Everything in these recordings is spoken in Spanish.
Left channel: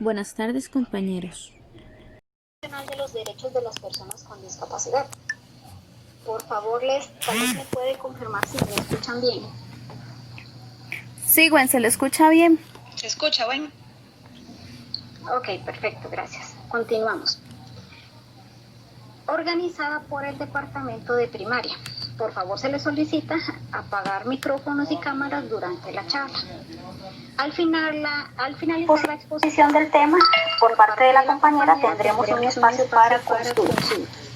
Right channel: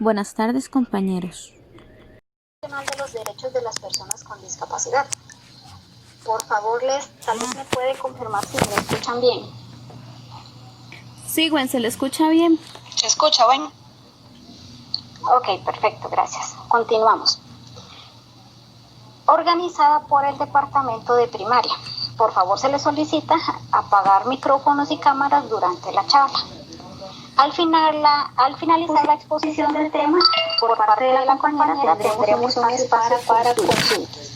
Buenas tardes, compañeros. De los derechos de las personas con discapacidad. Por favor, tal vez me puede confirmar si me escuchan bien. Sí, Gwen, ¿se le escucha bien? ¿Se escucha, Gwen? Ok, perfecto, gracias. Continuamos. Organizada por el Departamento de Primaria. Por favor, se le solicita apagar micrófonos y cámaras durante la charla. Al finalizar la exposición del tema, por parte de la compañera tendremos un espacio para consultas.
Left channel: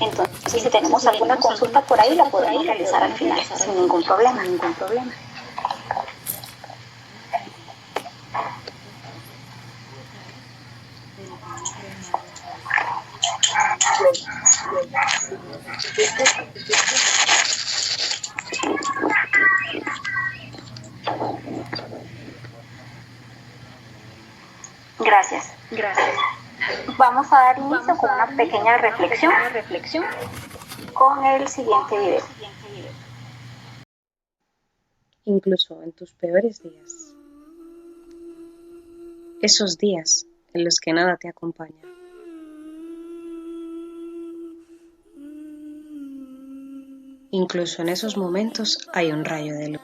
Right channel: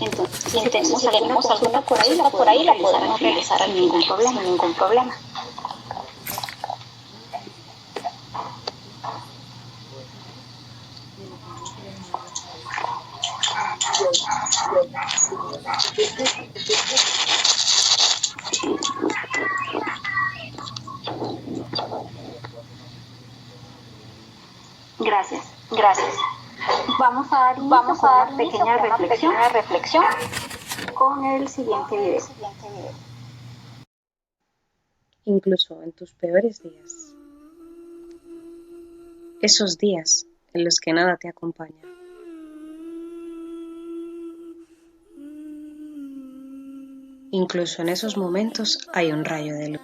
Entonces, si tenemos alguna consulta por ahí la podremos realizar sin ningún problema. Gracias. Vamos a dar una pequeña reflexión con el siguiente video. Incluso en tus peores días, esos días en los que nada te acompaña. Incluso en esos momentos hay un rayo de luz.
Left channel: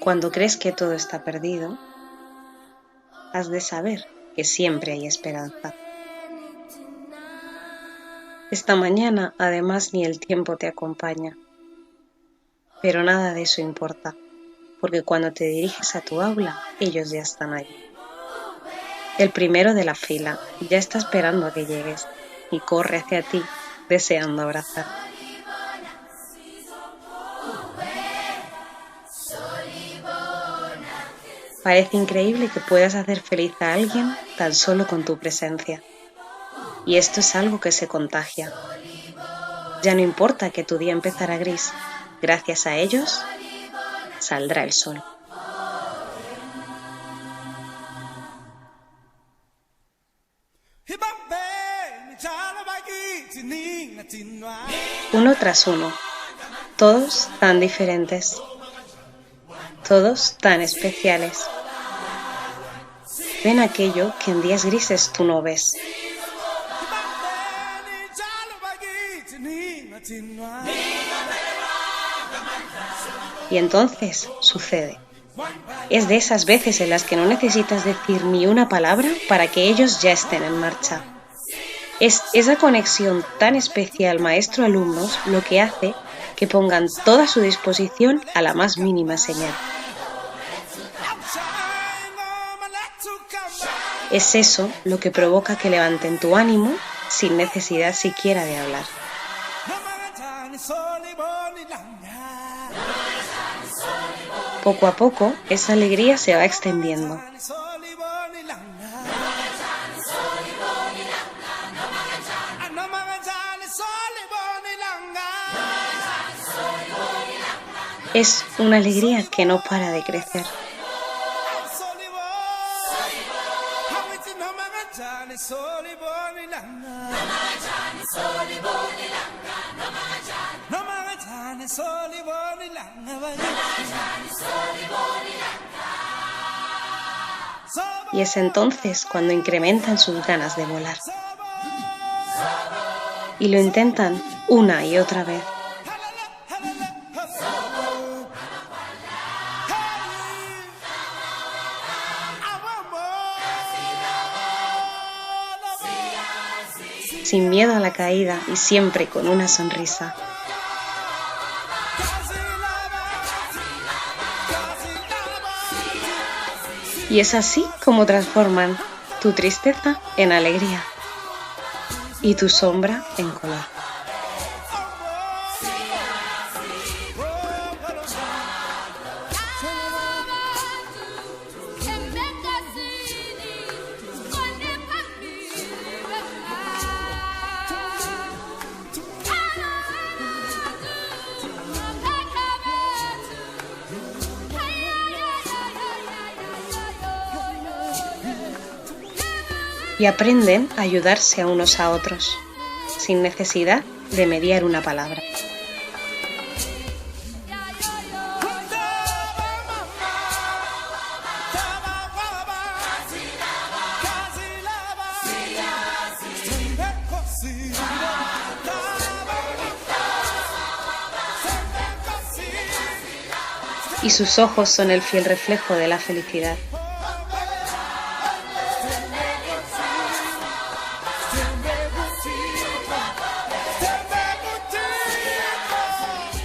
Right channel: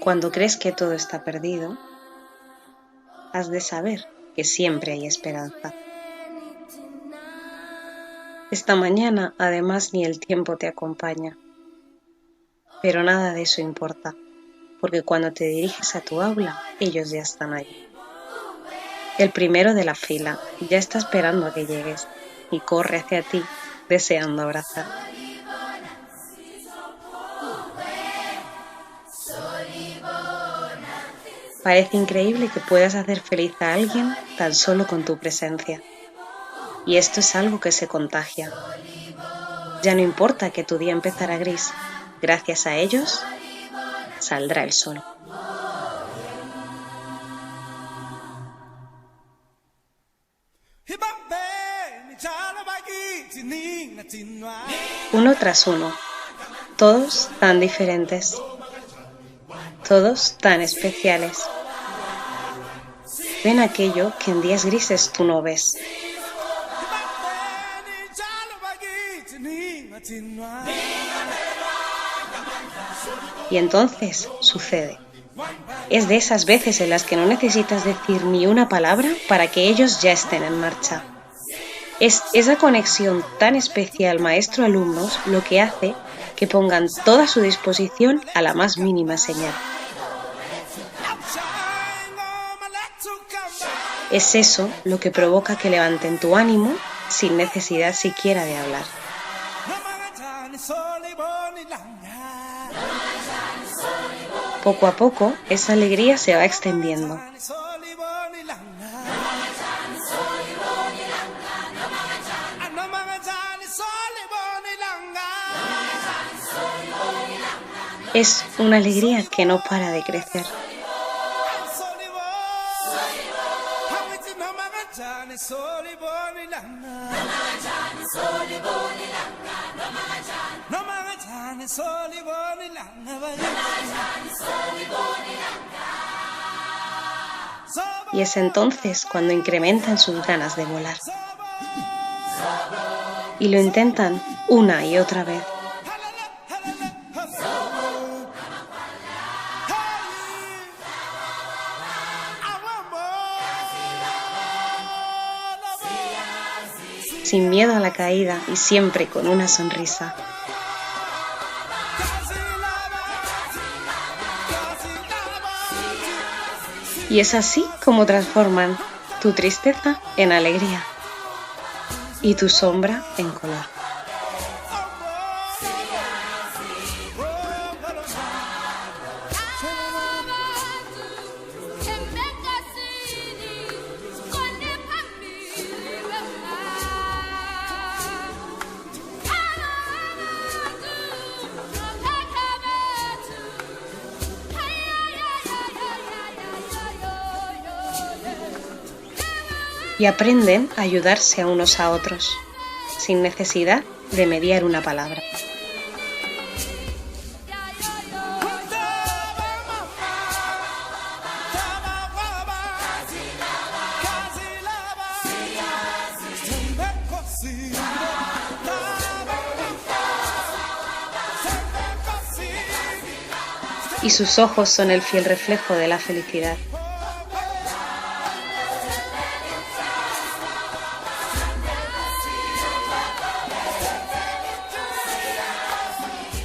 Cuando crees que todo está perdido, has de saber que siempre hay esperanza. Esta mañana, además, ni el tiempo te acompaña. Pero nada de eso importa, porque cuando te diriges a tu aula, ellos ya están allí. El primero de la fila ya está esperando a que llegues y corre hacia ti, deseando abrazar. Parece increíble que puedas hacer feliz a alguien tan solo con tu presencia. Y esto es algo que se contagia. Ya no importa que tu día empezara gris, gracias a ellos saldrá el sol. Uno tras uno, todos tan diferentes, todos tan especiales. Ven aquello que en días grises tú no ves. Y entonces sucede. Es de esas veces en las que no necesitas decir ni una palabra para que ellos ya estén en marcha. Es esa conexión tan especial maestro-alumnos lo que hace que pongan toda su disposición a la más mínima señal. Es eso lo que provoca que levanten tu ánimo sin necesidad siquiera de hablar. Poco a poco, esa alegría se va extendiendo. Es una alegría que no para de crecer. Y es entonces cuando incrementan sus ganas de volar. Y lo intentan una y otra vez. Sin miedo a la caída y siempre con una sonrisa. Y es así como transforman tu tristeza en alegría y tu sombra en color. y aprenden a ayudarse a unos a otros, sin necesidad de mediar una palabra. Y sus ojos son el fiel reflejo de la felicidad.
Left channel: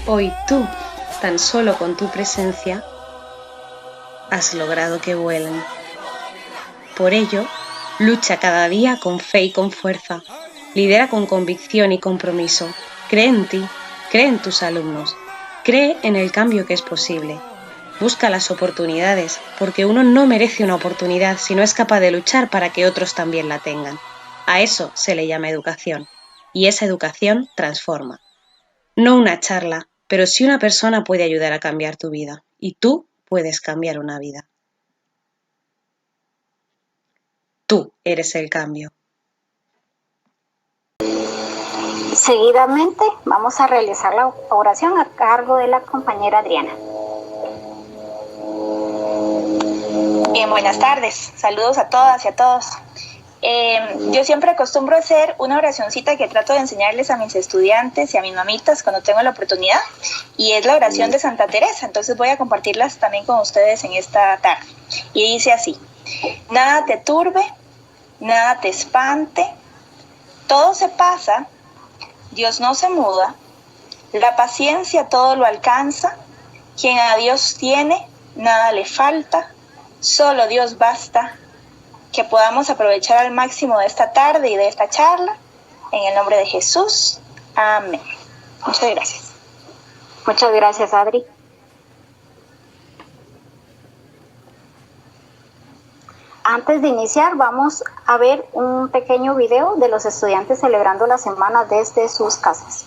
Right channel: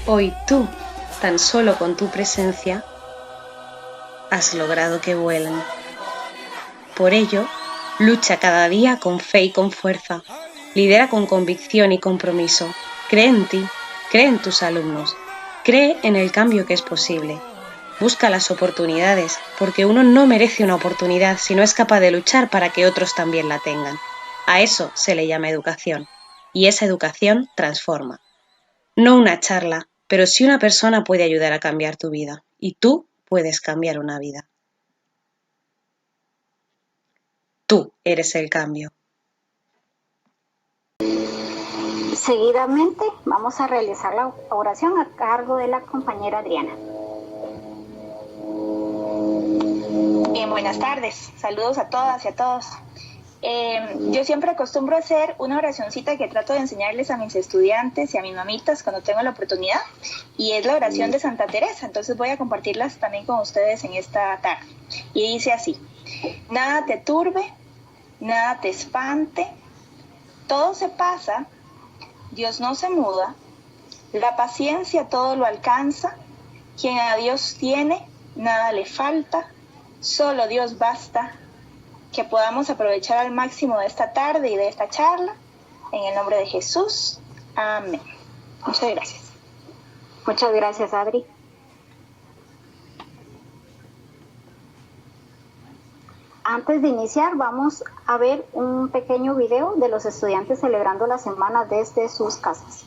Hoy tú, tan solo con tu presencia, has logrado que vuelen. Por ello, lucha cada día con fe y con fuerza. Lidera con convicción y compromiso. Cree en ti, cree en tus alumnos, cree en el cambio que es posible. Busca las oportunidades, porque uno no merece una oportunidad si no es capaz de luchar para que otros también la tengan. A eso se le llama educación, y esa educación transforma. No una charla, pero sí una persona puede ayudar a cambiar tu vida, y tú puedes cambiar una vida. Tú eres el cambio. Seguidamente vamos a realizar la oración a cargo de la compañera Adriana. Bien, buenas tardes. Saludos a todas y a todos. Yo siempre acostumbro a hacer una oracioncita que trato de enseñarles a mis estudiantes y a mis mamitas cuando tengo la oportunidad, y es la oración de Santa Teresa. Entonces voy a compartirlas también con ustedes en esta tarde. Y dice así: nada te turbe, nada te espante, todo se pasa, Dios no se muda, la paciencia todo lo alcanza, quien a Dios tiene, nada le falta, solo Dios basta. Que podamos aprovechar al máximo de esta tarde y de esta charla, en el nombre de Jesús. Amén. Muchas gracias. Muchas gracias, Adri. Antes de iniciar, vamos a ver un pequeño video de los estudiantes celebrando la semana desde sus casas.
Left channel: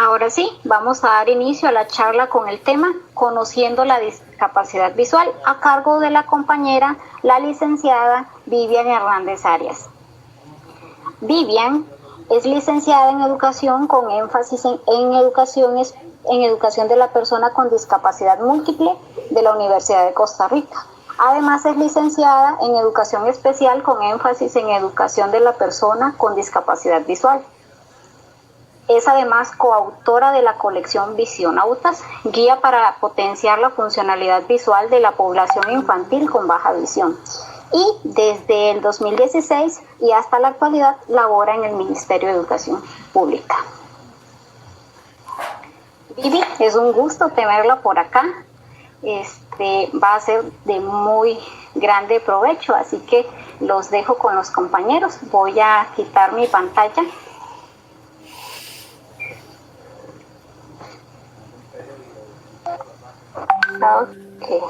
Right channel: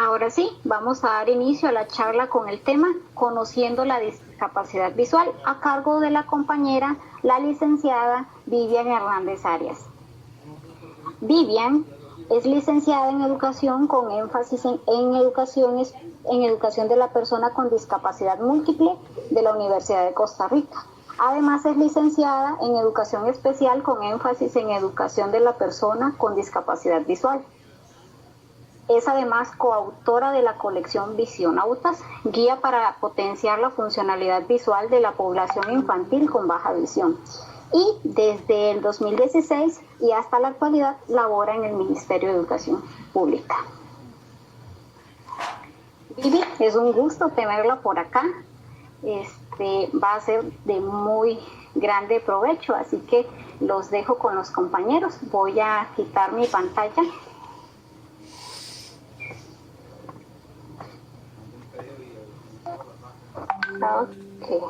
Ahora sí, vamos a dar inicio a la charla con el tema Conociendo la discapacidad visual, a cargo de la compañera, la licenciada Vivian Hernández Arias. Vivian es licenciada en educación con énfasis en educación de la persona con discapacidad múltiple de la Universidad de Costa Rica. Además es licenciada en educación especial con énfasis en educación de la persona con discapacidad visual. Es además coautora de la colección Visionautas, guía para potenciar la funcionalidad visual de la población infantil con baja visión. Y desde el 2016 y hasta la actualidad labora en el Ministerio de Educación Pública. Vivi, es un gusto tenerla por acá. Va a ser de muy grande provecho, así que los dejo con los compañeros. Voy a quitar mi pantalla. Ok.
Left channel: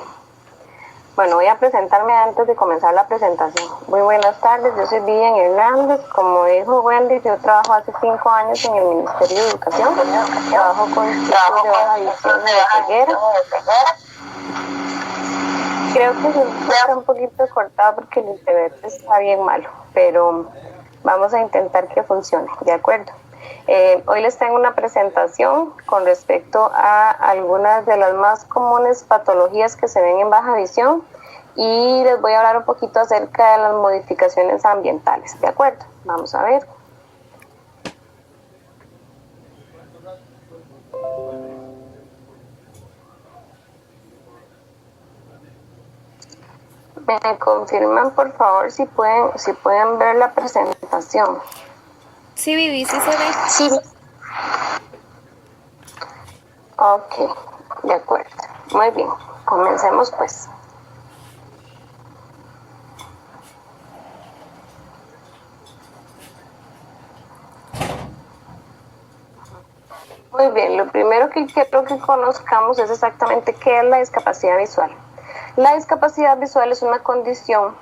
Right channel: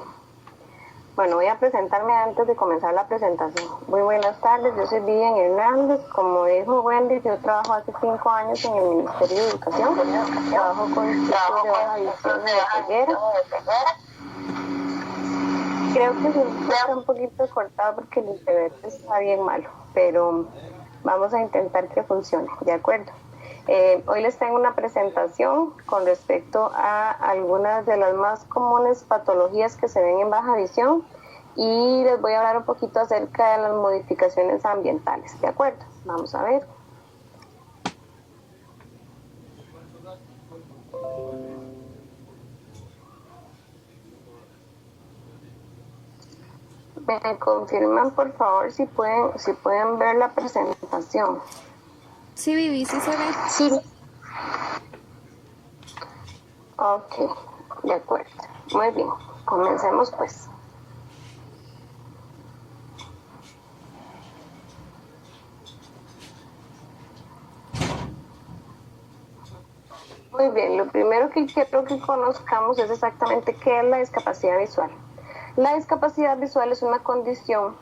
Bueno, voy a presentarme antes de comenzar la presentación. Muy buenas tardes, yo soy Vivian Hernández. Como dijo Wendy, yo trabajo hace 5 años en el Ministerio de Educación. Trabajo con chicos de baja visión de ceguera. Creo que se está un poquito cortado porque el internet está bien malo, pero vamos a intentar que funcione, ¿de acuerdo? Hoy les tengo una presentación con respecto a algunas de las más comunes patologías que se ven en baja visión y les voy a hablar un poquito acerca de las modificaciones ambientales, ¿de acuerdo? Vamos a ver. Me confirman por favor si pueden ver la presentación. Sí, Vivi, sí se ve. Sí. Ok, de acuerdo. Muy bien, comencemos pues. Muy bien, lo primero que quiero que conozcamos es exactamente qué es la discapacidad visual. La discapacidad visual es una condición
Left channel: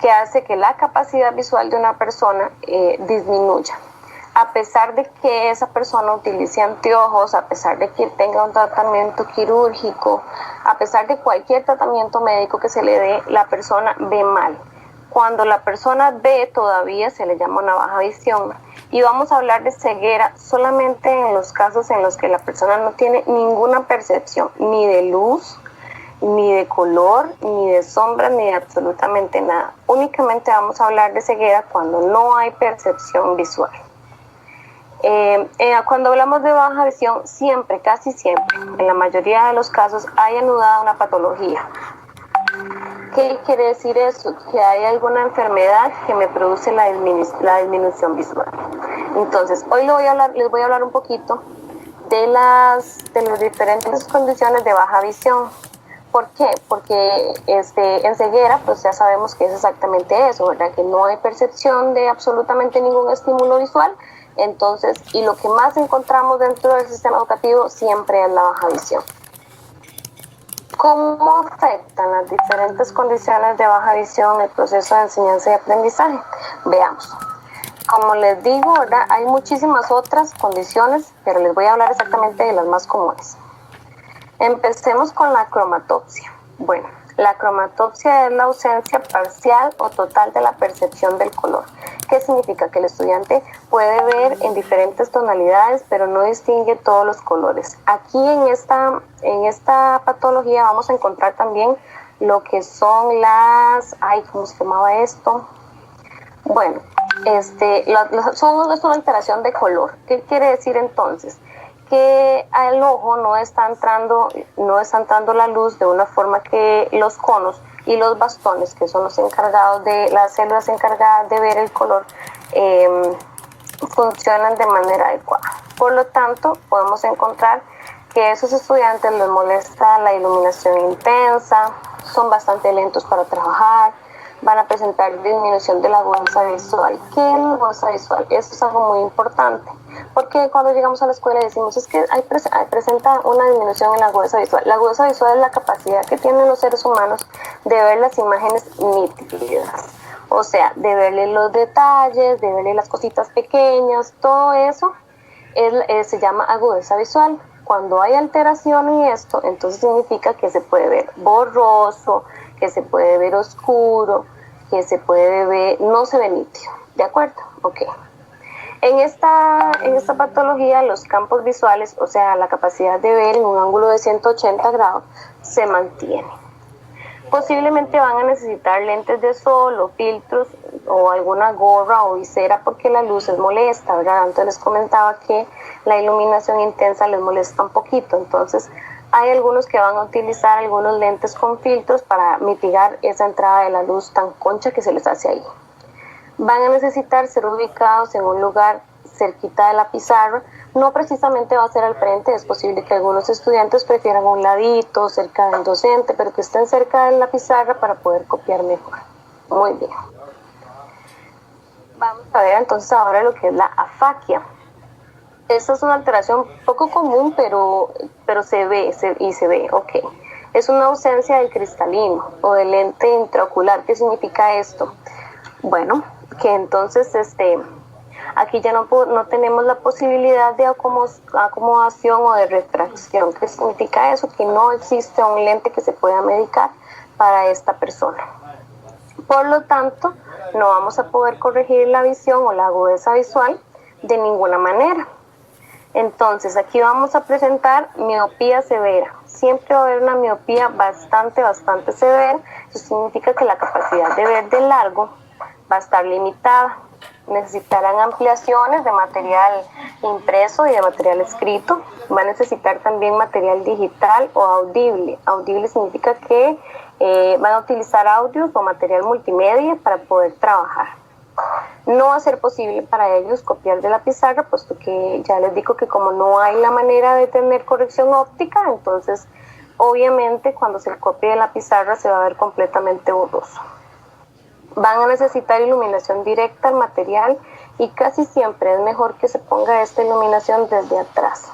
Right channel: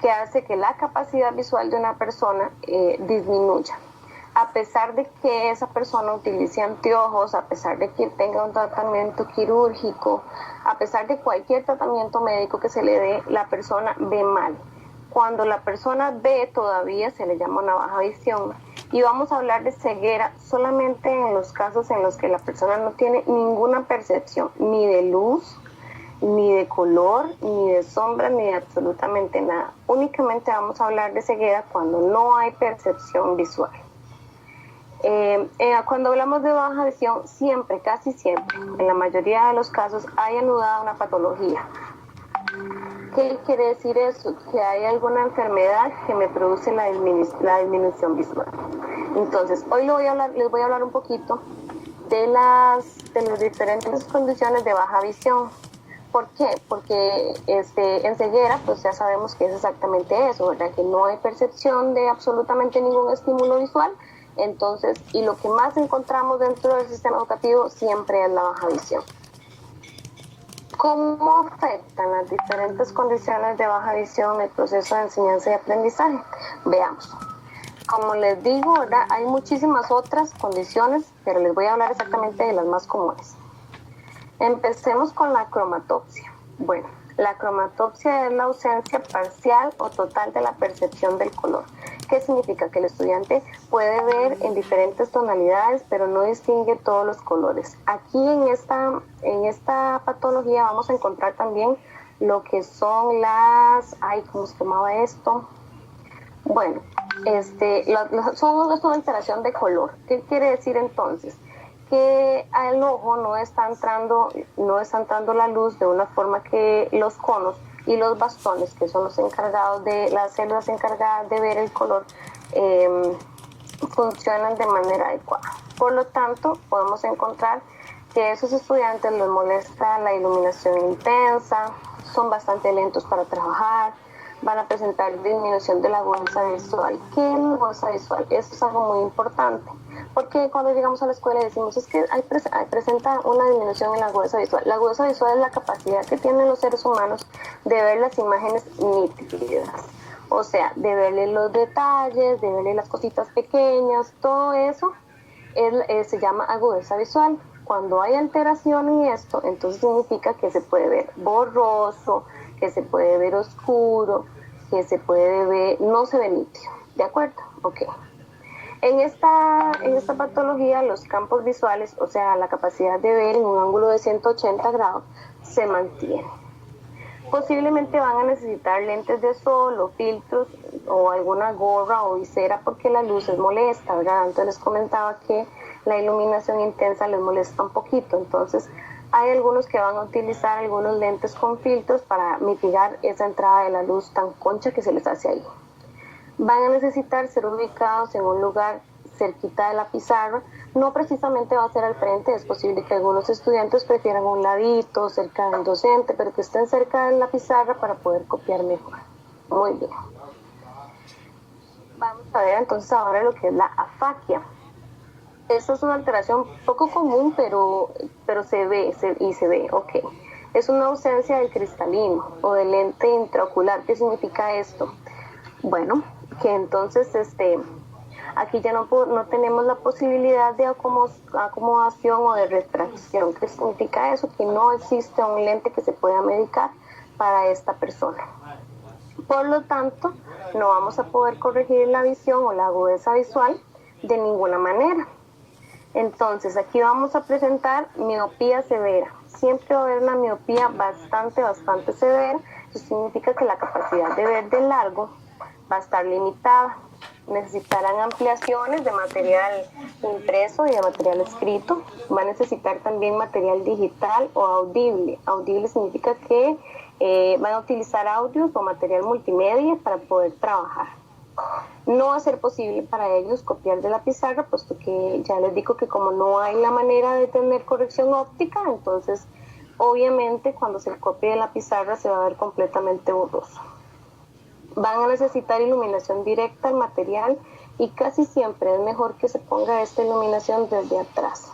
que hace que la capacidad visual de una persona disminuya. A pesar de que esa persona utilice anteojos, a pesar de que tenga un tratamiento quirúrgico, a pesar de cualquier tratamiento médico que se le dé, la persona ve mal. Cuando la persona ve, todavía se le llama una baja visión. Y vamos a hablar de ceguera solamente en los casos en los que la persona no tiene ninguna percepción, ni de luz, ni de color, ni de sombra, ni de absolutamente nada. Únicamente vamos a hablar de ceguera cuando no hay percepción visual. Cuando hablamos de baja visión, siempre, casi siempre, en la mayoría de los casos, hay anudada una patología. ¿Qué quiere decir eso? Que hay alguna enfermedad que me produce la disminución visual. Entonces, hoy les voy a hablar un poquito de las diferentes condiciones de baja visión. ¿Por qué? Porque en ceguera, pues ya sabemos que es exactamente eso, ¿verdad? Que no hay percepción de absolutamente ningún estímulo visual. Entonces, y lo que más encontramos dentro del sistema educativo siempre es la baja visión. ¿Cómo afectan las diferentes condiciones de baja visión el proceso de enseñanza y aprendizaje? Veamos. Como les digo, ¿verdad? Hay muchísimas otras condiciones, pero les voy a hablar exactamente de las más comunes. Empecemos con la cromatopsia. Bueno, la cromatopsia es la ausencia parcial o total de la percepción del color. ¿Qué significa? Que el estudiante puede ver en diferentes tonalidades, pero no distingue todos los colores. Aquí en esta patología vamos a encontrar también lo que son las... ¿cómo se llamaba esto? Bueno, es una alteración de color. ¿Qué quiere decir entonces? Que al ojo no está entrando la luz de una forma que los conos y los bastones, que son las células encargadas de ver el color, funcionan de manera adecuada. Por lo tanto, podemos encontrar que a esos estudiantes les molesta la iluminación intensa, son bastante lentos para trabajar, van a presentar disminución de la agudeza visual. ¿Qué es la agudeza visual? Eso es algo muy importante, porque cuando llegamos a la escuela y decimos es que presenta una disminución en la agudeza visual. La agudeza visual es la capacidad que tienen los seres humanos de ver las imágenes nítidas, o sea, de verle los detalles, de verle las cositas pequeñas, todo eso se llama agudeza visual. Cuando hay alteración en esto, entonces significa que se puede ver borroso, que se puede ver oscuro, que se puede ver, no se ve nítido, ¿de acuerdo? Ok. En esta patología, los campos visuales, o sea, la capacidad de ver en un ángulo de 180 grados, se mantiene. Posiblemente van a necesitar lentes de sol o filtros o alguna gorra o visera porque la luz es molesta, ¿verdad? Antes les comentaba que la iluminación intensa les molesta un poquito, entonces hay algunos que van a utilizar algunos lentes con filtros para mitigar esa entrada de la luz tan concha que se les hace ahí. Van a necesitar ser ubicados en un lugar cerquita de la pizarra, no precisamente va a ser al frente, es posible que algunos estudiantes prefieran un ladito, cerca del docente, pero que estén cerca de la pizarra para poder copiar mejor. Muy bien. Vamos a ver entonces ahora lo que es la afaquia. Esta es una alteración poco común, pero se ve, ok. Es una ausencia del cristalino o del lente intraocular. ¿Qué significa esto? Bueno, que entonces aquí ya no tenemos la posibilidad de acomodación o de refracción. ¿Qué significa eso? Que no existe un lente que se pueda medicar para esta persona. Por lo tanto, no vamos a poder corregir la visión o la agudeza visual de ninguna manera. Entonces, aquí vamos a presentar miopía severa. Siempre va a haber una miopía bastante severa. Eso significa que la capacidad de ver de largo va a estar limitada. Necesitarán ampliaciones de material impreso y de material escrito. Va a necesitar también material digital o audible. Audible significa que van a utilizar audios o material multimedia para poder trabajar. No va a ser posible para ellos copiar de la pizarra, puesto que ya les digo que como no hay la manera de tener corrección óptica, entonces obviamente cuando se copie de la pizarra se va a ver completamente borroso. Van a necesitar iluminación directa al material y casi siempre es mejor que se ponga esta iluminación desde atrás.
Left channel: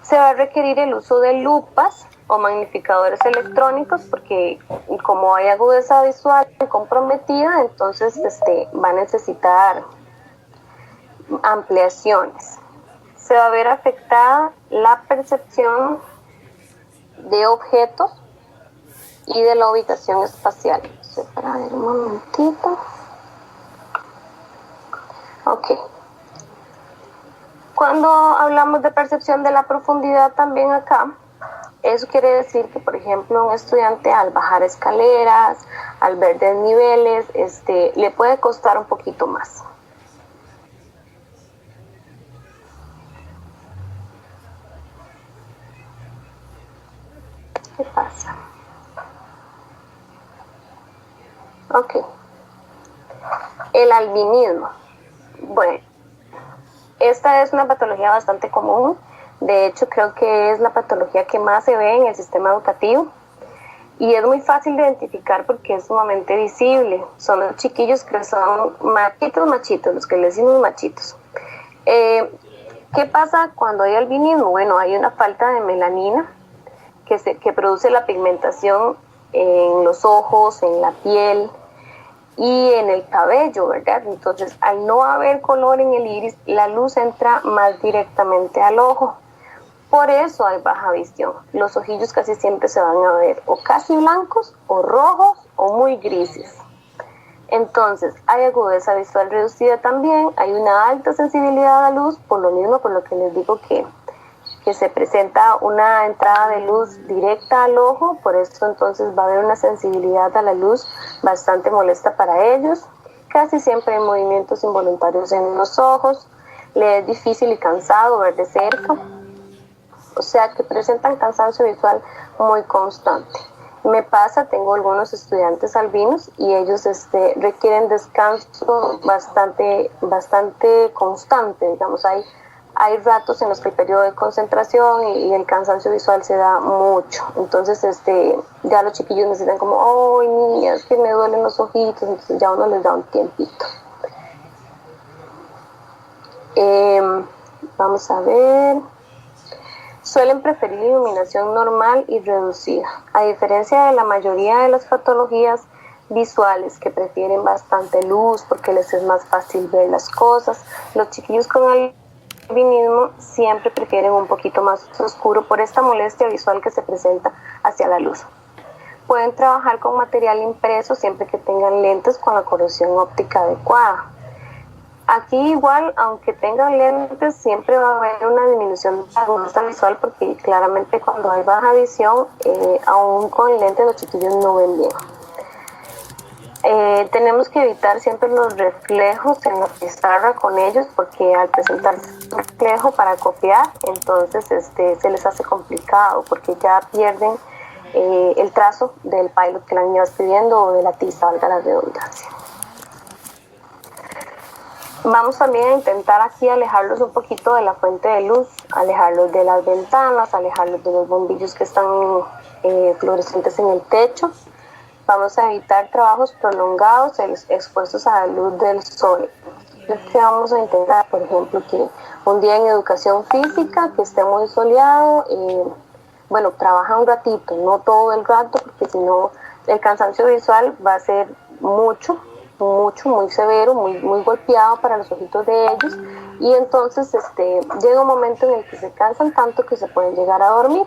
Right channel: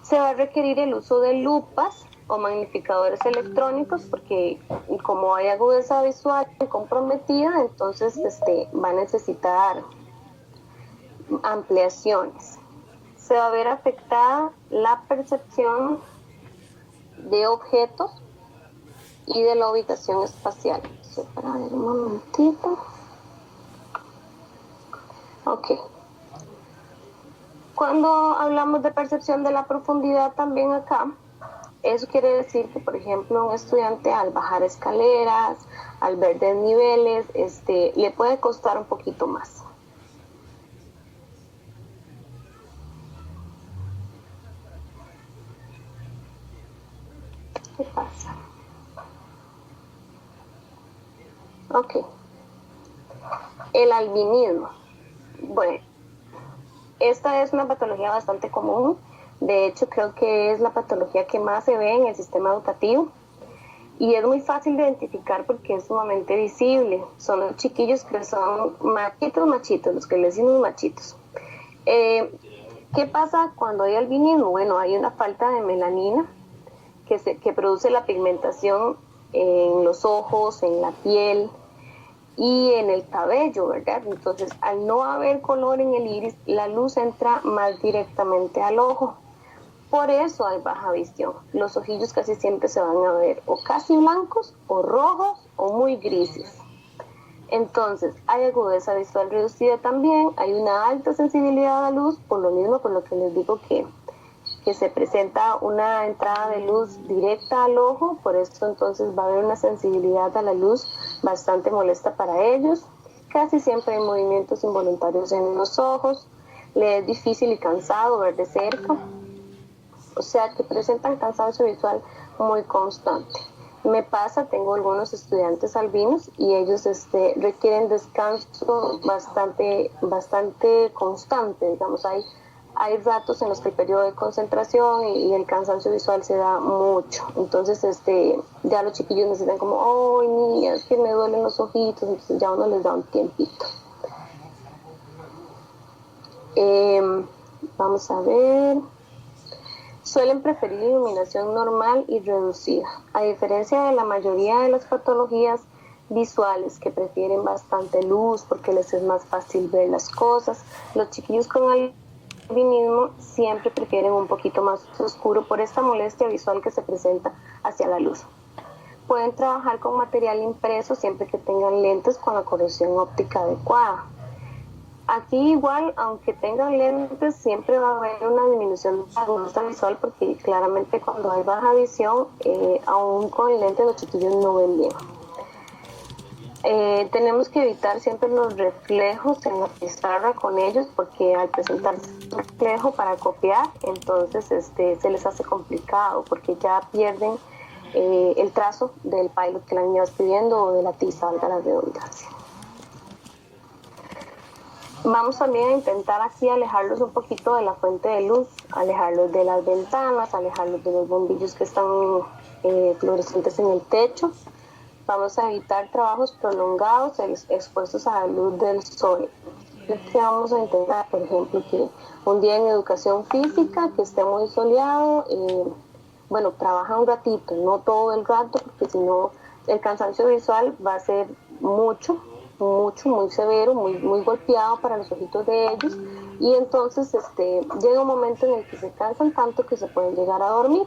Se va a requerir el uso de lupas o magnificadores electrónicos porque como hay agudeza visual comprometida, entonces va a necesitar ampliaciones. Se va a ver afectada la percepción de objetos y de la ubicación espacial. Para ver un momentito. Ok. Cuando hablamos de percepción de la profundidad también acá, eso quiere decir que, por ejemplo, un estudiante al bajar escaleras, al ver desniveles, le puede costar un poquito más. ¿Qué pasa? Ok. El albinismo. Bueno, esta es una patología bastante común. De hecho, creo que es la patología que más se ve en el sistema educativo. Y es muy fácil de identificar porque es sumamente visible. Son los chiquillos que son machitos, los que le decimos machitos. ¿Qué pasa cuando hay albinismo? Bueno, hay una falta de melanina que produce la pigmentación en los ojos, en la piel y en el cabello, ¿verdad? Entonces, al no haber color en el iris, la luz entra más directamente al ojo. Por eso hay baja visión. Los ojillos casi siempre se van a ver o casi blancos, o rojos, o muy grises. Entonces, hay agudeza visual reducida también, hay una alta sensibilidad a la luz, por lo mismo, por lo que les digo que se presenta una entrada de luz directa al ojo, por eso entonces va a haber una sensibilidad a la luz bastante molesta para ellos. Casi siempre hay movimientos involuntarios en los ojos, les es difícil y cansado ver de cerca, o sea que presentan cansancio visual muy constante. Me pasa, tengo algunos estudiantes albinos y ellos requieren descanso bastante constante, digamos, hay ratos en los que el periodo de concentración y el cansancio visual se da mucho. Entonces, ya los chiquillos necesitan como, ¡ay, niña, es que me duelen los ojitos! Entonces ya uno les da un tiempito. Vamos a ver. Suelen preferir iluminación normal y reducida. A diferencia de la mayoría de las patologías visuales que prefieren bastante luz porque les es más fácil ver las cosas, los chiquillos con albinismo siempre prefieren un poquito más oscuro por esta molestia visual que se presenta hacia la luz. Pueden trabajar con material impreso siempre que tengan lentes con la corrección óptica adecuada. Aquí igual, aunque tengan lentes, siempre va a haber una disminución de la agudeza visual porque claramente cuando hay baja visión, aún con lentes los chiquillos no ven bien. Tenemos que evitar siempre los reflejos en la pizarra con ellos, porque al presentarse un reflejo para copiar, entonces se les hace complicado porque ya pierden el trazo del pilot que la niña va escribiendo o de la tiza, valga la redundancia. Vamos también a intentar aquí alejarlos un poquito de la fuente de luz, alejarlos de las ventanas, alejarlos de los bombillos que están fluorescentes en el techo. Vamos a evitar trabajos prolongados expuestos a la luz del sol. Que vamos a intentar, por ejemplo, que un día en educación física, que esté muy soleado, trabaja un ratito, no todo el rato, porque si no el cansancio visual va a ser muy severo, muy golpeado para los ojitos de ellos, y entonces llega un momento en el que se cansan tanto que se pueden llegar a dormir.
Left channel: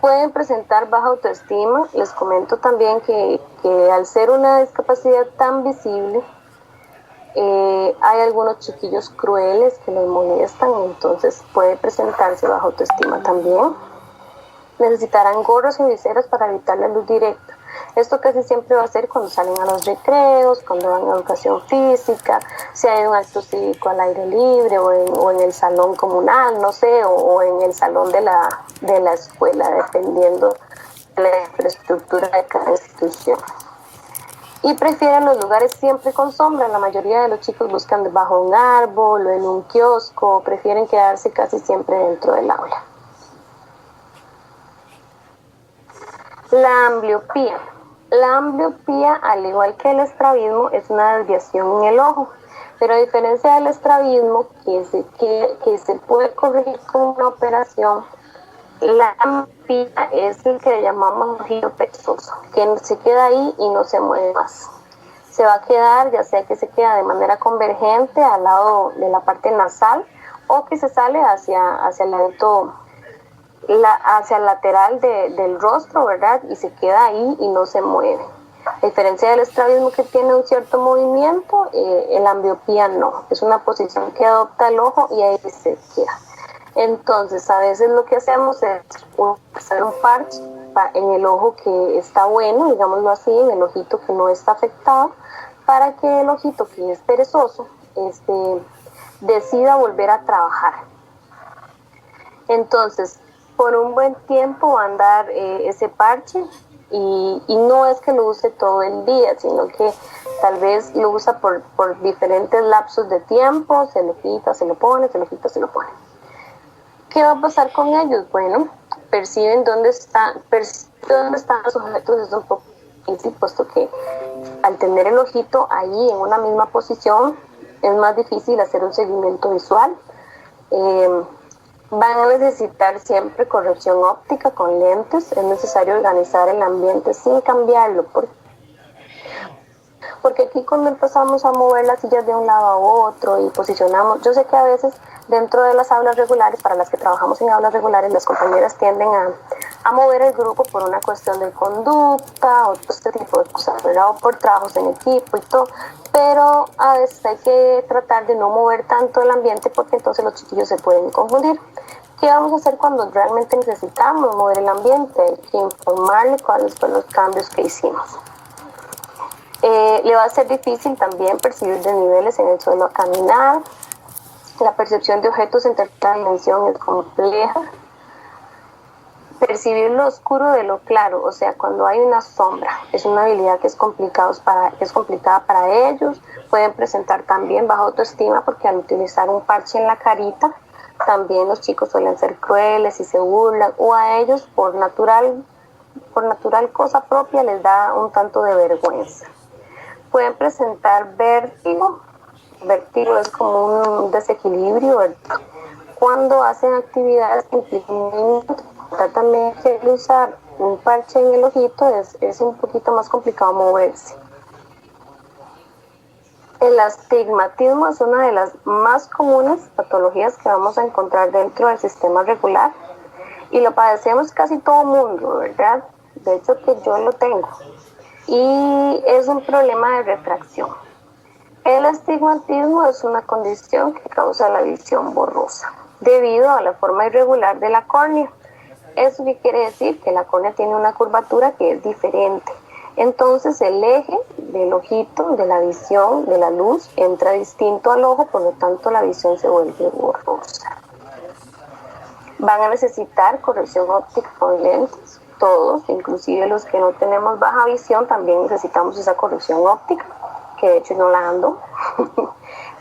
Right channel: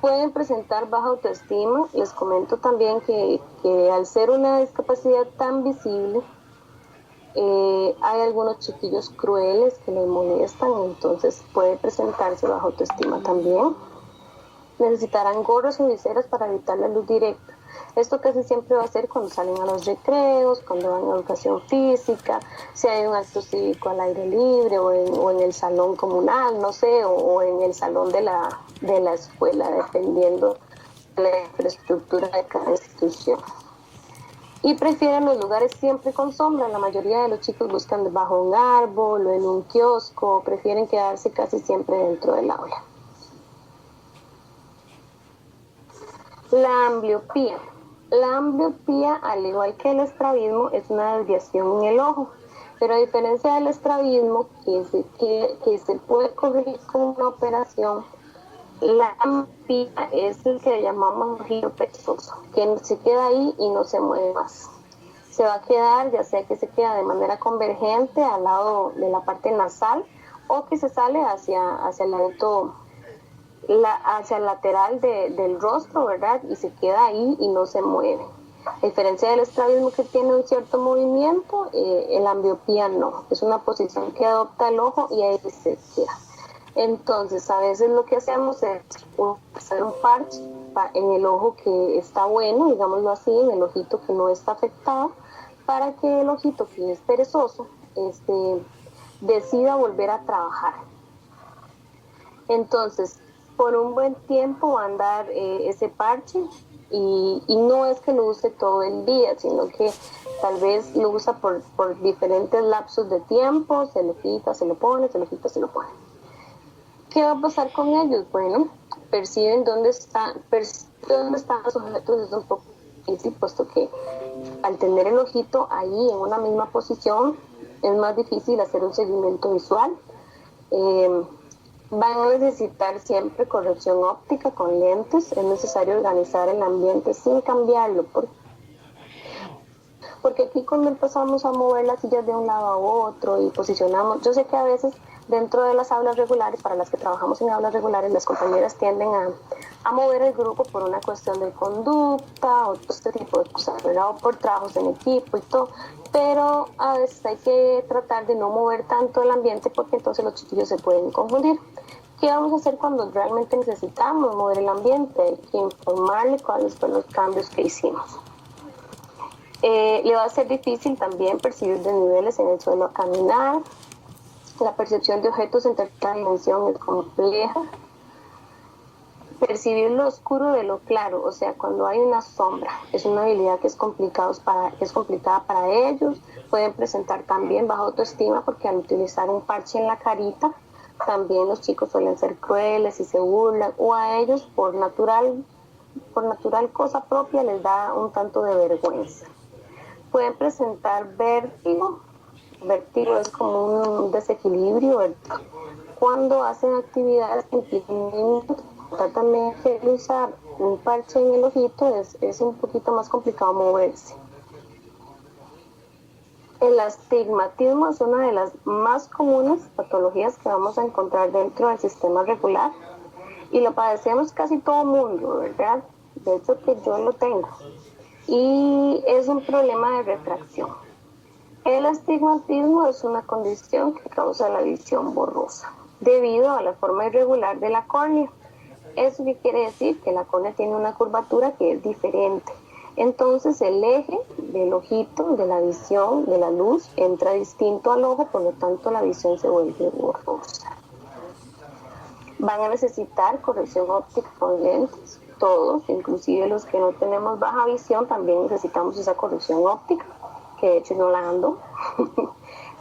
Pueden presentar baja autoestima. Les comento también que al ser una discapacidad tan visible, hay algunos chiquillos crueles que les molestan, entonces puede presentarse baja autoestima también. Necesitarán gorros o viseras para evitar la luz directa. Esto casi siempre va a ser cuando salen a los recreos, cuando van a educación física, si hay un acto cívico al aire libre o en el salón comunal, no sé, o en el salón de la escuela, dependiendo de la infraestructura de cada institución. Y prefieren los lugares siempre con sombra. La mayoría de los chicos buscan debajo de un árbol o en un kiosco, prefieren quedarse casi siempre dentro del aula. La ambliopía. La ambliopía, al igual que el estrabismo, es una desviación en el ojo, pero a diferencia del estrabismo, que se puede corregir con una operación, la ambliopía es el que le llamamos ojillo perezoso, que se queda ahí y no se mueve más. Se va a quedar, ya sea que se queda de manera convergente al lado de la parte nasal o que se sale hacia el ladito, hacia el lateral del rostro, ¿verdad? Y se queda ahí y no se mueve. A diferencia del estrabismo, que tiene un cierto movimiento, la ambliopía no. Es una posición que adopta el ojo y ahí se queda. Entonces, a veces lo que hacemos es hacer un parche en el ojo que está bueno, digámoslo así, en el ojito que no está afectado, para que el ojito que es perezoso decida volver a trabajar. Entonces, por un buen tiempo va a andar ese parche y no es que lo use todo el día, sino que tal vez lo usa por diferentes lapsos de tiempo, se lo quita, se lo pone, se lo quita, se lo pone. ¿Qué va a pasar con ellos? Bueno, perciben dónde están los objetos, es un poco difícil, puesto que al tener el ojito ahí en una misma posición es más difícil hacer un seguimiento visual. Van a necesitar siempre corrección óptica con lentes. Es necesario organizar el ambiente sin cambiarlo, porque aquí cuando empezamos a mover las sillas de un lado a otro y posicionamos, yo sé que a veces dentro de las aulas regulares, para las que trabajamos en aulas regulares, las compañeras tienden a mover el grupo por una cuestión de conducta o este tipo de cosas, ¿verdad? O por trabajos en equipo y todo, pero a veces hay que tratar de no mover tanto el ambiente porque entonces los chiquillos se pueden confundir. ¿Qué vamos a hacer cuando realmente necesitamos mover el ambiente? Hay que informarle cuáles fueron los cambios que hicimos. Le va a ser difícil también percibir desniveles en el suelo al caminar. La percepción de objetos en tercera dimensión es compleja. Percibir lo oscuro de lo claro, o sea, cuando hay una sombra, es una habilidad que es complicada para ellos. Pueden presentar también baja autoestima porque al utilizar un parche en la carita, también los chicos suelen ser crueles y se burlan, o a ellos por natural cosa propia les da un tanto de vergüenza. Pueden presentar vértigo. Vértigo es como un desequilibrio, ¿verdad? Cuando hacen actividades que implican movimiento. También que usar un parche en el ojito es un poquito más complicado moverse. El astigmatismo es una de las más comunes patologías que vamos a encontrar dentro del sistema regular y lo padecemos casi todo el mundo, ¿verdad? De hecho que yo lo tengo. Y es un problema de refracción. El astigmatismo es una condición que causa la visión borrosa debido a la forma irregular de la córnea. ¿Eso qué quiere decir? Que la córnea tiene una curvatura que es diferente. Entonces el eje del ojito, de la visión, de la luz, entra distinto al ojo, por lo tanto la visión se vuelve borrosa. Van a necesitar corrección óptica con lentes, todos, inclusive los que no tenemos baja visión, también necesitamos esa corrección óptica, que de hecho no la ando.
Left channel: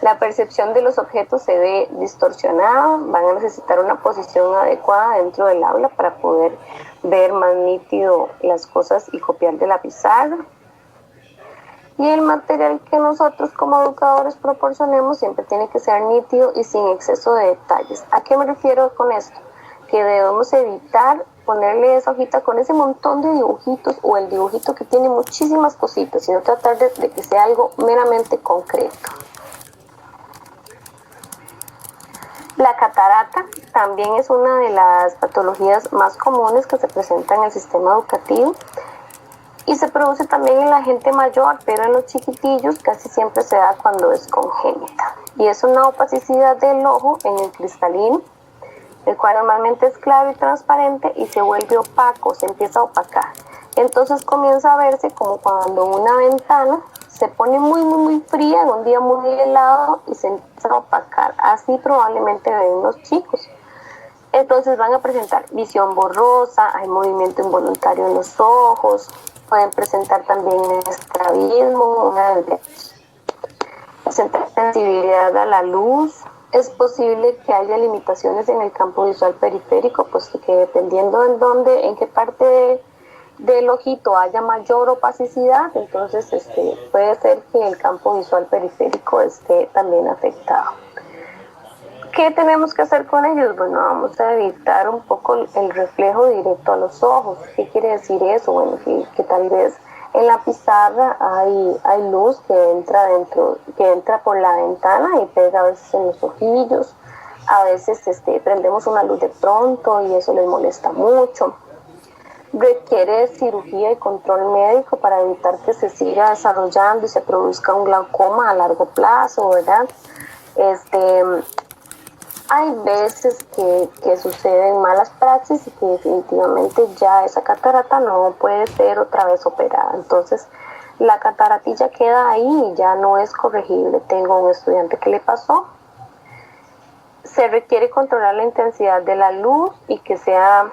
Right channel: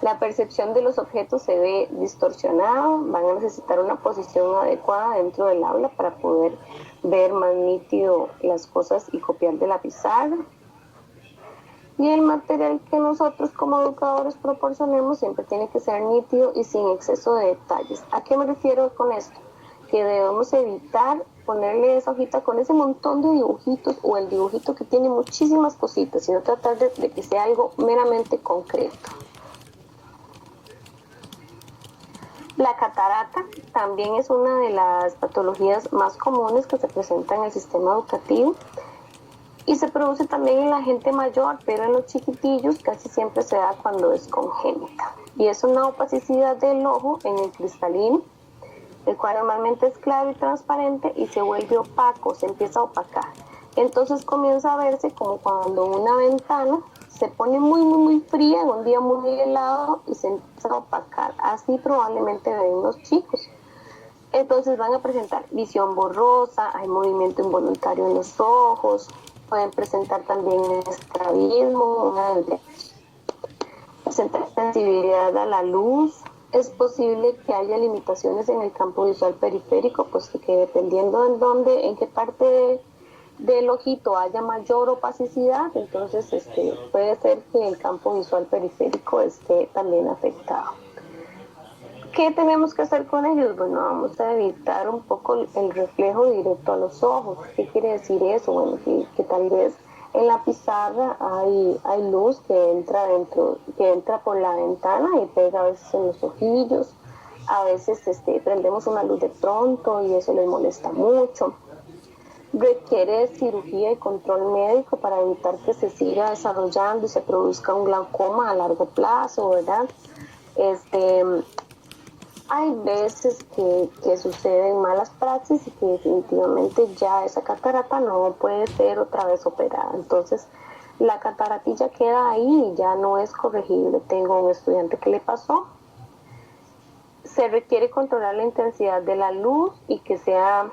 La percepción de los objetos se ve distorsionada, van a necesitar una posición adecuada dentro del aula para poder ver más nítido las cosas y copiar de la pizarra. Y el material que nosotros como educadores proporcionemos siempre tiene que ser nítido y sin exceso de detalles. ¿A qué me refiero con esto? Que debemos evitar ponerle esa hojita con ese montón de dibujitos o el dibujito que tiene muchísimas cositas, sino tratar de que sea algo meramente concreto. La catarata también es una de las patologías más comunes que se presenta en el sistema educativo y se produce también en la gente mayor, pero en los chiquitillos casi siempre se da cuando es congénita. Y es una opacidad del ojo en el cristalino, el cual normalmente es claro y transparente y se vuelve opaco, se empieza a opacar. Entonces comienza a verse como cuando una ventana se pone muy fría en un día muy helado y se empieza a opacar. Así probablemente ven los chicos. Entonces van a presentar visión borrosa, hay movimiento involuntario en los ojos, pueden presentar también estrabismo, una sensibilidad a la luz. Es posible que haya limitaciones en el campo visual periférico, puesto que dependiendo en qué parte del ojito haya mayor opacidad, entonces puede ser que el campo visual periférico esté también afectado. ¿Qué tenemos que hacer con ellos? Bueno, vamos a evitar un poco el reflejo directo a los ojos. ¿Qué quiere decir eso? Bueno, que tal vez en la pizarra hay luz que entra por la ventana y pega a veces en los ojillos. A veces prendemos una luz de pronto y eso les molesta mucho. Requiere cirugía y control médico para evitar que se siga desarrollando y se produzca un glaucoma a largo plazo, ¿verdad? Hay veces que suceden malas praxis y que definitivamente ya esa catarata no puede ser otra vez operada. Entonces, la cataratilla queda ahí y ya no es corregible. Tengo un estudiante que le pasó. Se requiere controlar la intensidad de la luz y que sea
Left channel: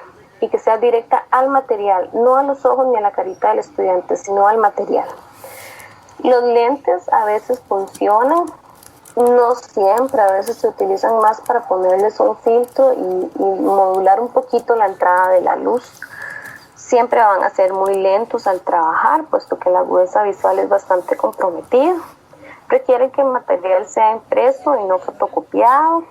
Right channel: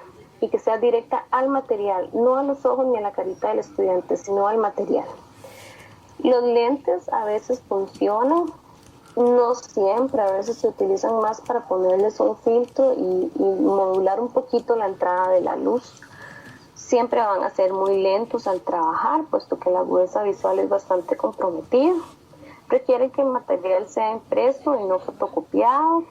directa al material, no a los ojos ni a la carita del estudiante, sino al material. Los lentes a veces funcionan, no siempre, a veces se utilizan más para ponerles un filtro y modular un poquito la entrada de la luz. Siempre van a ser muy lentos al trabajar, puesto que la agudeza visual es bastante comprometida. Requieren que el material sea impreso y no fotocopiado.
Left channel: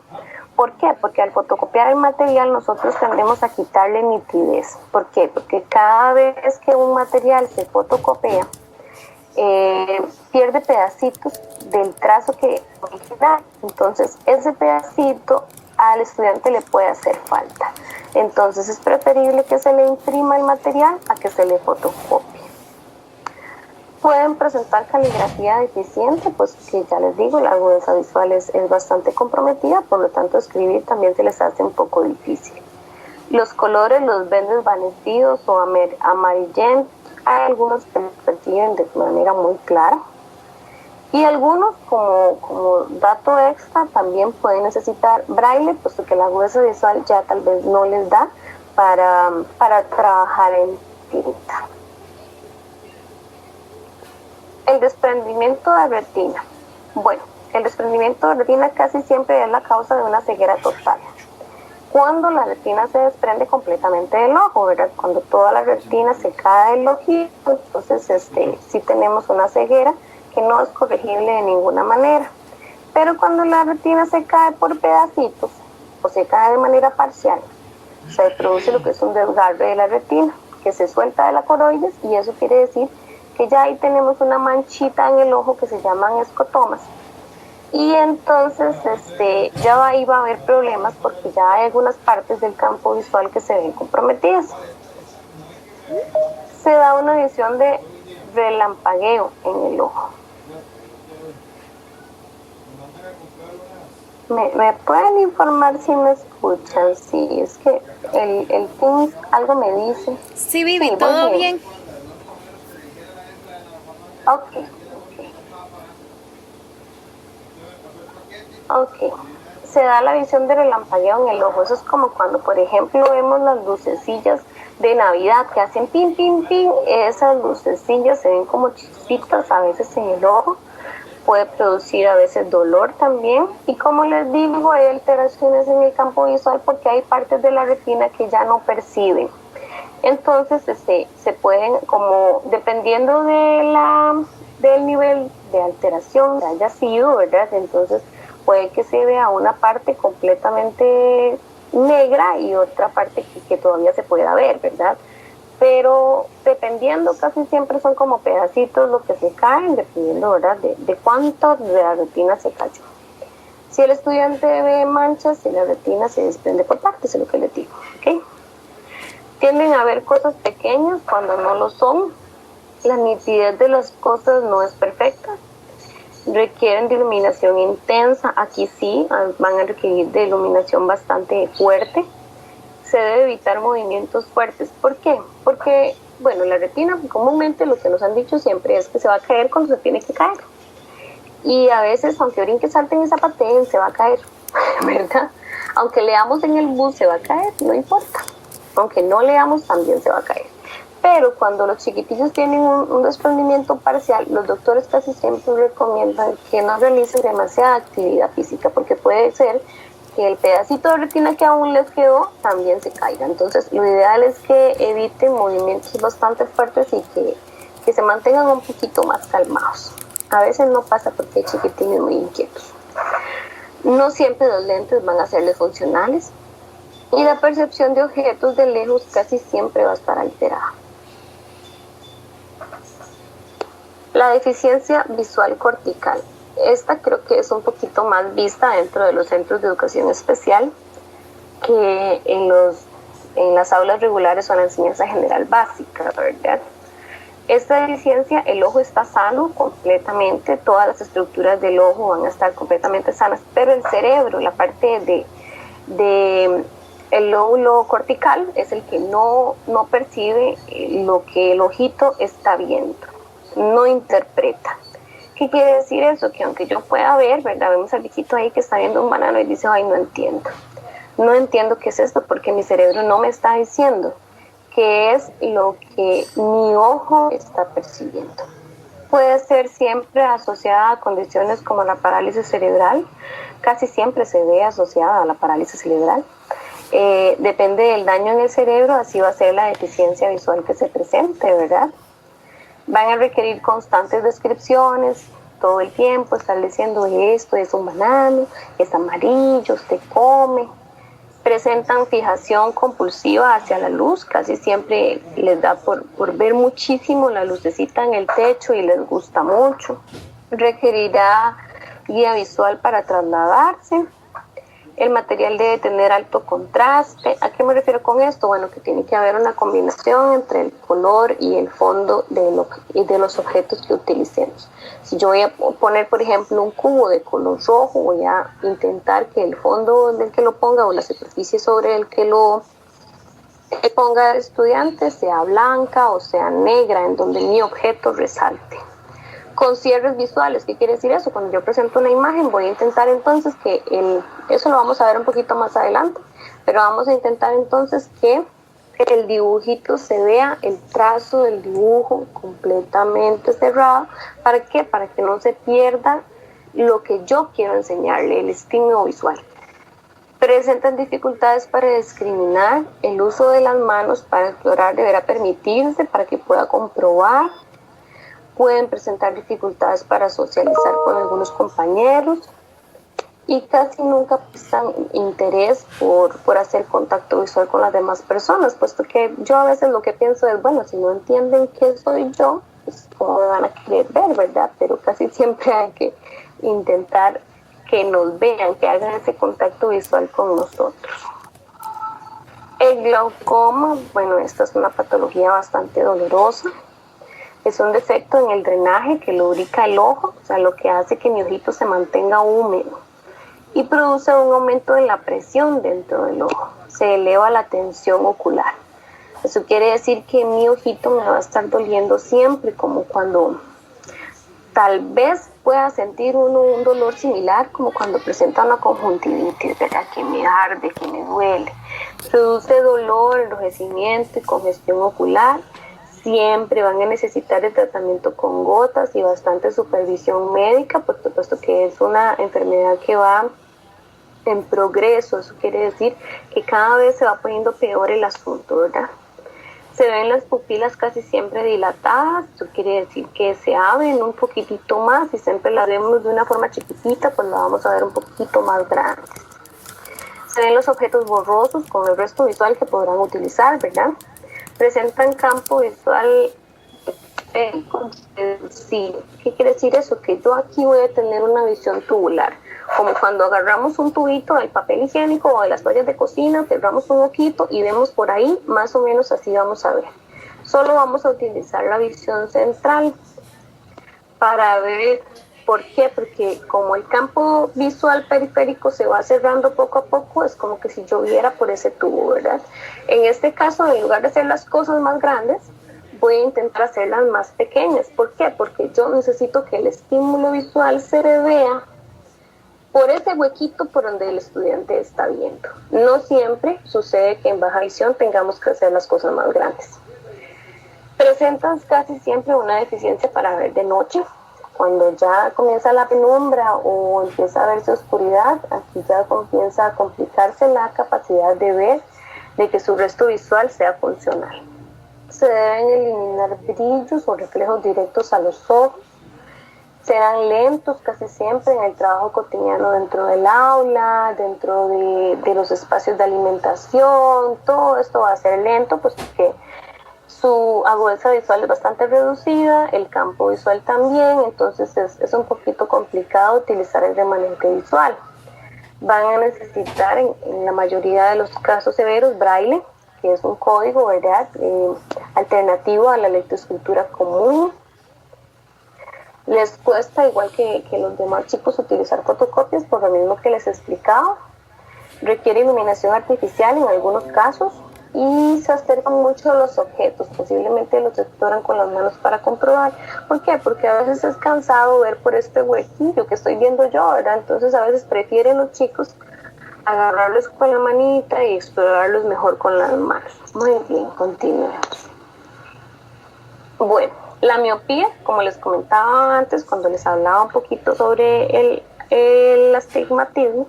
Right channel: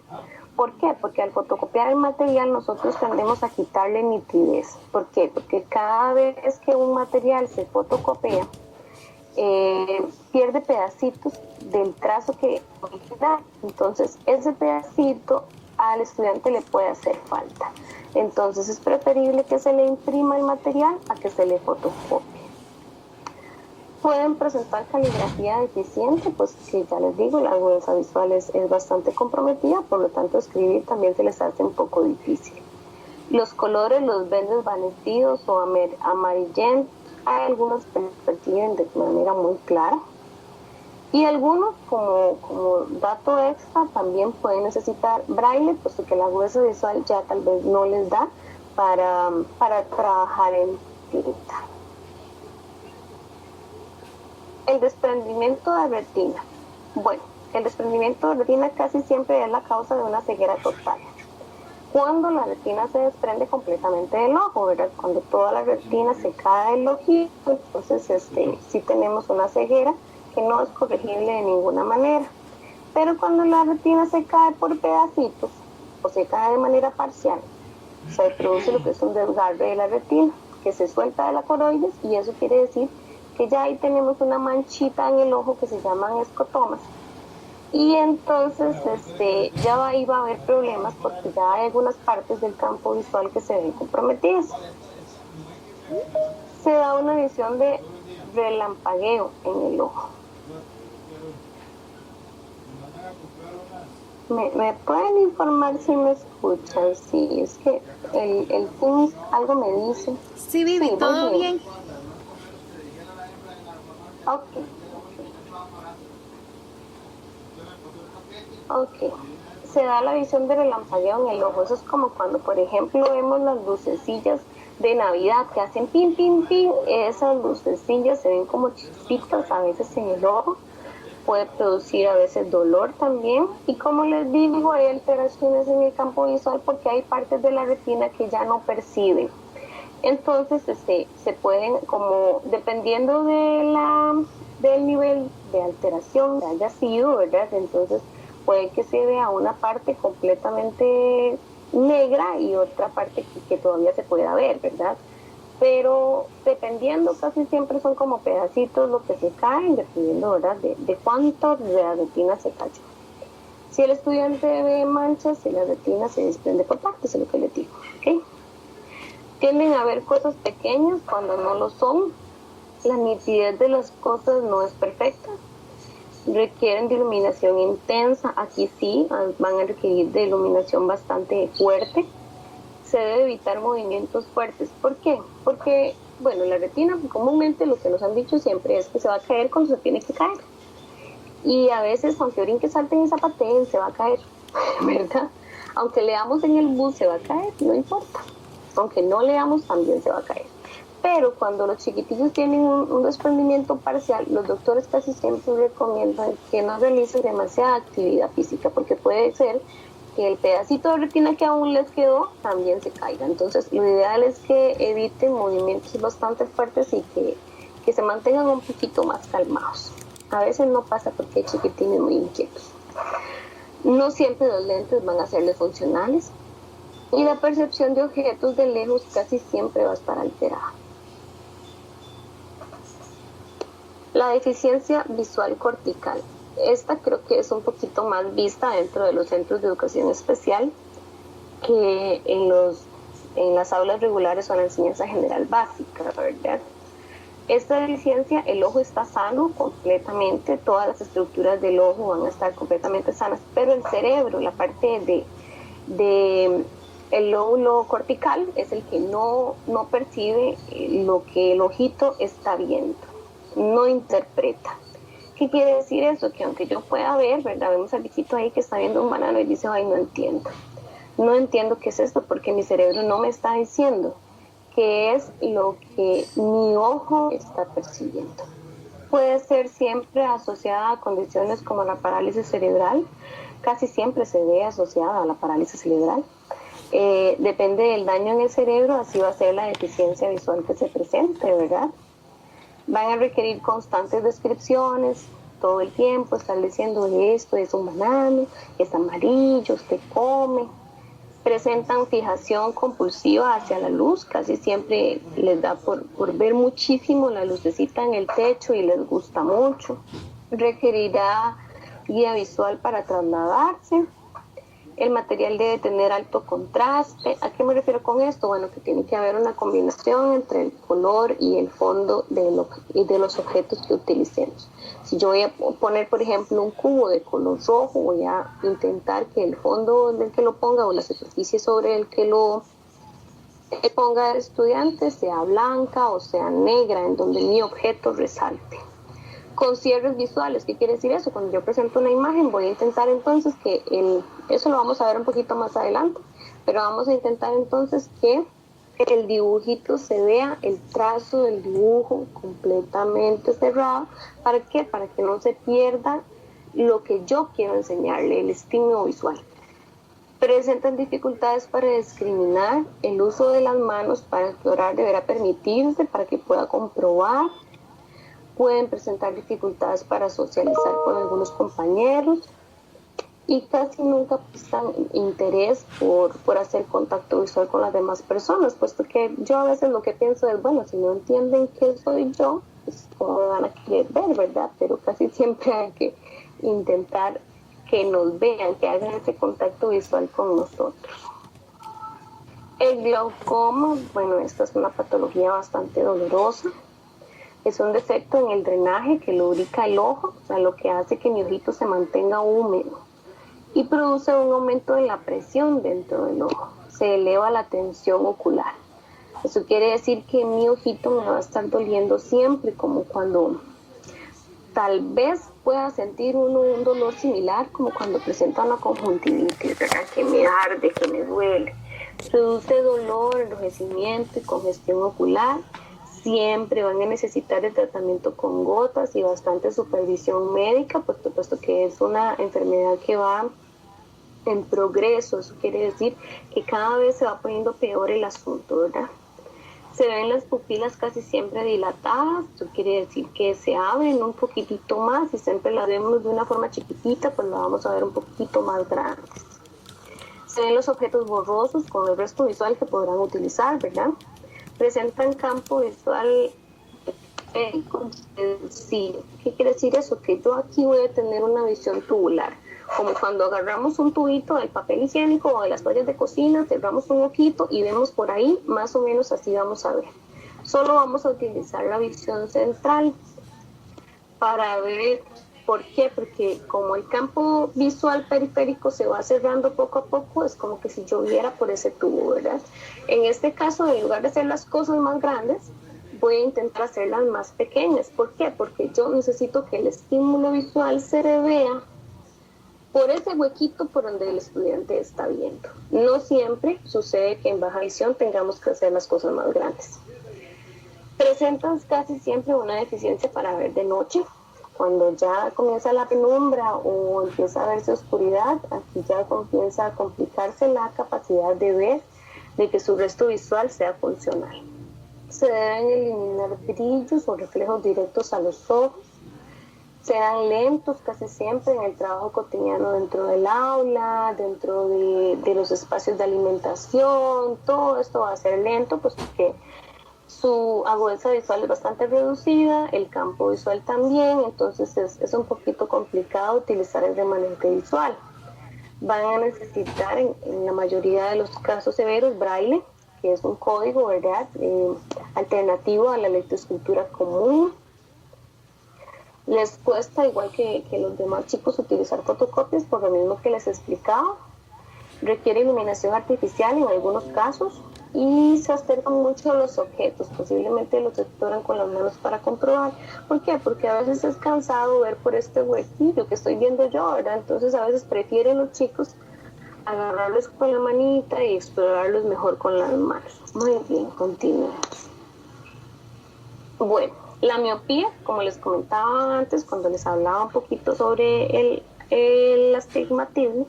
¿Por qué? Porque al fotocopiar el material nosotros tendemos a quitarle nitidez. ¿Por qué? Porque cada vez que un material se fotocopia, pierde pedacitos del trazo que original. Entonces, ese pedacito al estudiante le puede hacer falta. Entonces, es preferible que se le imprima el material a que se le fotocopie. Pueden presentar caligrafía deficiente, pues que ya les digo, la agudeza visual es bastante comprometida, por lo tanto escribir también se les hace un poco difícil. Los colores los ven desvanecidos o amarillentos, hay algunos que los perciben de manera muy clara y algunos como dato extra también pueden necesitar braille, puesto que la agudeza visual ya tal vez no les da para trabajar en tinta. El desprendimiento de retina. Bueno, el desprendimiento de retina casi siempre es la causa de una ceguera total. Cuando la retina se desprende completamente del ojo, ¿verdad? Cuando toda la retina se cae del ojito, entonces sí tenemos una ceguera que no es corregible de ninguna manera. Pero cuando la retina se cae por pedacitos o se cae de manera parcial, se produce lo que es un desgarre de la retina, que se suelta de la coroides, y eso quiere decir que ya ahí tenemos una manchita en el ojo que se llaman escotomas. Y entonces ya ahí va a haber problemas porque ya hay algunas partes del campo visual que se ven comprometidas. Se da una visión de relampagueo en el ojo. ¿Me pueden informar si me escuchan? Sí, es que el Teams algo me dice. Sí, Vivi, Sí, ¿todo bien? Ok. Se da la visión de relampagueo en el ojo. Eso es como cuando, por ejemplo, vemos las lucecillas de Navidad que hacen pin, pin, pin. Esas lucecillas se ven como chispitas a veces en el ojo. Puede producir a veces dolor también. Y como les digo, hay alteraciones en el campo visual porque hay partes de la retina que ya no perciben. Entonces se pueden, como dependiendo del nivel de alteración que haya sido, ¿verdad? Entonces puede que se vea una parte completamente negra y otra parte que todavía se pueda ver, ¿verdad? Pero dependiendo, casi siempre son como pedacitos lo que se caen, dependiendo, ¿verdad?, de cuánto de la retina se cayó. Si el estudiante ve manchas, si la retina se desprende por partes, es lo que les digo, ¿ok? Tienden a ver cosas pequeñas cuando no lo son. La nitidez de las cosas no es perfecta. Requieren de iluminación intensa. Aquí sí van a requerir de iluminación bastante fuerte. Se debe evitar movimientos fuertes. ¿Por qué? Porque, bueno, la retina comúnmente lo que nos han dicho siempre es que se va a caer cuando se tiene que caer. Y a veces, aunque brinque, salten y zapateen, se va a caer, ¿verdad? Aunque leamos en el bus, se va a caer, no importa. Aunque no leamos, también se va a caer. Pero cuando los chiquitillos tienen un desprendimiento parcial, los doctores casi siempre recomiendan que no realicen demasiada actividad física, porque puede ser que el pedacito de retina que aún les quedó también se caiga. Entonces, lo ideal es que eviten movimientos bastante fuertes y que se mantengan un poquito más calmados. A veces no pasa porque hay chiquitines muy inquietos. No siempre los lentes van a serles funcionales. Y la percepción de objetos de lejos casi siempre va a estar alterada. La deficiencia visual cortical. Esta creo que es un poquito más vista dentro de los centros de educación especial que en las aulas regulares o en la enseñanza general básica, ¿verdad? Esta deficiencia, el ojo está sano completamente, todas las estructuras del ojo van a estar completamente sanas, pero el cerebro, la parte el lóbulo cortical es el que no percibe lo que el ojito está viendo, no interpreta. ¿Qué quiere decir eso? Que aunque yo pueda ver, ¿verdad? Vemos al viejito ahí que está viendo un banano y dice, ay, no entiendo. No entiendo qué es esto porque mi cerebro no me está diciendo qué es lo que mi ojo está percibiendo. Puede ser siempre asociada a condiciones como la parálisis cerebral. Casi siempre se ve asociada a la parálisis cerebral. Depende del daño en el cerebro, así va a ser la deficiencia visual que se presente, ¿verdad? Van a requerir constantes descripciones, todo el tiempo, estar diciendo esto es un banano, es amarillo, usted come. Presentan fijación compulsiva hacia la luz, casi siempre les da por ver muchísimo la lucecita en el techo y les gusta mucho. Requerirá guía visual para trasladarse. El material debe tener alto contraste. ¿A qué me refiero con esto? Bueno, que tiene que haber una combinación entre el color y el fondo de los objetos que utilicemos. Si yo voy a poner, por ejemplo, un cubo de color rojo, voy a intentar que el fondo del que lo ponga o la superficie sobre el que lo ponga el estudiante sea blanca o sea negra, en donde mi objeto resalte. Con cierres visuales, ¿qué quiere decir eso? Cuando yo presento una imagen voy a intentar entonces eso lo vamos a ver un poquito más adelante, pero vamos a intentar entonces que el dibujito se vea, el trazo del dibujo completamente cerrado. ¿Para qué? Para que no se pierda lo que yo quiero enseñarle, el estímulo visual. Presentan dificultades para discriminar, el uso de las manos para explorar deberá permitirse para que pueda comprobar. Pueden presentar dificultades para socializar con algunos compañeros y casi nunca prestan interés por hacer contacto visual con las demás personas, puesto que yo a veces lo que pienso es, bueno, si no entienden qué soy yo, pues cómo me van a querer ver, ¿verdad? Pero casi siempre hay que intentar que nos vean, que hagan ese contacto visual con nosotros. El glaucoma, bueno, esta es una patología bastante dolorosa. Es un defecto en el drenaje que lubrica el ojo, o sea, lo que hace que mi ojito se mantenga húmedo y produce un aumento de la presión dentro del ojo. Se eleva la tensión ocular. Eso quiere decir que mi ojito me va a estar doliendo siempre, como cuando Tal vez pueda sentir uno un dolor similar como cuando presenta una conjuntivitis, ¿verdad? Que me arde, que me duele. Produce dolor, enrojecimiento y congestión ocular. Siempre van a necesitar el tratamiento con gotas y bastante supervisión médica, por supuesto que es una enfermedad que va en progreso. Eso quiere decir que cada vez se va poniendo peor el asunto, ¿verdad? Se ven las pupilas casi siempre dilatadas, eso quiere decir que se abren un poquitito más, y siempre las vemos de una forma chiquitita, pues la vamos a ver un poquito más grande. Se ven los objetos borrosos con el resto visual que podrán utilizar, ¿verdad? Presentan campo visual. Sí, ¿qué quiere decir eso? Que yo aquí voy a tener una visión tubular, como cuando agarramos un tubito del papel higiénico o de las toallas de cocina, cerramos un ojito y vemos por ahí, más o menos así vamos a ver. Solo vamos a utilizar la visión central para ver. ¿Por qué? Porque como el campo visual periférico se va cerrando poco a poco, es como que si yo viera por ese tubo, ¿verdad? En este caso, en lugar de hacer las cosas más grandes, voy a intentar hacerlas más pequeñas. ¿Por qué? Porque yo necesito que el estímulo visual se vea por ese huequito por donde el estudiante está viendo. No siempre sucede que en baja visión tengamos que hacer las cosas más grandes. Presentan casi siempre una deficiencia para ver de noche. Cuando ya comienza la penumbra o empieza a verse oscuridad, aquí ya comienza a complicarse la capacidad de ver, de que su resto visual sea funcional. Se deben eliminar brillos o reflejos directos a los ojos. Serán lentos casi siempre en el trabajo cotidiano dentro del aula, dentro de los espacios de alimentación. Todo esto va a ser lento, pues porque su agudeza visual es bastante reducida, el campo visual también, entonces es un poquito complicado utilizar el remanente visual. Van a necesitar en la mayoría de los casos severos braille, que es un código, ¿verdad? Alternativo a la lectoescritura común. Les cuesta, igual que los demás chicos, utilizar fotocopias por lo mismo que les he explicado. Requiere iluminación artificial en algunos casos y se acercan mucho a los objetos, posiblemente los exploran con las manos para comprobar. ¿Por qué? Porque a veces es cansado ver por este huequillo que estoy viendo yo, ¿verdad? Entonces a veces prefieren los chicos agarrarlos con la manita y explorarlos mejor con las manos. Muy bien, continuemos. Bueno, la miopía, como les comentaba antes, cuando les hablaba un poquito sobre el astigmatismo,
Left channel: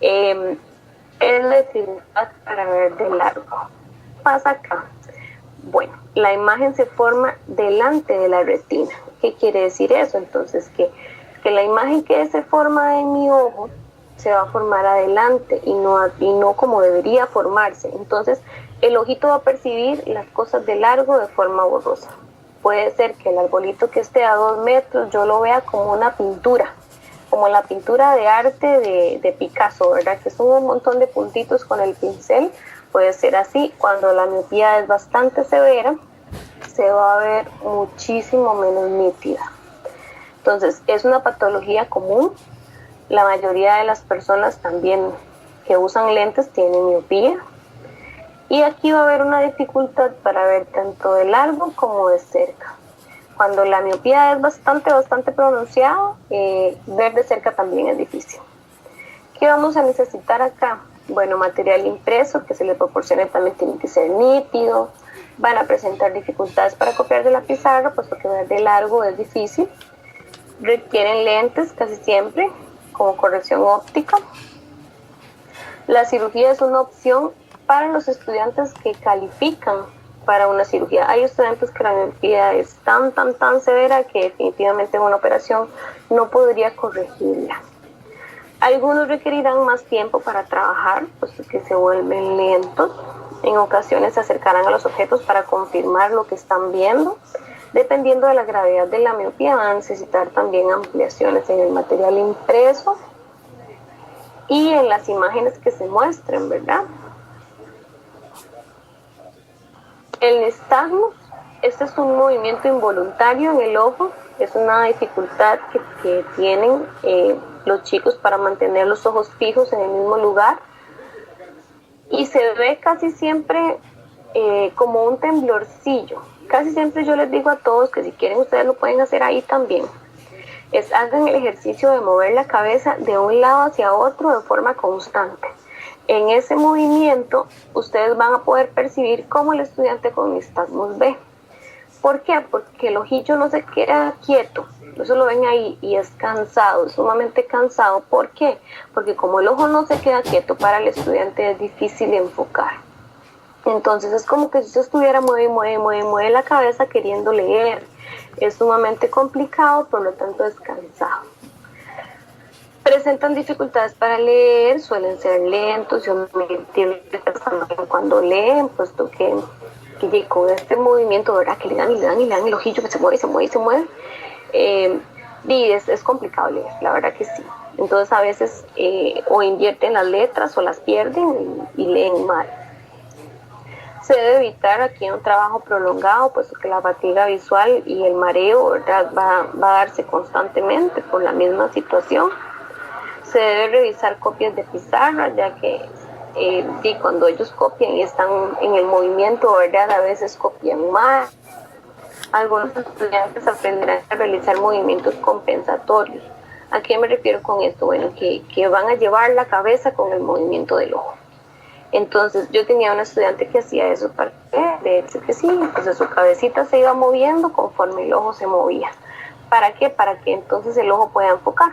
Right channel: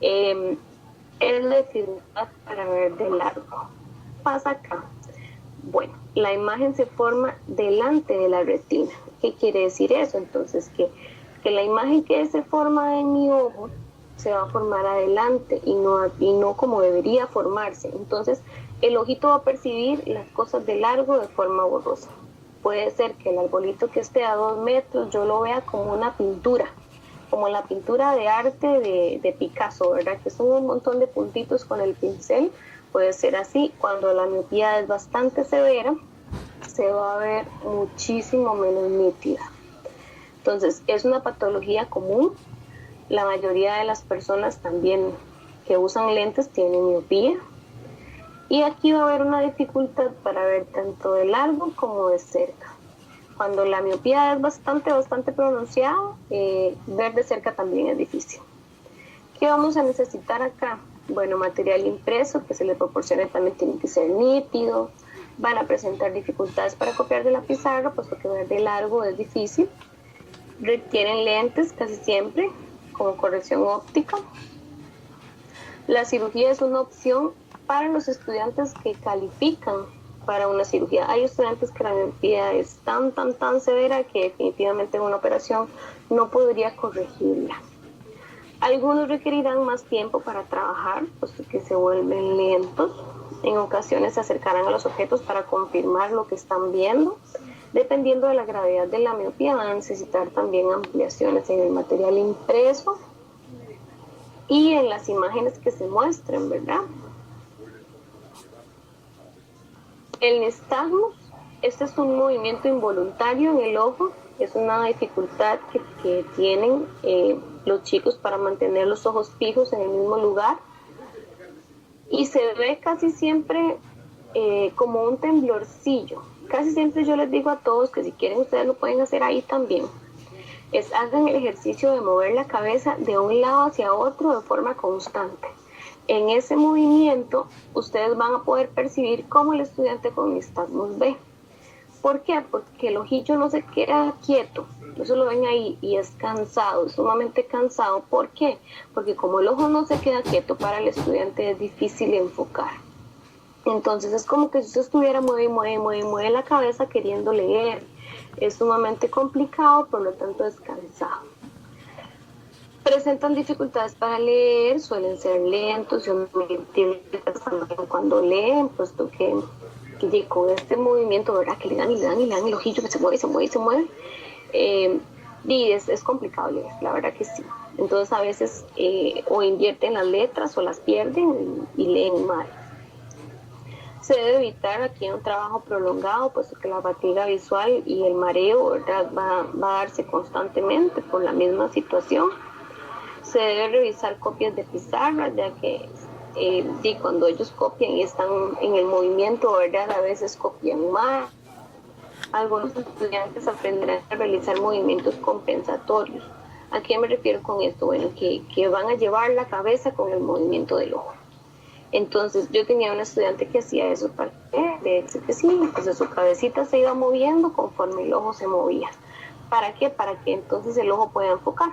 es la dificultad para ver de largo. ¿Qué pasa acá? Bueno, la imagen se forma delante de la retina. ¿Qué quiere decir eso? Entonces, que la imagen que se forma en mi ojo se va a formar adelante y no como debería formarse. Entonces, el ojito va a percibir las cosas de largo de forma borrosa. Puede ser que el arbolito que esté a 2 metros yo lo vea como una pintura, como la pintura de arte de Picasso, ¿verdad? Que son un montón de puntitos con el pincel. Puede ser así. Cuando la miopía es bastante severa, se va a ver muchísimo menos nítida. Entonces, es una patología común. La mayoría de las personas también que usan lentes tienen miopía. Y aquí va a haber una dificultad para ver tanto de largo como de cerca. Cuando la miopía es bastante pronunciada, ver de cerca también es difícil. ¿Qué vamos a necesitar acá? Bueno, material impreso que se le proporcione también tiene que ser nítido. Van a presentar dificultades para copiar de la pizarra, puesto que ver de largo es difícil. Requieren lentes casi siempre, como corrección óptica. La cirugía es una opción para los estudiantes que califican para una cirugía. Hay estudiantes que la miopía es tan severa que definitivamente una operación no podría corregirla. Algunos requerirán más tiempo para trabajar, puesto que se vuelven lentos. En ocasiones se acercarán a los objetos para confirmar lo que están viendo. Dependiendo de la gravedad de la miopía, van a necesitar también ampliaciones en el material impreso y en las imágenes que se muestren, ¿verdad? El nistagmus, este es un movimiento involuntario en el ojo, es una dificultad que tienen los chicos para mantener los ojos fijos en el mismo lugar y se ve casi siempre como un temblorcillo. Casi siempre yo les digo a todos que si quieren ustedes lo pueden hacer ahí también. hagan el ejercicio de mover la cabeza de un lado hacia otro de forma constante. En ese movimiento, ustedes van a poder percibir cómo el estudiante con nistagmus ve. ¿Por qué? Porque el ojillo no se queda quieto, eso lo ven ahí, y es cansado, es sumamente cansado. ¿Por qué? Porque como el ojo no se queda quieto, para el estudiante es difícil enfocar. Entonces es como que si usted estuviera mueve la cabeza queriendo leer. Es sumamente complicado, por lo tanto es cansado. Presentan dificultades para leer, suelen ser lentos, cuando leen, puesto que con este movimiento, ¿verdad? Que le dan el ojillo que se mueve, y es complicado leer, la verdad que sí. Entonces a veces o invierten las letras o las pierden y leen mal. Se debe evitar aquí un trabajo prolongado, puesto que la fatiga visual y el mareo, ¿verdad? va a darse constantemente por la misma situación. Se debe revisar copias de pizarra, ya que cuando ellos copian y están en el movimiento, ¿verdad? A veces copian mal. Algunos estudiantes aprenderán a realizar movimientos compensatorios. ¿A qué me refiero con esto? Bueno, que van a llevar la cabeza con el movimiento del ojo. Entonces, yo tenía una estudiante que hacía eso, para de hecho que sí, entonces su cabecita se iba moviendo conforme el ojo se movía. ¿Para qué? Para que entonces el ojo pueda enfocar.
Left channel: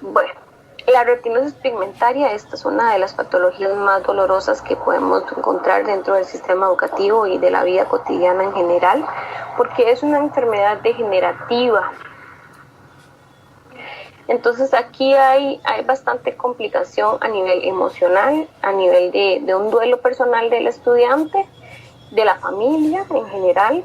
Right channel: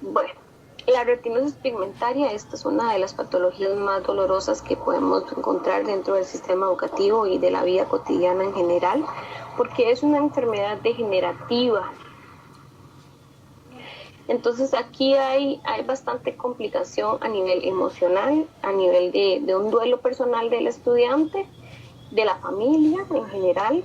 Bueno, la retinosis pigmentaria, esta es una de las patologías más dolorosas que podemos encontrar dentro del sistema educativo y de la vida cotidiana en general, porque es una enfermedad degenerativa. Entonces aquí hay bastante complicación a nivel emocional, a nivel de un duelo personal del estudiante, de la familia en general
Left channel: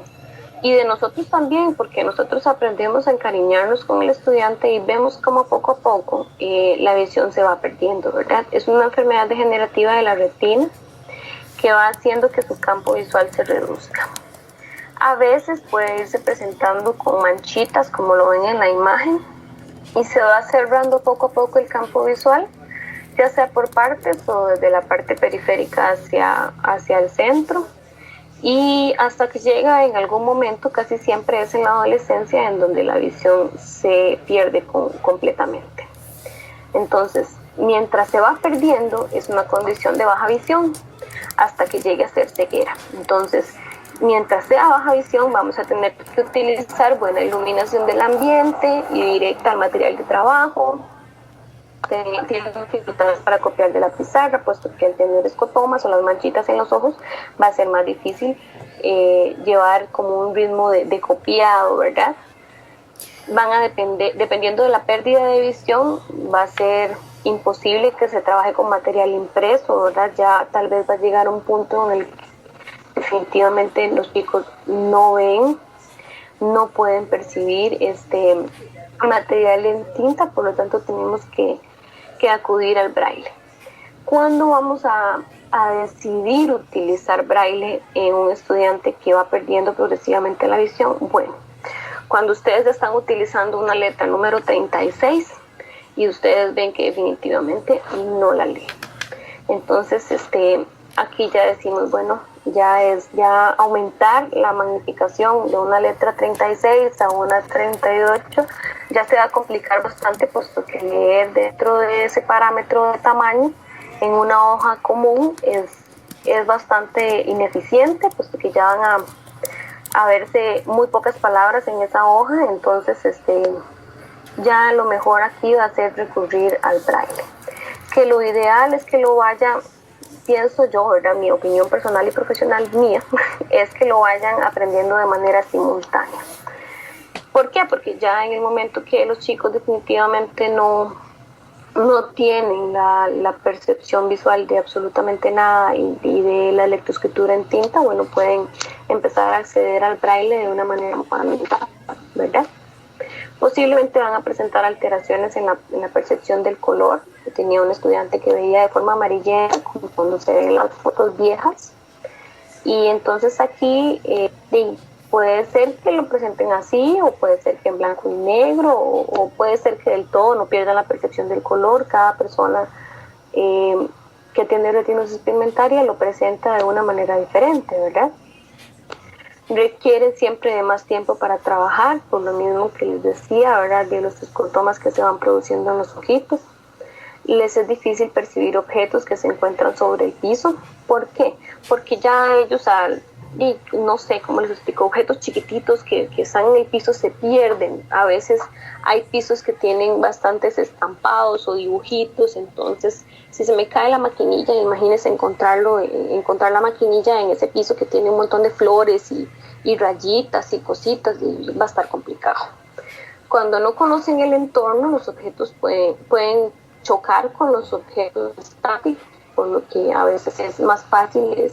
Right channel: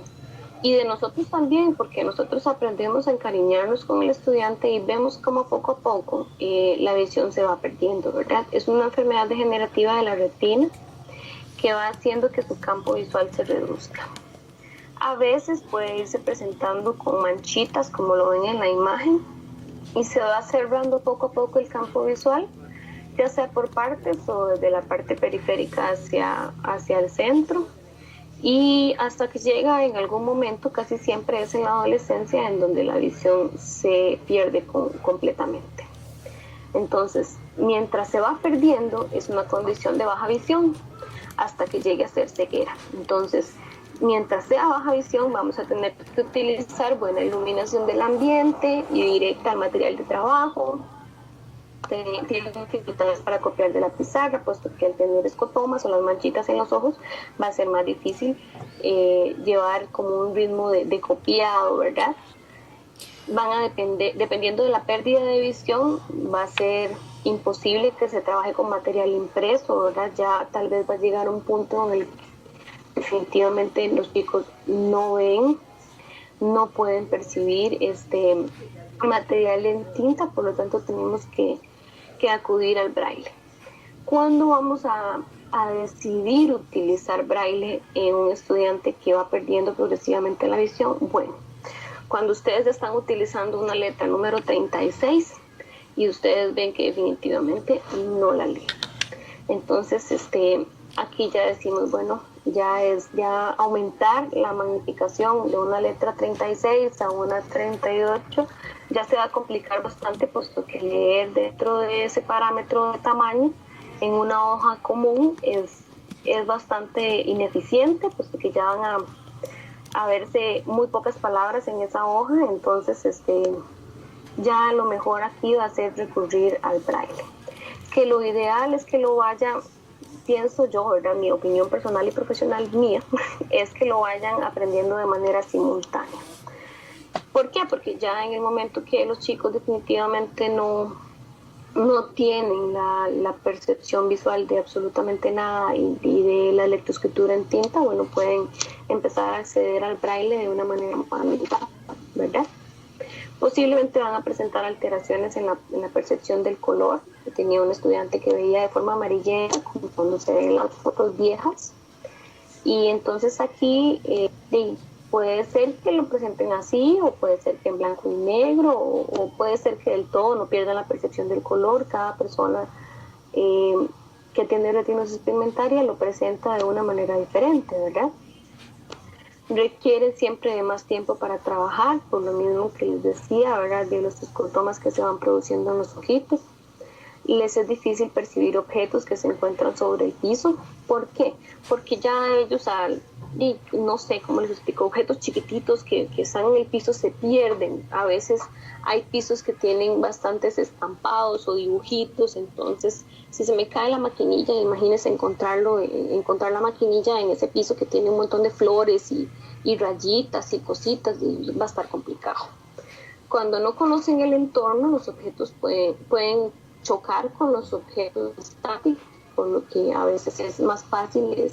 y de nosotros también, porque nosotros aprendemos a encariñarnos con el estudiante y vemos cómo poco a poco la visión se va perdiendo, ¿verdad? Es una enfermedad degenerativa de la retina que va haciendo que su campo visual se reduzca. A veces puede irse presentando con manchitas, como lo ven en la imagen, y se va cerrando poco a poco el campo visual, ya sea por partes o desde la parte periférica hacia el centro, y hasta que llega en algún momento, casi siempre es en la adolescencia, en donde la visión se pierde completamente. Entonces, mientras se va perdiendo, es una condición de baja visión, hasta que llegue a ser ceguera. Entonces, mientras sea baja visión, vamos a tener que utilizar buena iluminación del ambiente y directa al material de trabajo. Tienen dificultades para copiar de la pizarra, puesto que al tener escotomas o las manchitas en los ojos va a ser más difícil llevar como un ritmo de copiado, ¿verdad? Van a dependiendo de la pérdida de visión, va a ser imposible que se trabaje con material impreso, ¿verdad? Ya tal vez va a llegar a un punto en el que definitivamente los chicos no ven, no pueden percibir este material en tinta, por lo tanto tenemos que acudir al braille. ¿Cuándo vamos a decidir utilizar braille en un estudiante que va perdiendo progresivamente la visión? Bueno, cuando ustedes están utilizando una letra número 36 y ustedes ven que definitivamente no la leen. Entonces, aquí ya decimos, bueno, ya aumentar la magnificación de una letra 36 a una 38 ya se va a complicar bastante, puesto que leer dentro de ese parámetro de tamaño en una hoja común es bastante ineficiente, puesto que ya van a verse muy pocas palabras en esa hoja. Entonces ya lo mejor aquí va a ser recurrir al braille, que lo ideal es que lo vaya, pienso yo, ¿verdad? Mi opinión personal y profesional mía es que lo vayan aprendiendo de manera simultánea. ¿Por qué? Porque ya en el momento que los chicos definitivamente no tienen la percepción visual de absolutamente nada y de la lectoescritura en tinta, bueno, pueden empezar a acceder al braille de una manera fundamental, ¿verdad? Posiblemente van a presentar alteraciones en la percepción del color. Yo tenía un estudiante que veía de forma amarillenta, como cuando se ven las fotos viejas. Y entonces aquí puede ser que lo presenten así, o puede ser que en blanco y negro, o puede ser que del todo no pierdan la percepción del color. Cada persona que tiene retinosis pigmentaria lo presenta de una manera diferente, ¿verdad? requieren siempre de más tiempo para trabajar, por lo mismo que les decía, ¿verdad? De los escotomas que se van produciendo en los ojitos. Les es difícil percibir objetos que se encuentran sobre el piso. ¿Por qué? Porque ya ellos, no sé cómo les explico, objetos chiquititos que están en el piso se pierden. A veces hay pisos que tienen bastantes estampados o dibujitos, entonces si se me cae la maquinilla, imagínense encontrar la maquinilla en ese piso que tiene un montón de flores y rayitas y cositas, y va a estar complicado. Cuando no conocen el entorno, los objetos pueden chocar con los objetos estáticos, por lo que a veces es más fácil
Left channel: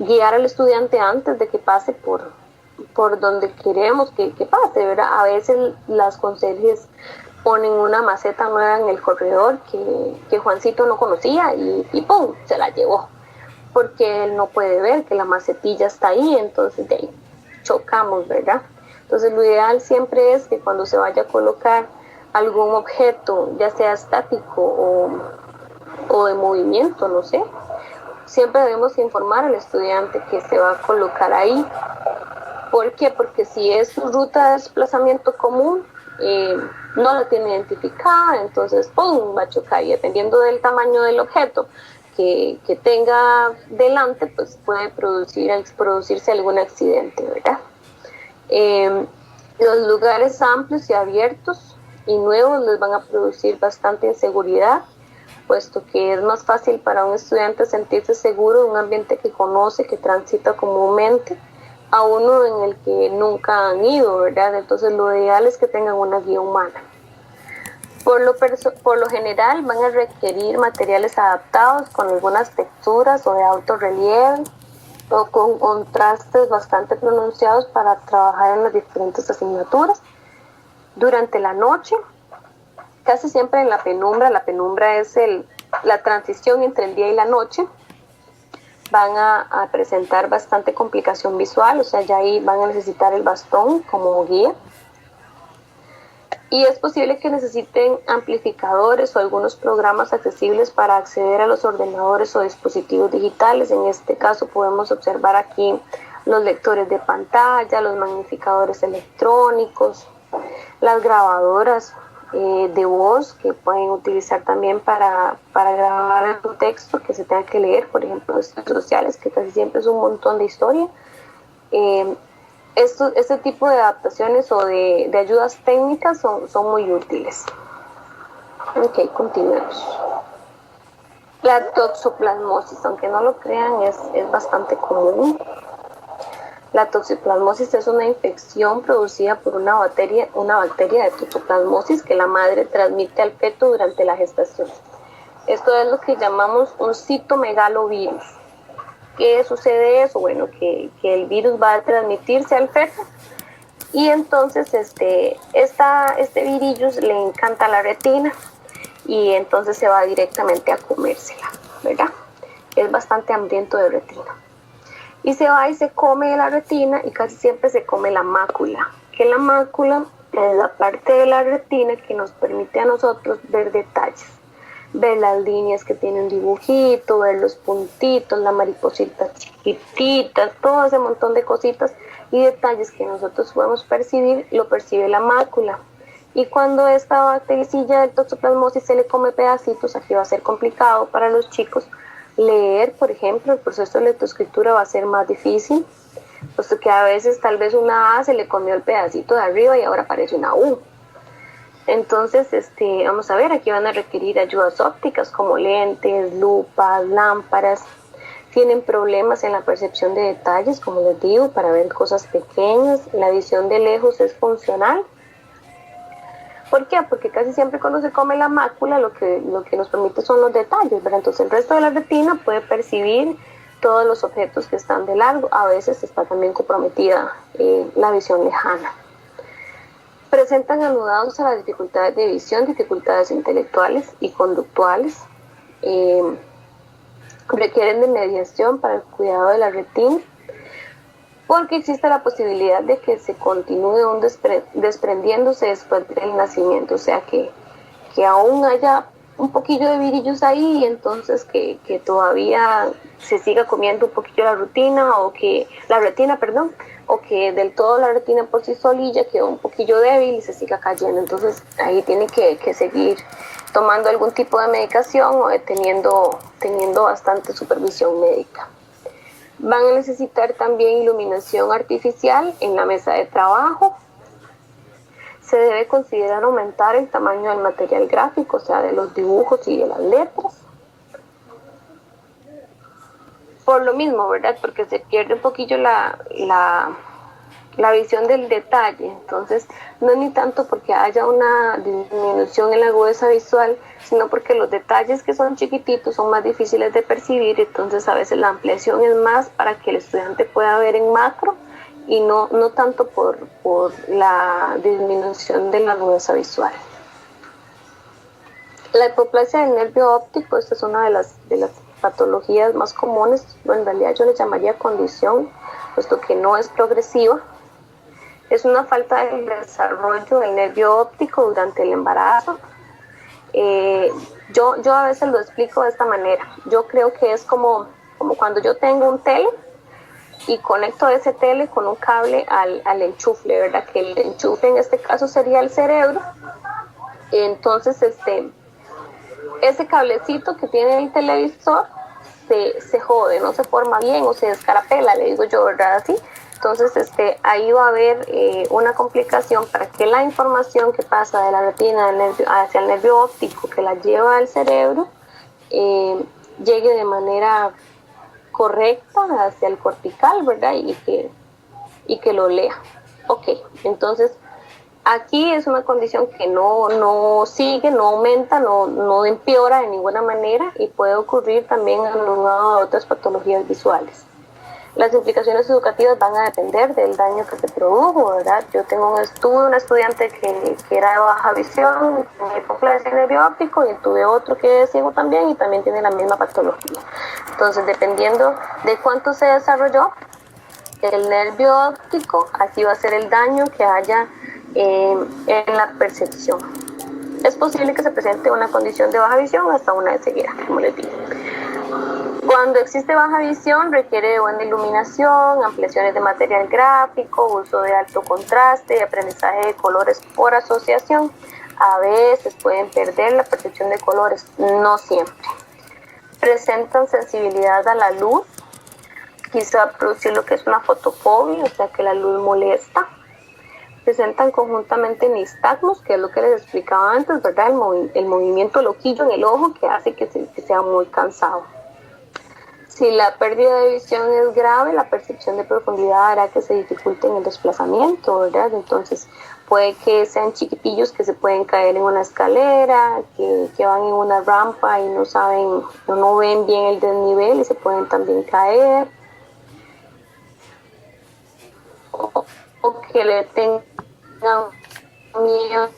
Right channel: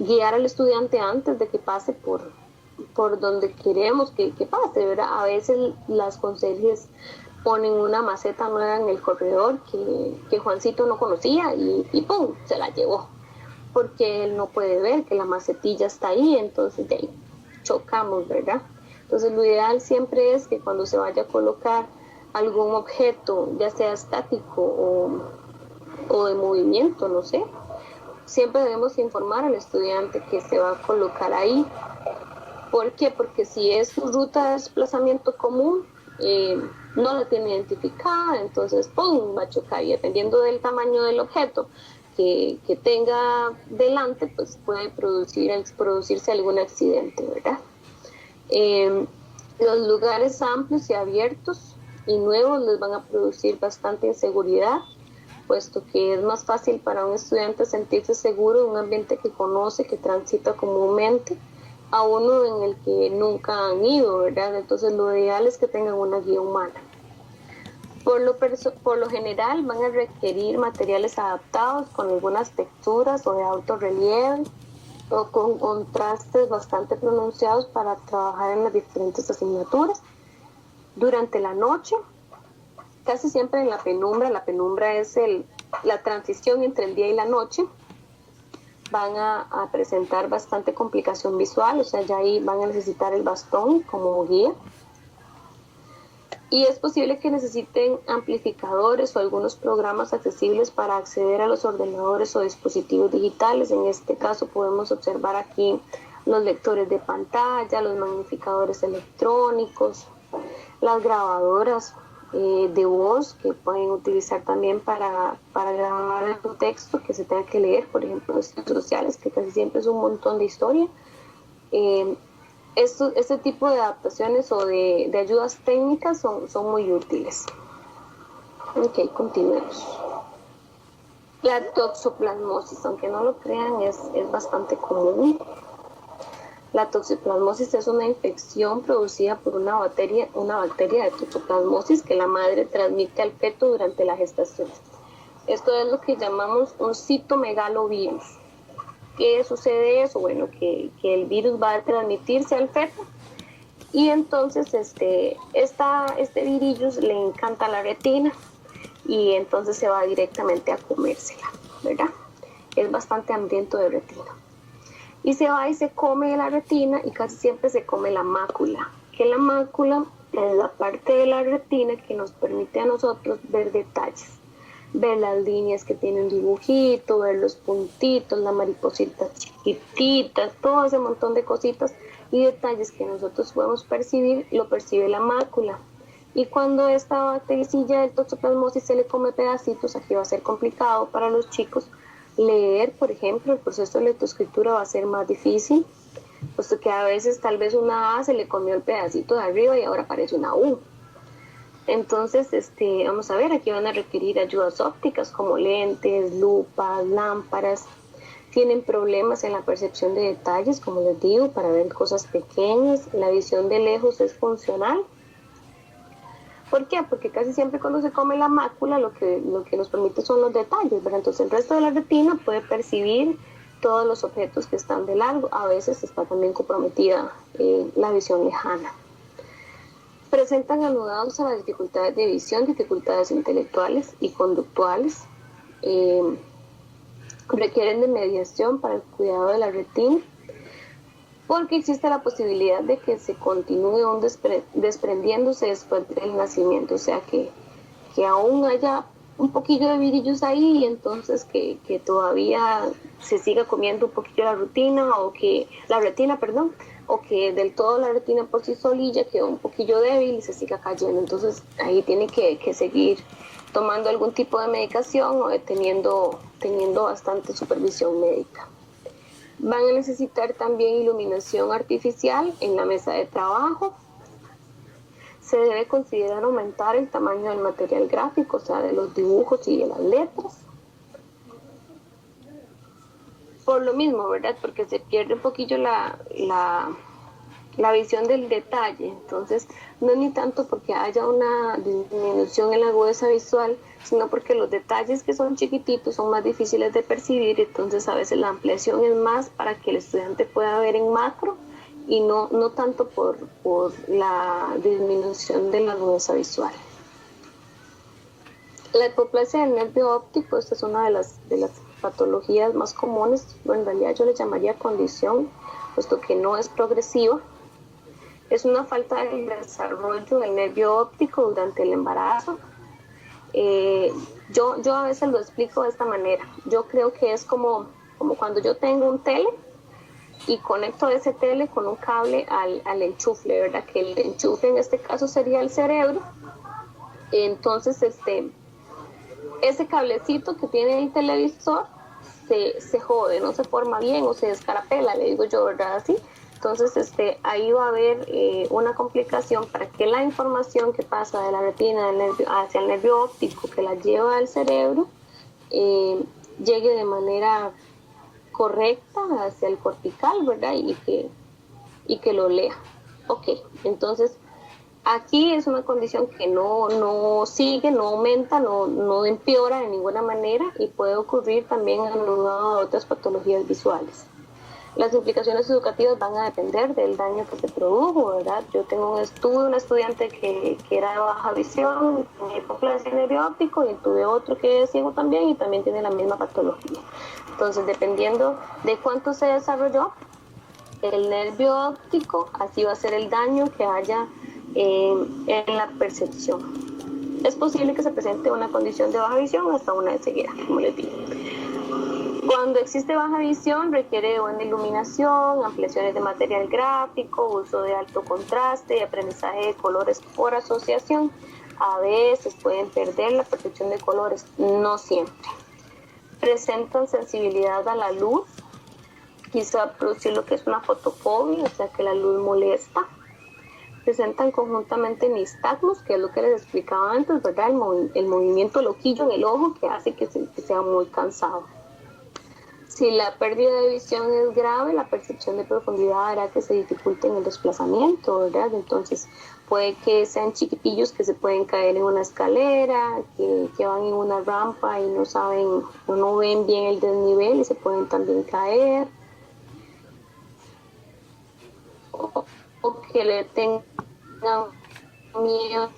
guiar al estudiante antes de que pase por donde queremos que pase, ¿verdad? A veces las conserjes ponen una maceta nueva en el corredor que Juancito no conocía y ¡pum!, se la llevó, porque él no puede ver que la macetilla está ahí, entonces de ahí chocamos, ¿verdad? Entonces lo ideal siempre es que cuando se vaya a colocar algún objeto, ya sea estático o de movimiento, no sé, siempre debemos informar al estudiante que se va a colocar ahí. ¿Por qué? Porque si es su ruta de desplazamiento común, no la tiene identificada, entonces ¡pum!, va a chocar, y dependiendo del tamaño del objeto que tenga delante, pues puede producirse algún accidente, ¿verdad? Los lugares amplios y abiertos y nuevos les van a producir bastante inseguridad, puesto que es más fácil para un estudiante sentirse seguro en un ambiente que conoce, que transita comúnmente, a uno en el que nunca han ido, ¿verdad? Entonces lo ideal es que tengan una guía humana. Por lo general van a requerir materiales adaptados con algunas texturas o de alto relieve o con contrastes bastante pronunciados para trabajar en las diferentes asignaturas. Durante la noche, casi siempre en la penumbra es la transición entre el día y la noche, van a presentar bastante complicación visual, o sea, ya ahí van a necesitar el bastón como guía. Y es posible que necesiten amplificadores o algunos programas accesibles para acceder a los ordenadores o dispositivos digitales. En este caso podemos observar aquí los lectores de pantalla, los magnificadores electrónicos, las grabadoras de voz que pueden utilizar también para grabar un texto que se tenga que leer, por ejemplo, redes sociales, que casi siempre es un montón de historia. Este tipo de adaptaciones o de ayudas técnicas son muy útiles. Ok, continuemos. La toxoplasmosis, aunque no lo crean, es bastante común. La toxoplasmosis es una infección producida por una bacteria de toxoplasmosis que la madre transmite al feto durante la gestación. Esto es lo que llamamos un citomegalovirus. ¿Qué sucede eso? Bueno, que el virus va a transmitirse al feto y entonces este virus le encanta la retina y entonces se va directamente a comérsela, ¿verdad? Es bastante hambriento de retina. Y se va y se come la retina y casi siempre se come la mácula, que la mácula es la parte de la retina que nos permite a nosotros ver detalles, ver las líneas que tiene un dibujito, ver los puntitos, la mariposita chiquitita, todo ese montón de cositas y detalles que nosotros podemos percibir, lo percibe la mácula. Y cuando esta bactericilla del toxoplasmosis se le come pedacitos, aquí va a ser complicado para los chicos leer, por ejemplo, el proceso de lectoescritura va a ser más difícil, puesto que a veces tal vez una A se le comió el pedacito de arriba y ahora aparece una U. Entonces, vamos a ver, aquí van a requerir ayudas ópticas como lentes, lupas, lámparas. Tienen problemas en la percepción de detalles, como les digo, para ver cosas pequeñas. La visión de lejos es funcional. ¿Por qué? Porque casi siempre cuando se come la mácula lo que nos permite son los detalles, ¿verdad? Entonces el resto de la retina puede percibir todos los objetos que están de largo. A veces está también comprometida la visión lejana. Presentan anudados a las dificultades de visión, dificultades intelectuales y conductuales. Requieren de mediación para el cuidado de la retina, porque existe la posibilidad de que se continúe desprendiéndose después del nacimiento, o sea que aún haya un poquillo de virillos ahí, entonces que todavía se siga comiendo un poquillo la retina, perdón, o que del todo la retina por sí solilla quedó un poquillo débil y se siga cayendo. Entonces ahí tiene que seguir tomando algún tipo de medicación o teniendo bastante supervisión médica. Van a necesitar también iluminación artificial en la mesa de trabajo. Se debe considerar aumentar el tamaño del material gráfico, o sea, de los dibujos y de las letras. Por lo mismo, ¿verdad? Porque se pierde un poquillo la visión del detalle. Entonces, no es ni tanto porque haya una disminución en la agudeza visual, sino porque los detalles que son chiquititos son más difíciles de percibir. Entonces, a veces la ampliación es más para que el estudiante pueda ver en macro y no tanto por la disminución de la agudeza visual. La hipoplasia del nervio óptico, esta es una de las patologías más comunes. En realidad yo le llamaría condición, puesto que no es progresiva. Es una falta del desarrollo del nervio óptico durante el embarazo. Yo a veces lo explico de esta manera. Yo creo que es como cuando yo tengo un tele y conecto ese tele con un cable al enchufle, ¿verdad? Que el enchufe en este caso sería el cerebro. Entonces, ese cablecito que tiene el televisor se jode, no se forma bien o se descarapela, le digo yo, ¿verdad? Así. Entonces, ahí va a haber una complicación para que la información que pasa de la retina hacia el nervio óptico que la lleva al cerebro llegue de manera correcta hacia el cortical, ¿verdad? Y que lo lea. Ok, entonces aquí es una condición que no sigue, no aumenta, no empeora de ninguna manera y puede ocurrir también anulado a otras patologías visuales. Las implicaciones educativas van a depender del daño que se produjo, ¿verdad? Yo tuve una estudiante que era de baja visión, tenía hipoplasia del nervio óptico, y tuve otro que es ciego también y también tiene la misma patología. Entonces, dependiendo de cuánto se desarrolló el nervio óptico, así va a ser el daño que haya en la percepción. Es posible que se presente una condición de baja visión hasta una de ceguera, como les digo. Cuando existe baja visión requiere de buena iluminación, ampliaciones de material gráfico, uso de alto contraste y aprendizaje de colores por asociación. A veces pueden perder la percepción de colores, no siempre. Presentan sensibilidad a la luz, quizá producir lo que es una fotofobia, o sea que la luz molesta. Presentan conjuntamente nistagmos, que es lo que les explicaba antes, ¿verdad? El movimiento loquillo en el ojo que hace que sea muy cansado. Si la pérdida de visión es grave, la percepción de profundidad hará que se dificulte en el desplazamiento, ¿verdad? Entonces puede que sean chiquitillos que se pueden caer en una escalera, que van en una rampa y no ven bien el desnivel y se pueden también caer. O que le tengan miedo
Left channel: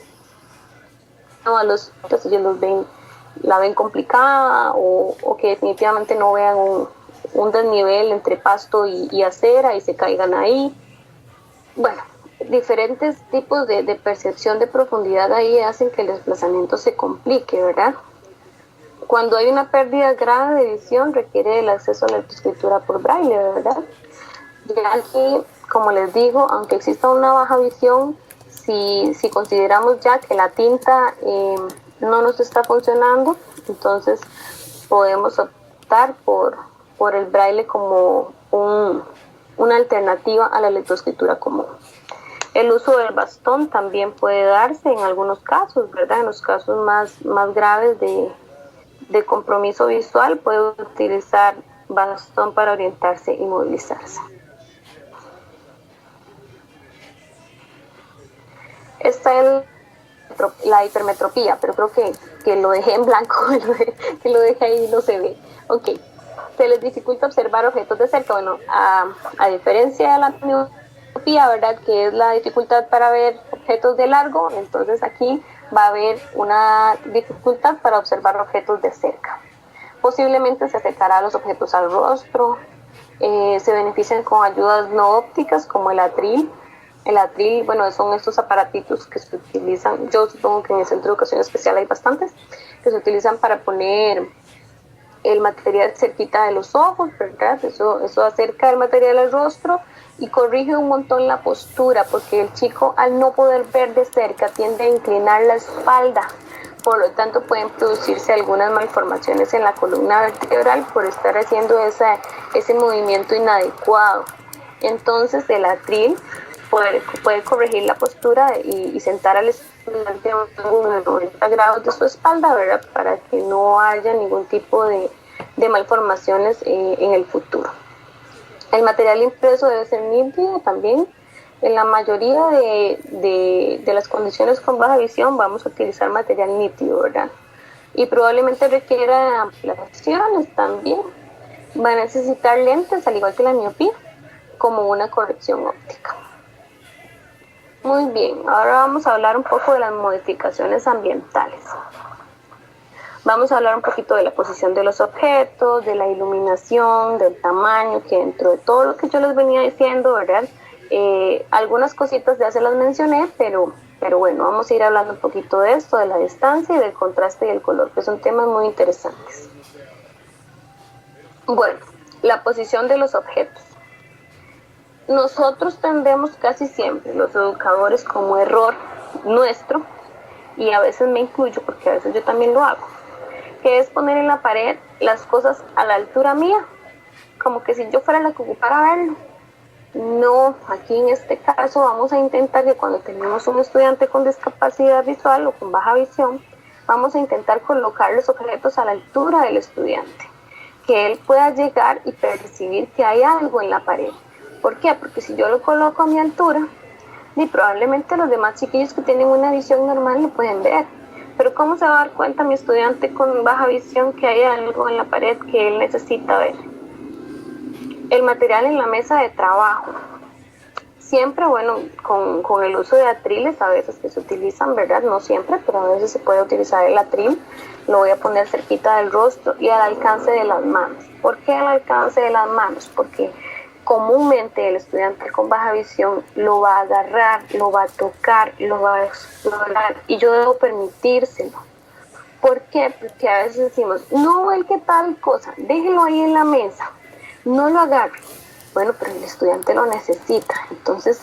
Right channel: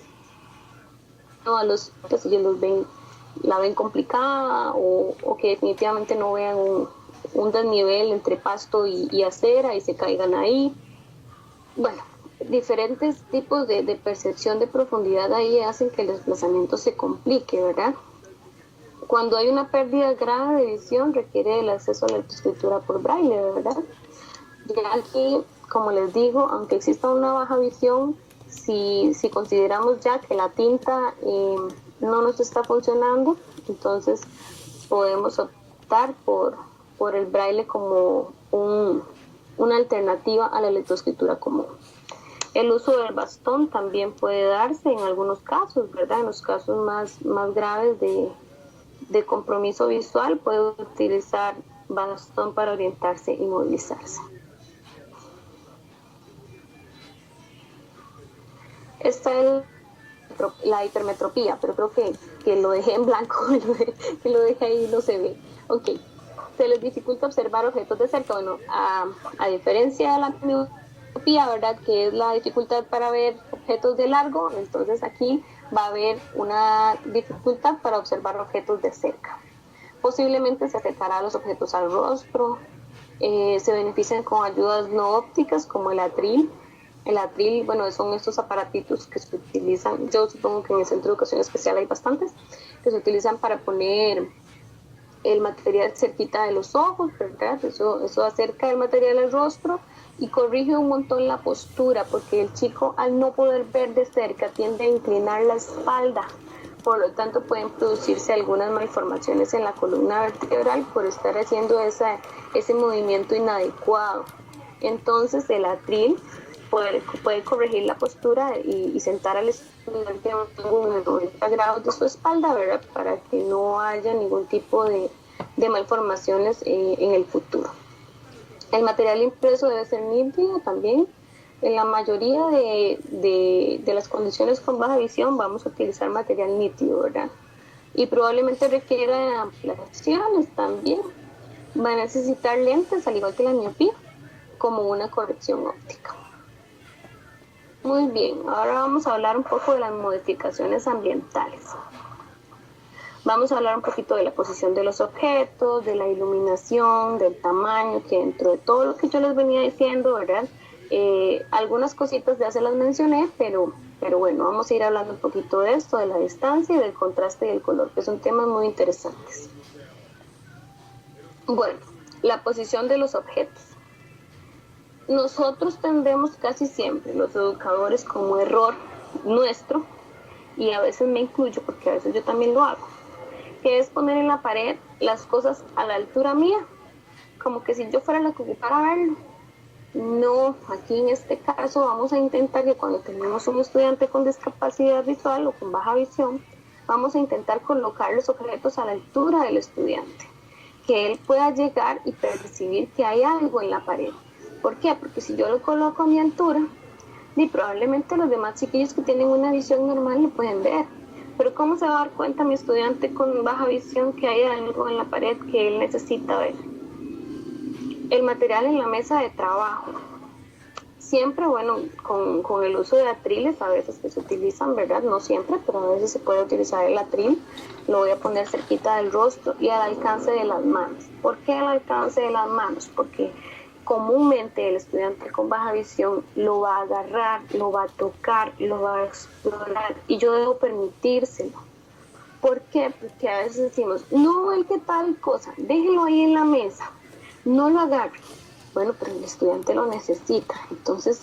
a los otros, ellos la ven complicada, o que definitivamente no vean un desnivel entre pasto y acera y se caigan ahí. Bueno, diferentes tipos de percepción de profundidad ahí hacen que el desplazamiento se complique, ¿verdad? Cuando hay una pérdida grave de visión requiere el acceso a la lectoescritura por braille, ¿verdad? Ya aquí, como les digo, aunque exista una baja visión, si consideramos ya que la tinta no nos está funcionando, entonces podemos optar por el braille como una alternativa a la lectoescritura común. El uso del bastón también puede darse en algunos casos, ¿verdad? En los casos más graves de compromiso visual puede utilizar bastón para orientarse y movilizarse. Esta es la hipermetropía, pero creo que lo dejé en blanco, que lo dejé ahí y no se ve. Ok, se les dificulta observar objetos de cerca. Bueno, a diferencia de la miopía, ¿verdad? Que es la dificultad para ver objetos de largo, entonces aquí va a haber una dificultad para observar objetos de cerca. Posiblemente se afectará a los objetos al rostro, se benefician con ayudas no ópticas como el atril. El atril, bueno, son estos aparatitos que se utilizan, yo supongo que en el Centro de Educación Especial hay bastantes, que se utilizan para poner el material cerquita de los ojos, ¿verdad? Eso acerca el material al rostro y corrige un montón la postura, porque el chico, al no poder ver de cerca, tiende a inclinar la espalda. Por lo tanto, pueden producirse algunas malformaciones en la columna vertebral por estar haciendo ese movimiento inadecuado. Entonces, el atril puede corregir la postura y sentar al estudiante a un ángulo de 90 grados de su espalda, ¿verdad? Para que no haya ningún tipo de malformaciones en el futuro. El material impreso debe ser nítido también. En la mayoría de las condiciones con baja visión vamos a utilizar material nítido, ¿verdad? Y probablemente requiera ampliaciones también. Va a necesitar lentes, al igual que la miopía, como una corrección óptica. Muy bien, ahora vamos a hablar un poco de las modificaciones ambientales. Vamos a hablar un poquito de la posición de los objetos, de la iluminación, del tamaño, que dentro de todo lo que yo les venía diciendo, ¿verdad? Algunas cositas ya se las mencioné, pero bueno, vamos a ir hablando un poquito de esto, de la distancia y del contraste y el color, que son temas muy interesantes. Bueno, la posición de los objetos. Nosotros tendemos casi siempre, los educadores, como error nuestro, y a veces me incluyo porque a veces yo también lo hago, que es poner en la pared las cosas a la altura mía, como que si yo fuera la que ocupara verlo. No, aquí en este caso vamos a intentar que cuando tenemos un estudiante con discapacidad visual o con baja visión, vamos a intentar colocar los objetos a la altura del estudiante, que él pueda llegar y percibir que hay algo en la pared. ¿Por qué? Porque si yo lo coloco a mi altura, y probablemente los demás chiquillos que tienen una visión normal lo pueden ver. Pero ¿cómo se va a dar cuenta mi estudiante con baja visión que hay algo en la pared que él necesita ver? El material en la mesa de trabajo. Siempre, bueno, con el uso de atriles, a veces que se utilizan, ¿verdad? No siempre, pero a veces se puede utilizar el atril. Lo voy a poner cerquita del rostro y al alcance de las manos. ¿Por qué al alcance de las manos? Porque comúnmente el estudiante con baja visión lo va a agarrar, lo va a tocar, lo va a explorar y yo debo permitírselo. ¿Por qué? Porque a veces decimos, no vuelque tal cosa, déjelo ahí en la mesa, no lo agarre. Bueno, pero el estudiante lo necesita, entonces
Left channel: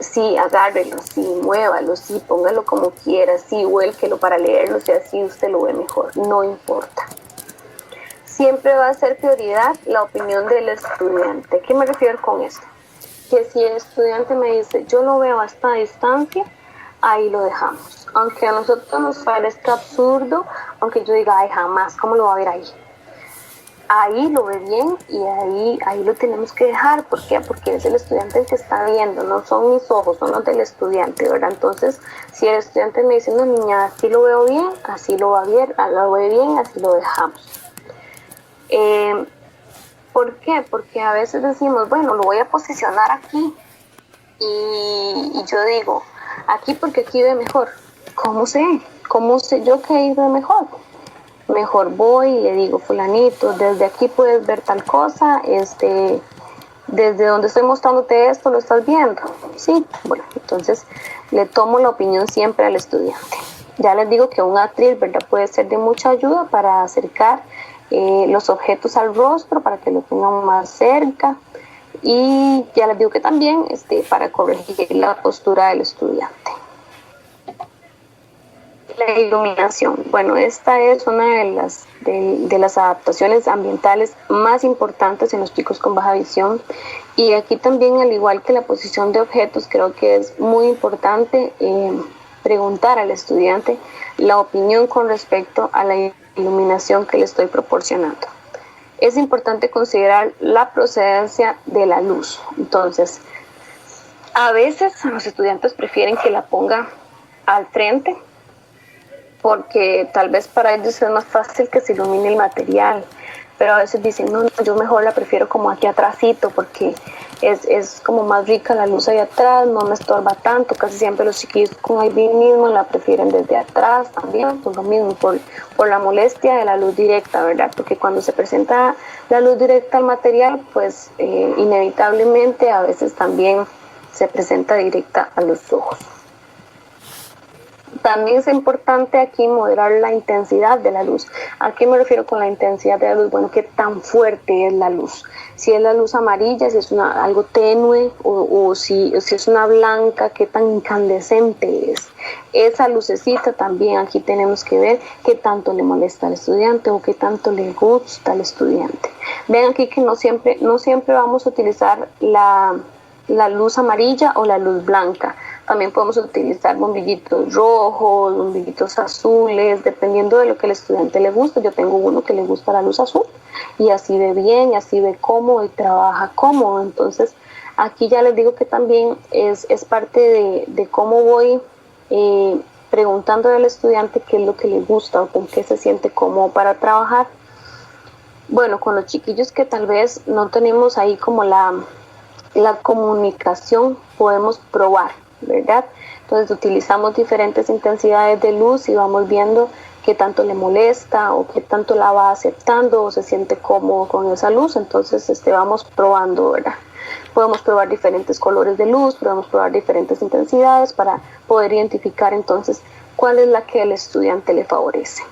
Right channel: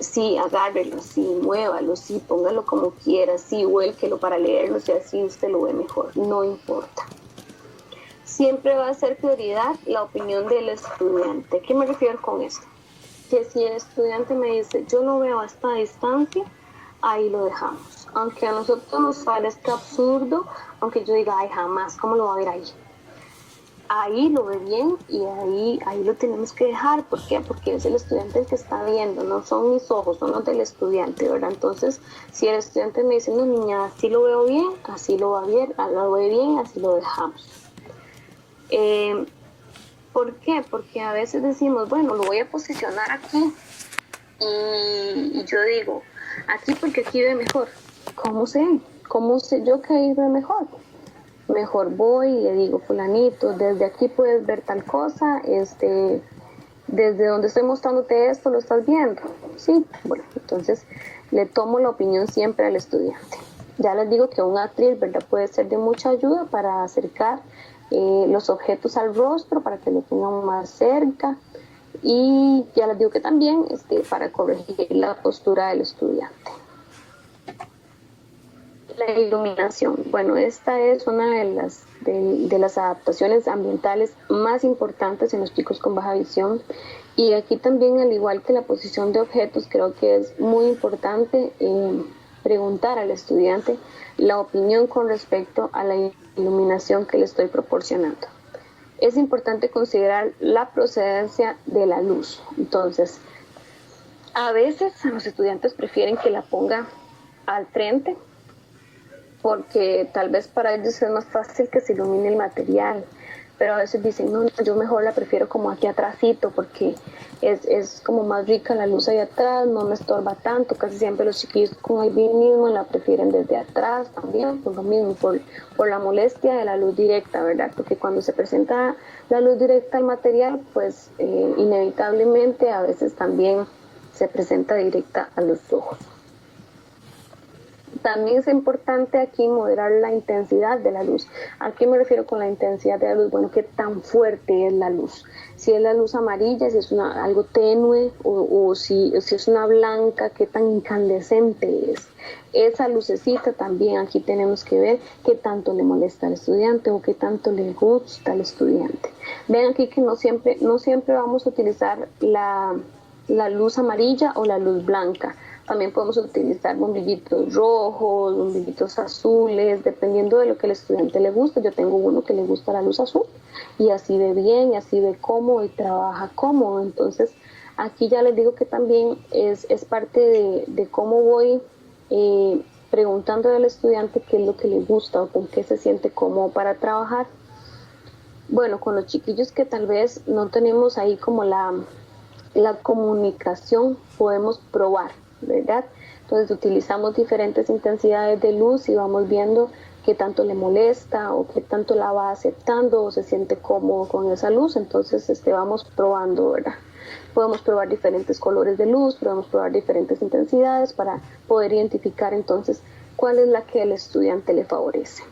sí, agárrelo, sí, muévalo, sí, póngalo como quiera, sí, vuélquelo para leerlo, si así usted lo ve mejor, no importa. Siempre va a ser prioridad la opinión del estudiante. ¿A qué me refiero con esto? Que si el estudiante me dice, yo lo veo a esta distancia, ahí lo dejamos. Aunque a nosotros nos parezca absurdo, aunque yo diga, ay, jamás, ¿cómo lo va a ver ahí? Ahí lo ve bien y ahí lo tenemos que dejar. ¿Por qué? Porque es el estudiante el que está viendo, no son mis ojos, son los del estudiante, ¿verdad? Entonces, si el estudiante me dice, no, niña, así lo veo bien, así lo va bien, lo ve bien, así lo dejamos. ¿Por qué? Porque a veces decimos, bueno, lo voy a posicionar aquí y yo digo, aquí porque aquí ve mejor. ¿Cómo sé? ¿Cómo sé yo que ahí ve mejor? Mejor voy y le digo, fulanito, desde aquí puedes ver tal cosa, desde donde estoy mostrándote esto, ¿lo estás viendo? Sí, bueno, entonces le tomo la opinión siempre al estudiante. Ya les digo que un atril, ¿verdad?, puede ser de mucha ayuda para acercar los objetos al rostro, para que lo tengan más cerca, y ya les digo que también para corregir la postura del estudiante. La iluminación, bueno, esta es una de las adaptaciones ambientales más importantes en los chicos con baja visión, y aquí también, al igual que la posición de objetos, creo que es muy importante preguntar al estudiante la opinión con respecto a la iluminación que le estoy proporcionando. Es importante considerar la procedencia de la luz. Entonces, a veces los estudiantes prefieren que la ponga al frente, porque tal vez para ellos es más fácil que se ilumine el material, pero a veces dicen, no, yo mejor la prefiero como aquí atrásito, porque es como más rica la luz ahí atrás, no me estorba tanto. Casi siempre los chiquillos con albinismo la prefieren desde atrás también, por lo mismo, por la molestia de la luz directa, ¿verdad? Porque cuando se presenta la luz directa al material, pues inevitablemente a veces también se presenta directa a los ojos. También es importante aquí moderar la intensidad de la luz. ¿A qué me refiero con la intensidad de la luz? Bueno, qué tan fuerte es la luz. Si es la luz amarilla, si es algo tenue o si es una blanca, qué tan incandescente es. Esa lucecita también aquí tenemos que ver qué tanto le molesta al estudiante o qué tanto le gusta al estudiante. Ven aquí que no siempre vamos a utilizar la luz amarilla o la luz blanca. También podemos utilizar bombillitos rojos, bombillitos azules, dependiendo de lo que al estudiante le guste. Yo tengo uno que le gusta la luz azul y así ve bien, y así ve cómodo y trabaja cómodo. Entonces, aquí ya les digo que también es parte de cómo voy preguntando al estudiante qué es lo que le gusta o con qué se siente cómodo para trabajar. Bueno, con los chiquillos que tal vez no tenemos ahí como la comunicación, podemos probar, ¿verdad? Entonces utilizamos diferentes intensidades de luz y vamos viendo qué tanto le molesta o qué tanto la va aceptando o se siente cómodo con esa luz. Entonces vamos probando, ¿verdad? Podemos probar diferentes colores de luz, podemos probar diferentes intensidades para poder identificar entonces cuál es la que al estudiante le favorece.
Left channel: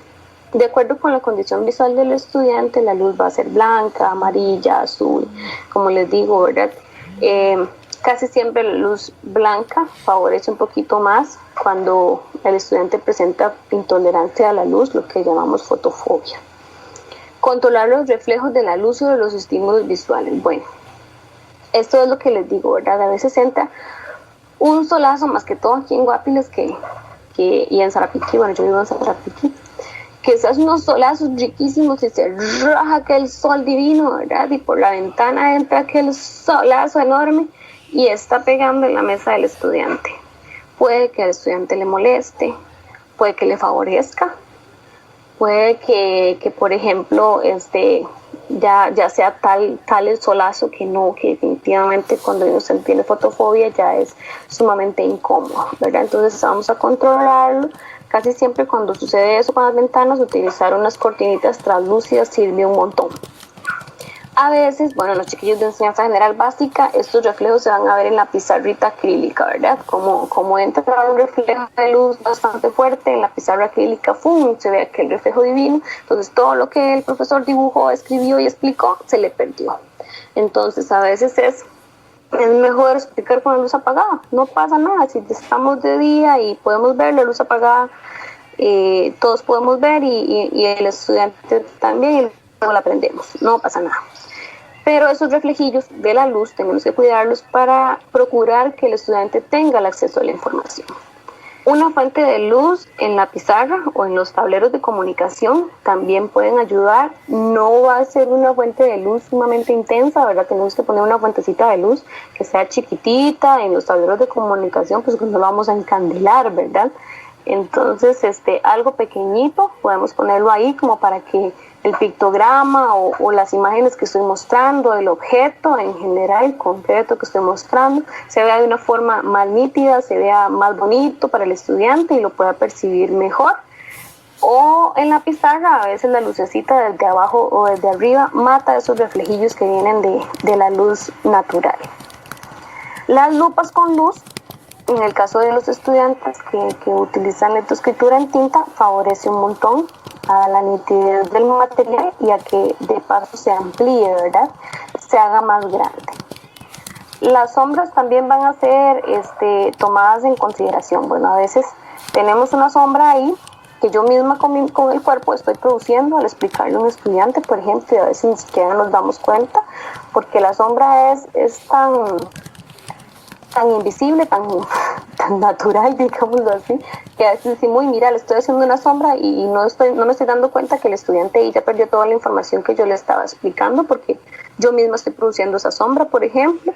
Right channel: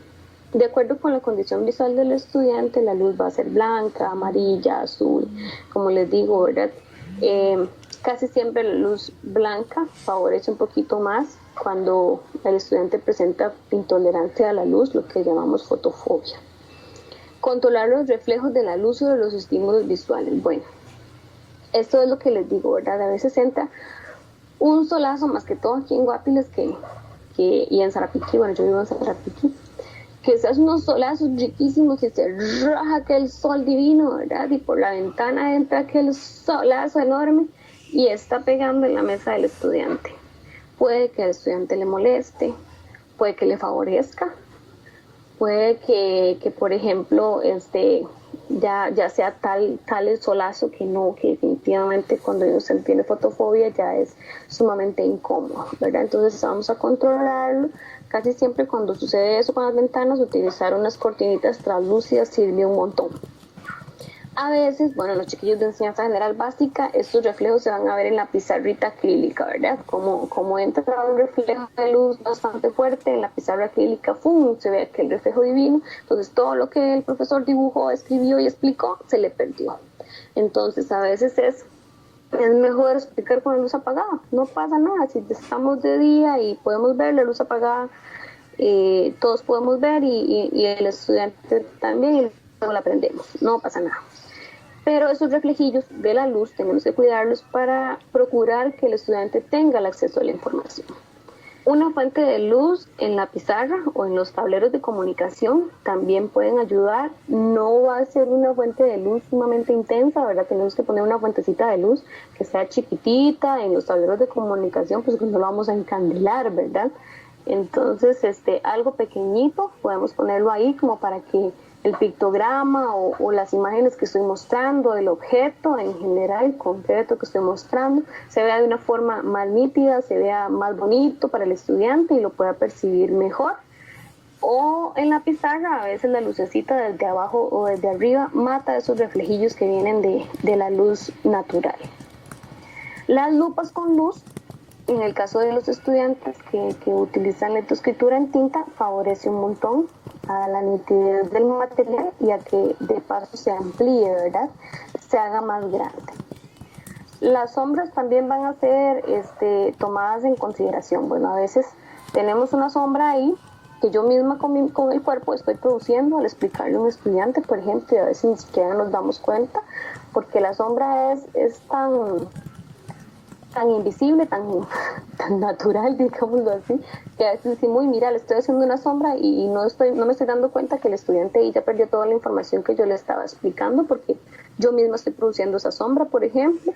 De acuerdo con la condición visual del estudiante, la luz va a ser blanca, amarilla, azul, como les digo, ¿verdad? Casi siempre la luz blanca favorece un poquito más cuando el estudiante presenta intolerancia a la luz, lo que llamamos fotofobia. Controlar los reflejos de la luz sobre los estímulos visuales. Bueno, esto es lo que les digo, ¿verdad? A veces entra un solazo, más que todo aquí en Guapiles y en Sarapiquí. Bueno, yo vivo en Sarapiquí, que esas unos solazos riquísimos y se raja aquel sol divino, ¿verdad? Y por la ventana entra aquel solazo enorme y está pegando en la mesa del estudiante. Puede que al estudiante le moleste, puede que le favorezca, puede que por ejemplo, ya sea tal el solazo que definitivamente cuando uno tiene fotofobia ya es sumamente incómodo, ¿verdad? Entonces vamos a controlarlo. Casi siempre cuando sucede eso con las ventanas, utilizar unas cortinitas translúcidas sirve un montón. A veces, bueno, los chiquillos de enseñanza general básica, estos reflejos se van a ver en la pizarrita acrílica, ¿verdad? Como entra un reflejo de luz bastante fuerte en la pizarra acrílica, ¡fum!, se ve aquel reflejo divino. Entonces todo lo que el profesor dibujó, escribió y explicó, se le perdió. Entonces a veces es mejor explicar con la luz apagada, no pasa nada. Si estamos de día y podemos ver la luz apagada, todos podemos ver y el estudiante también, y luego la aprendemos, no pasa nada. Pero esos reflejillos de la luz tenemos que cuidarlos para procurar que el estudiante tenga el acceso a la información. Una fuente de luz en la pizarra o en los tableros de comunicación también pueden ayudar. No va a ser una fuente de luz sumamente intensa, ¿verdad? Tenemos que poner una fuentecita de luz que sea chiquitita en los tableros de comunicación, pues no lo vamos a encandilar, ¿verdad? Entonces, algo pequeñito, podemos ponerlo ahí como para que el pictograma o las imágenes que estoy mostrando, el objeto en general, concreto que estoy mostrando, se vea de una forma más nítida, se vea más bonito para el estudiante y lo pueda percibir mejor. O en la pizarra, a veces la lucecita desde abajo o desde arriba mata esos reflejillos que vienen de la luz natural. Las lupas con luz, en el caso de los estudiantes que utilizan lectoescritura en tinta, favorece un montón a la nitidez del material y a que de paso se amplíe, ¿verdad? Se haga más grande. Las sombras también van a ser tomadas en consideración. Bueno, a veces tenemos una sombra ahí que yo misma con el cuerpo estoy produciendo al explicarle a un estudiante, por ejemplo, y a veces ni siquiera nos damos cuenta, porque la sombra es tan invisible, tan natural, digámoslo así, que a veces decimos, mira, le estoy haciendo una sombra y no me estoy dando cuenta que el estudiante ya perdió toda la información que yo le estaba explicando porque yo misma estoy produciendo esa sombra, por ejemplo,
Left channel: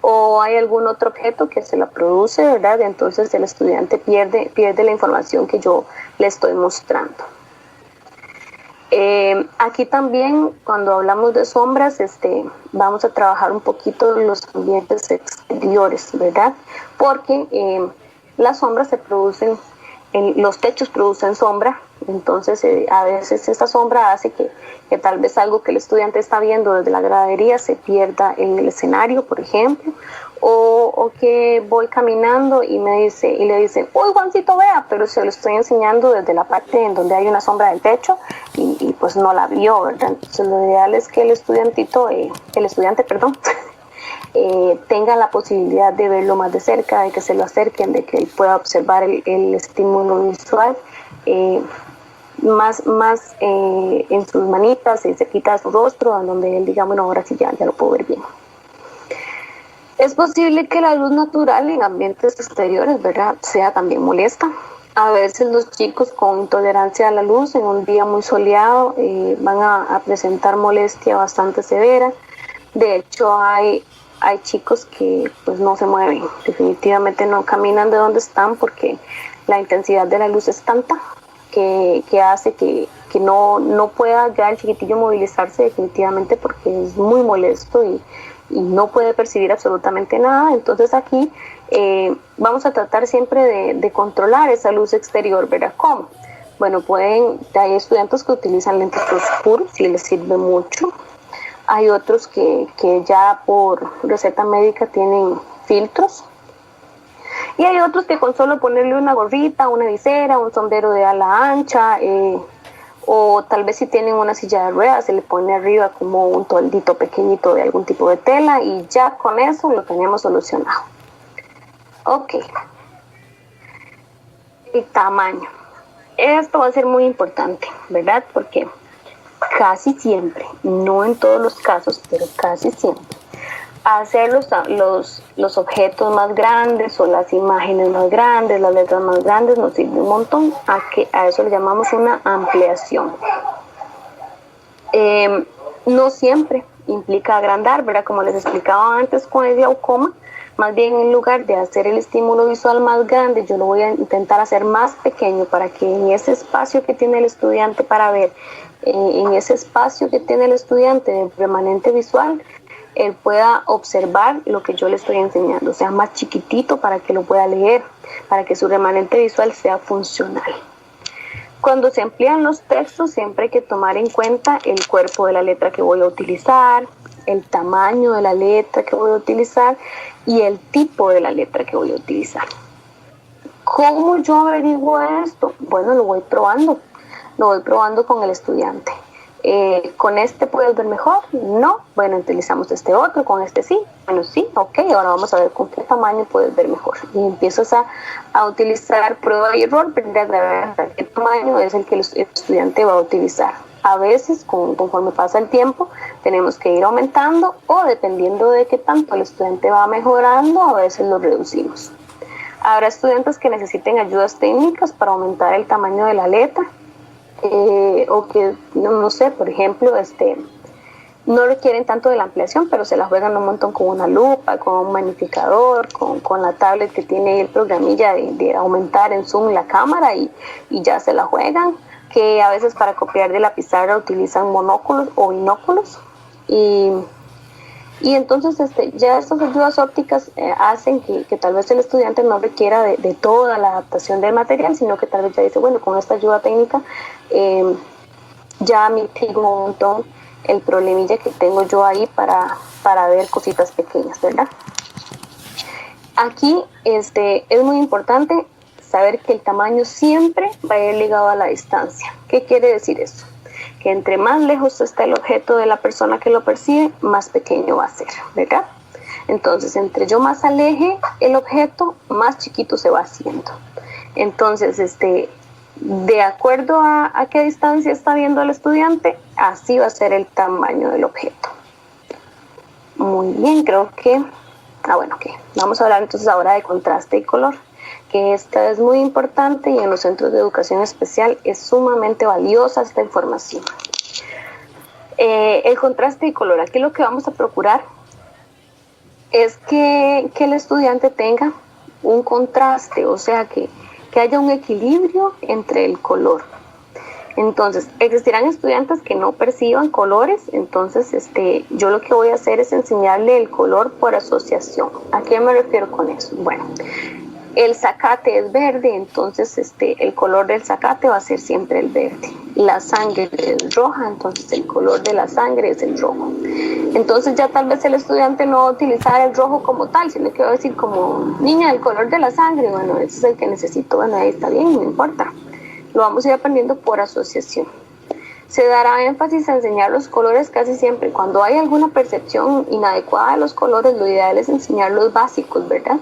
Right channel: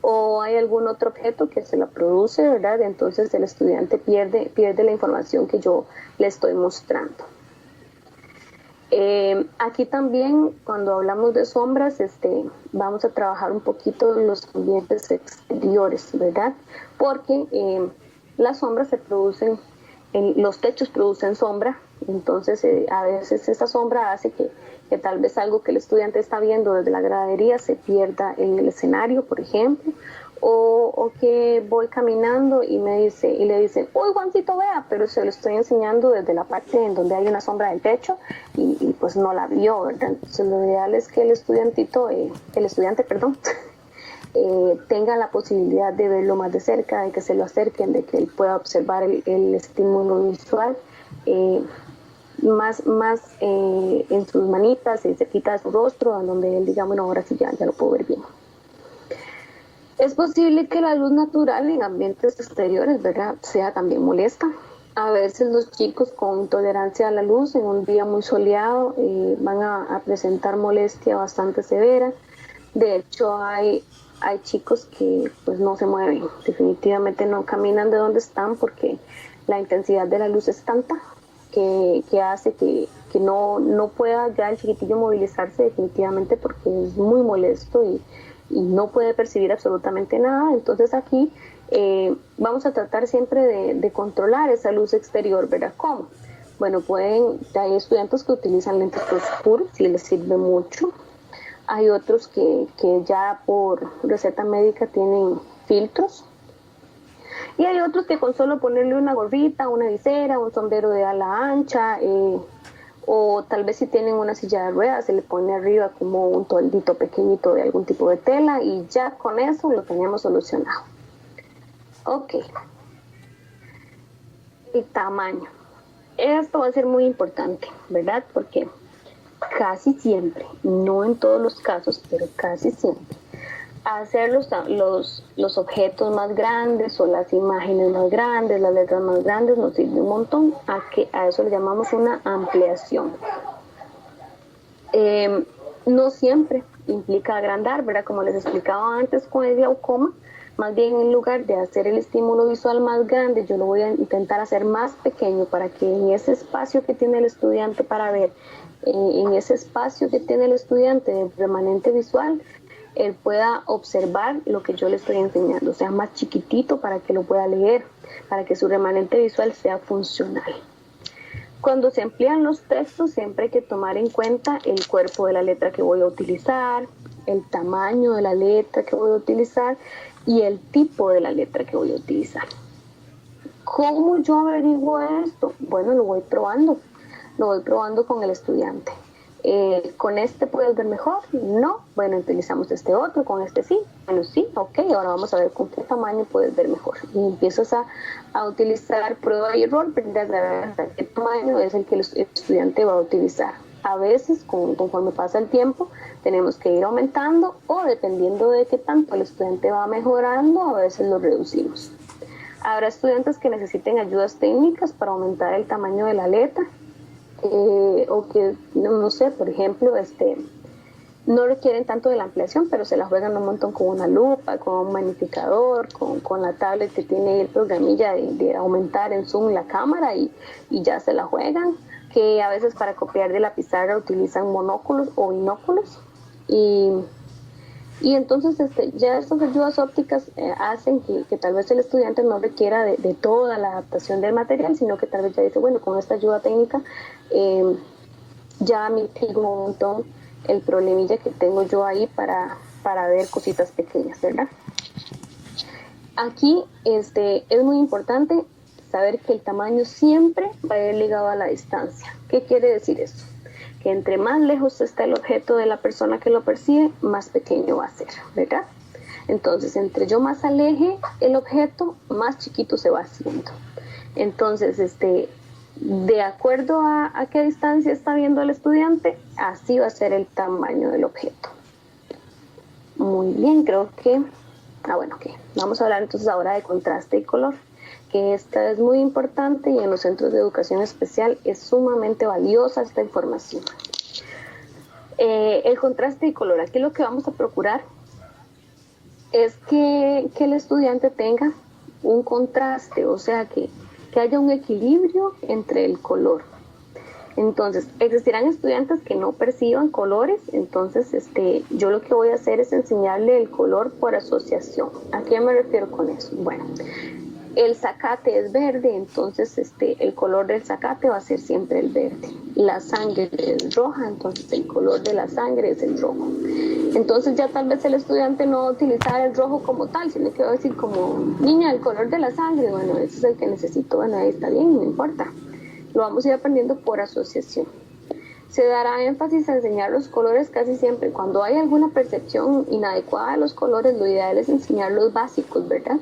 o hay algún otro objeto que se la produce, ¿verdad? Entonces el estudiante pierde la información que yo le estoy mostrando. Aquí también, cuando hablamos de sombras, vamos a trabajar un poquito los ambientes exteriores, ¿verdad? Porque las sombras se producen, los techos producen sombra, entonces a veces esa sombra hace que tal vez algo que el estudiante está viendo desde la gradería se pierda en el escenario, por ejemplo, o que voy caminando y le dicen, uy, Juancito, vea, pero se lo estoy enseñando desde la parte en donde hay una sombra del techo y pues no la vio, ¿verdad? Entonces lo ideal es que el estudiante, tenga la posibilidad de verlo más de cerca, de que se lo acerquen, de que él pueda observar el estímulo visual más en sus manitas, y cerquita de su rostro, en donde él diga, bueno, ahora sí ya lo puedo ver bien. Es posible que la luz natural en ambientes exteriores, ¿verdad?, sea también molesta. A veces los chicos con intolerancia a la luz en un día muy soleado van a presentar molestia bastante severa. De hecho, hay chicos que pues no se mueven, definitivamente no caminan de donde están porque la intensidad de la luz es tanta que hace que no pueda ya el chiquitillo movilizarse definitivamente porque es muy molesto y no puede percibir absolutamente nada. Entonces aquí vamos a tratar siempre de controlar esa luz exterior, ¿verdad? ¿Cómo? Bueno, hay estudiantes que utilizan lentes oscuros y les sirve mucho. Hay otros que ya por receta médica tienen filtros. Y hay otros que con solo ponerle una gorrita, una visera, un sombrero de ala ancha, o tal vez si tienen una silla de ruedas, se le pone arriba como un toldito pequeñito de algún tipo de tela y ya con eso lo tenemos solucionado. Ok. El tamaño. Esto va a ser muy importante, ¿verdad? Porque casi siempre, no en todos los casos, pero casi siempre, hacer los objetos más grandes o las imágenes más grandes, las letras más grandes nos sirve un montón. A eso le llamamos una ampliación. No siempre implica agrandar, ¿verdad? Como les explicaba antes con el glaucoma, más bien en lugar de hacer el estímulo visual más grande, yo lo voy a intentar hacer más pequeño para que en ese espacio que tiene el estudiante para ver, en ese espacio que tiene el estudiante de remanente visual, él pueda observar lo que yo le estoy enseñando, o sea, más chiquitito para que lo pueda leer, para que su remanente visual sea funcional. Cuando se amplían los textos, siempre hay que tomar en cuenta el cuerpo de la letra que voy a utilizar, el tamaño de la letra que voy a utilizar y el tipo de la letra que voy a utilizar. ¿Cómo yo averiguo esto? Bueno, lo voy probando con el estudiante. ¿Con este puedes ver mejor? No. Bueno, utilizamos este otro, con este sí. Bueno, sí, ok, ahora vamos a ver con qué tamaño puedes ver mejor. Y empiezas a utilizar prueba y error, para ver qué tamaño es el que el estudiante va a utilizar. A veces, conforme pasa el tiempo, tenemos que ir aumentando o dependiendo de qué tanto el estudiante va mejorando, a veces lo reducimos. Habrá estudiantes que necesiten ayudas técnicas para aumentar el tamaño de la letra. O que, no sé, por ejemplo, no requieren tanto de la ampliación, pero se la juegan un montón con una lupa, con un magnificador, con la tablet que tiene el programilla de aumentar en zoom la cámara y ya se la juegan, que a veces para copiar de la pizarra utilizan monóculos o binóculos y entonces ya estas ayudas ópticas hacen que tal vez el estudiante no requiera de toda la adaptación del material, sino que tal vez ya dice, bueno, con esta ayuda técnica ya mitigo un montón el problemilla que tengo yo ahí para ver cositas pequeñas, ¿verdad? Aquí es muy importante saber que el tamaño siempre va a ir ligado a la distancia. ¿Qué quiere decir eso? Que entre más lejos está el objeto de la persona que lo percibe, más pequeño va a ser, ¿verdad? Entonces, entre yo más aleje el objeto, más chiquito se va haciendo. Entonces, de acuerdo a qué distancia está viendo el estudiante, así va a ser el tamaño del objeto. Muy bien, creo que... Vamos a hablar entonces ahora de contraste y color, que esta es muy importante y en los centros de educación especial es sumamente valiosa esta información. El contraste y color, aquí lo que vamos a procurar es que el estudiante tenga un contraste, o sea, que haya un equilibrio entre el color. Entonces, existirán estudiantes que no perciban colores, entonces yo lo que voy a hacer es enseñarle el color por asociación. ¿A qué me refiero con eso? Bueno, El zacate es verde, entonces el color del zacate va a ser siempre el verde. La sangre es roja, entonces el color de la sangre es el rojo. Entonces ya tal vez el estudiante no va a utilizar el rojo como tal, sino que va a decir como, niña, el color de la sangre, bueno, ese es el que necesito, bueno, ahí está bien, no importa. Lo vamos a ir aprendiendo por asociación. Se dará énfasis a enseñar los colores casi siempre. Cuando hay alguna percepción inadecuada de los colores, lo ideal es enseñar los básicos, ¿verdad?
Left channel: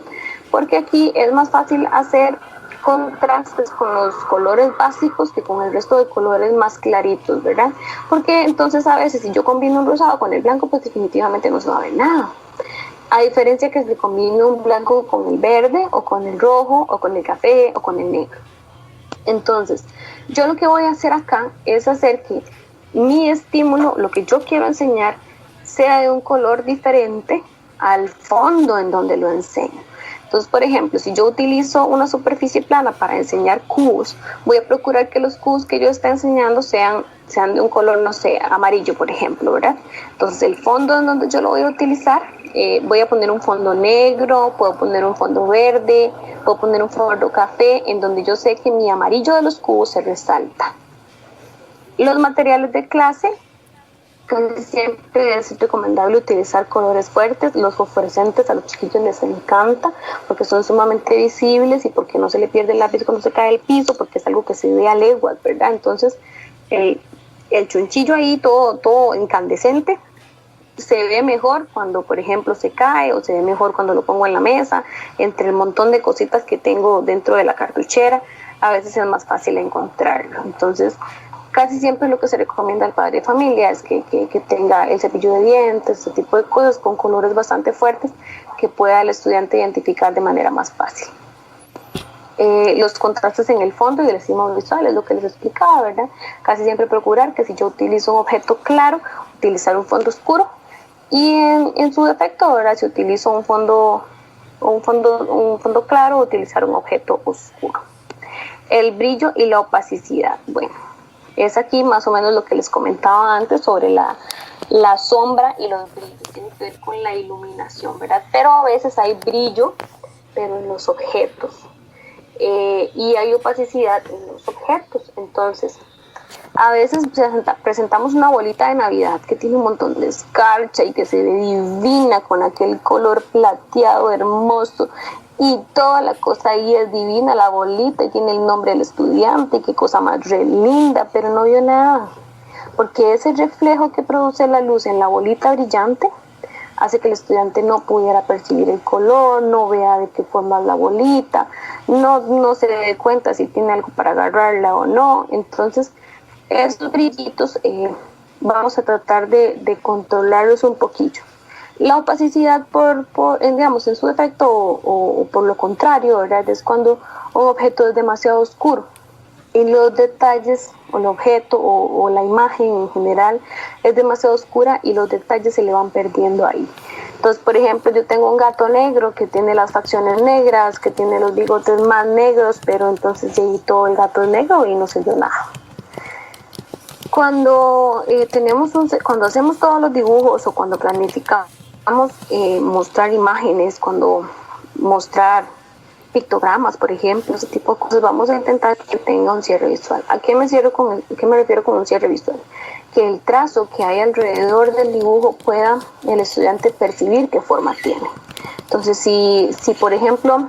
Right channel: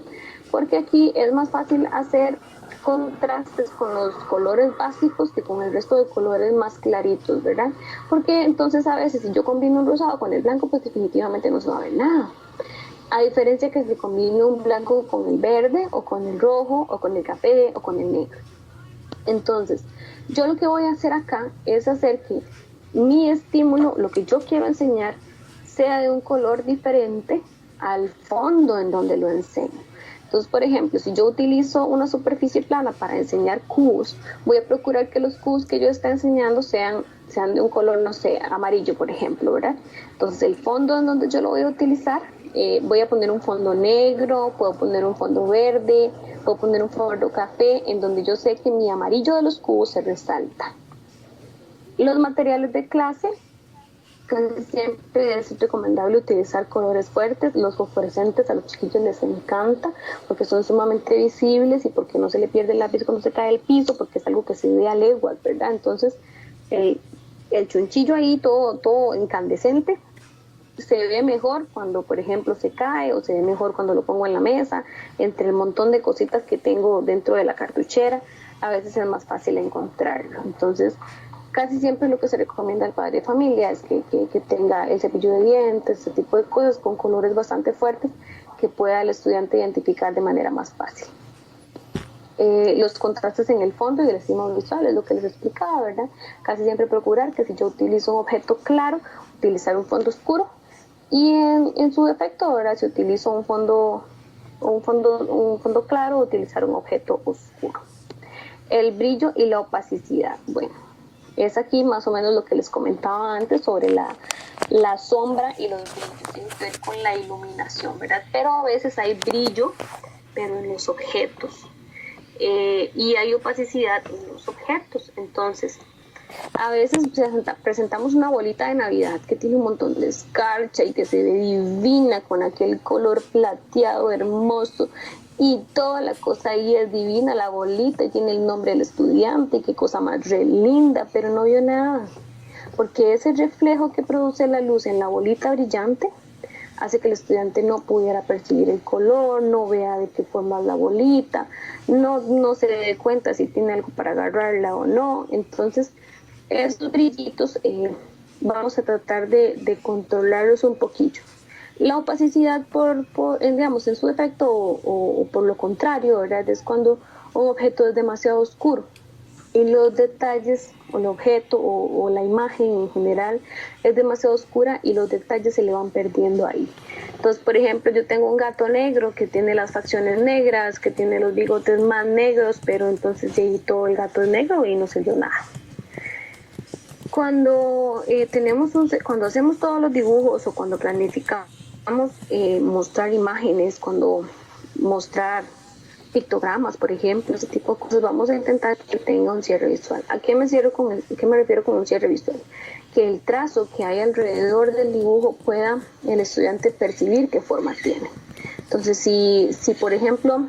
Porque aquí es más fácil hacer contrastes con los colores básicos que con el resto de colores más claritos, ¿verdad? Porque entonces a veces si yo combino un rosado con el blanco, pues definitivamente no se va a ver nada. A diferencia que si combino un blanco con el verde, o con el rojo, o con el café, o con el negro. Entonces, yo lo que voy a hacer acá es hacer que mi estímulo, lo que yo quiero enseñar, sea de un color diferente al fondo en donde lo enseño. Entonces, por ejemplo, si yo utilizo una superficie plana para enseñar cubos, voy a procurar que los cubos que yo esté enseñando sean de un color, no sé, amarillo, por ejemplo, ¿verdad? Entonces, el fondo en donde yo lo voy a utilizar, voy a poner un fondo negro, puedo poner un fondo verde, puedo poner un fondo café, en donde yo sé que mi amarillo de los cubos se resalta. Los materiales de clase, casi siempre es recomendable utilizar colores fuertes. Los fosforescentes a los chiquillos les encanta porque son sumamente visibles y porque no se le pierde el lápiz cuando se cae del piso, porque es algo que se ve a leguas, ¿verdad? Entonces el chunchillo ahí todo incandescente se ve mejor cuando, por ejemplo, se cae, o se ve mejor cuando lo pongo en la mesa, entre el montón de cositas que tengo dentro de la cartuchera. A veces es más fácil encontrarlo. Entonces, casi siempre lo que se recomienda al padre de familia es que tenga el cepillo de dientes, ese tipo de cosas con colores bastante fuertes que pueda el estudiante identificar de manera más fácil. Los contrastes en el fondo y el estímulo visual es lo que les explicaba, ¿verdad? Casi siempre procurar que si yo utilizo un objeto claro, utilizar un fondo oscuro, y en su defecto, ¿verdad? Si utilizo un fondo claro, utilizar un objeto oscuro. El brillo y la opacidad, bueno, es aquí más o menos lo que les comentaba antes sobre la sombra y los brillos, tiene que ver con la iluminación, ¿verdad? Pero a veces hay brillo, pero en los objetos, y hay opacidad en los objetos. Entonces, a veces presentamos una bolita de Navidad que tiene un montón de escarcha y que se ve divina con aquel color plateado hermoso, y toda la cosa ahí es divina, la bolita, y tiene el nombre del estudiante, y qué cosa más re linda, pero no vio nada, porque ese reflejo que produce la luz en la bolita brillante hace que el estudiante no pudiera percibir el color, no vea de qué forma es la bolita, no se dé cuenta si tiene algo para agarrarla o no. Entonces, estos brillitos vamos a tratar de controlarlos un poquillo. La opacidad, digamos, en su defecto o por lo contrario, ¿verdad? Es cuando un objeto es demasiado oscuro y los detalles, o el objeto o la imagen en general es demasiado oscura y los detalles se le van perdiendo ahí. Entonces, por ejemplo, yo tengo un gato negro que tiene las facciones negras, que tiene los bigotes más negros, pero entonces llegué todo el gato es negro y no se vio nada. Cuando cuando hacemos todos los dibujos o cuando planificamos mostrar imágenes, cuando mostrar pictogramas, por ejemplo, ese tipo de cosas, vamos a intentar que tenga un cierre visual. ¿A qué me refiero con un cierre visual? Que el trazo que hay alrededor del dibujo pueda el estudiante percibir qué forma tiene. Entonces, si por ejemplo,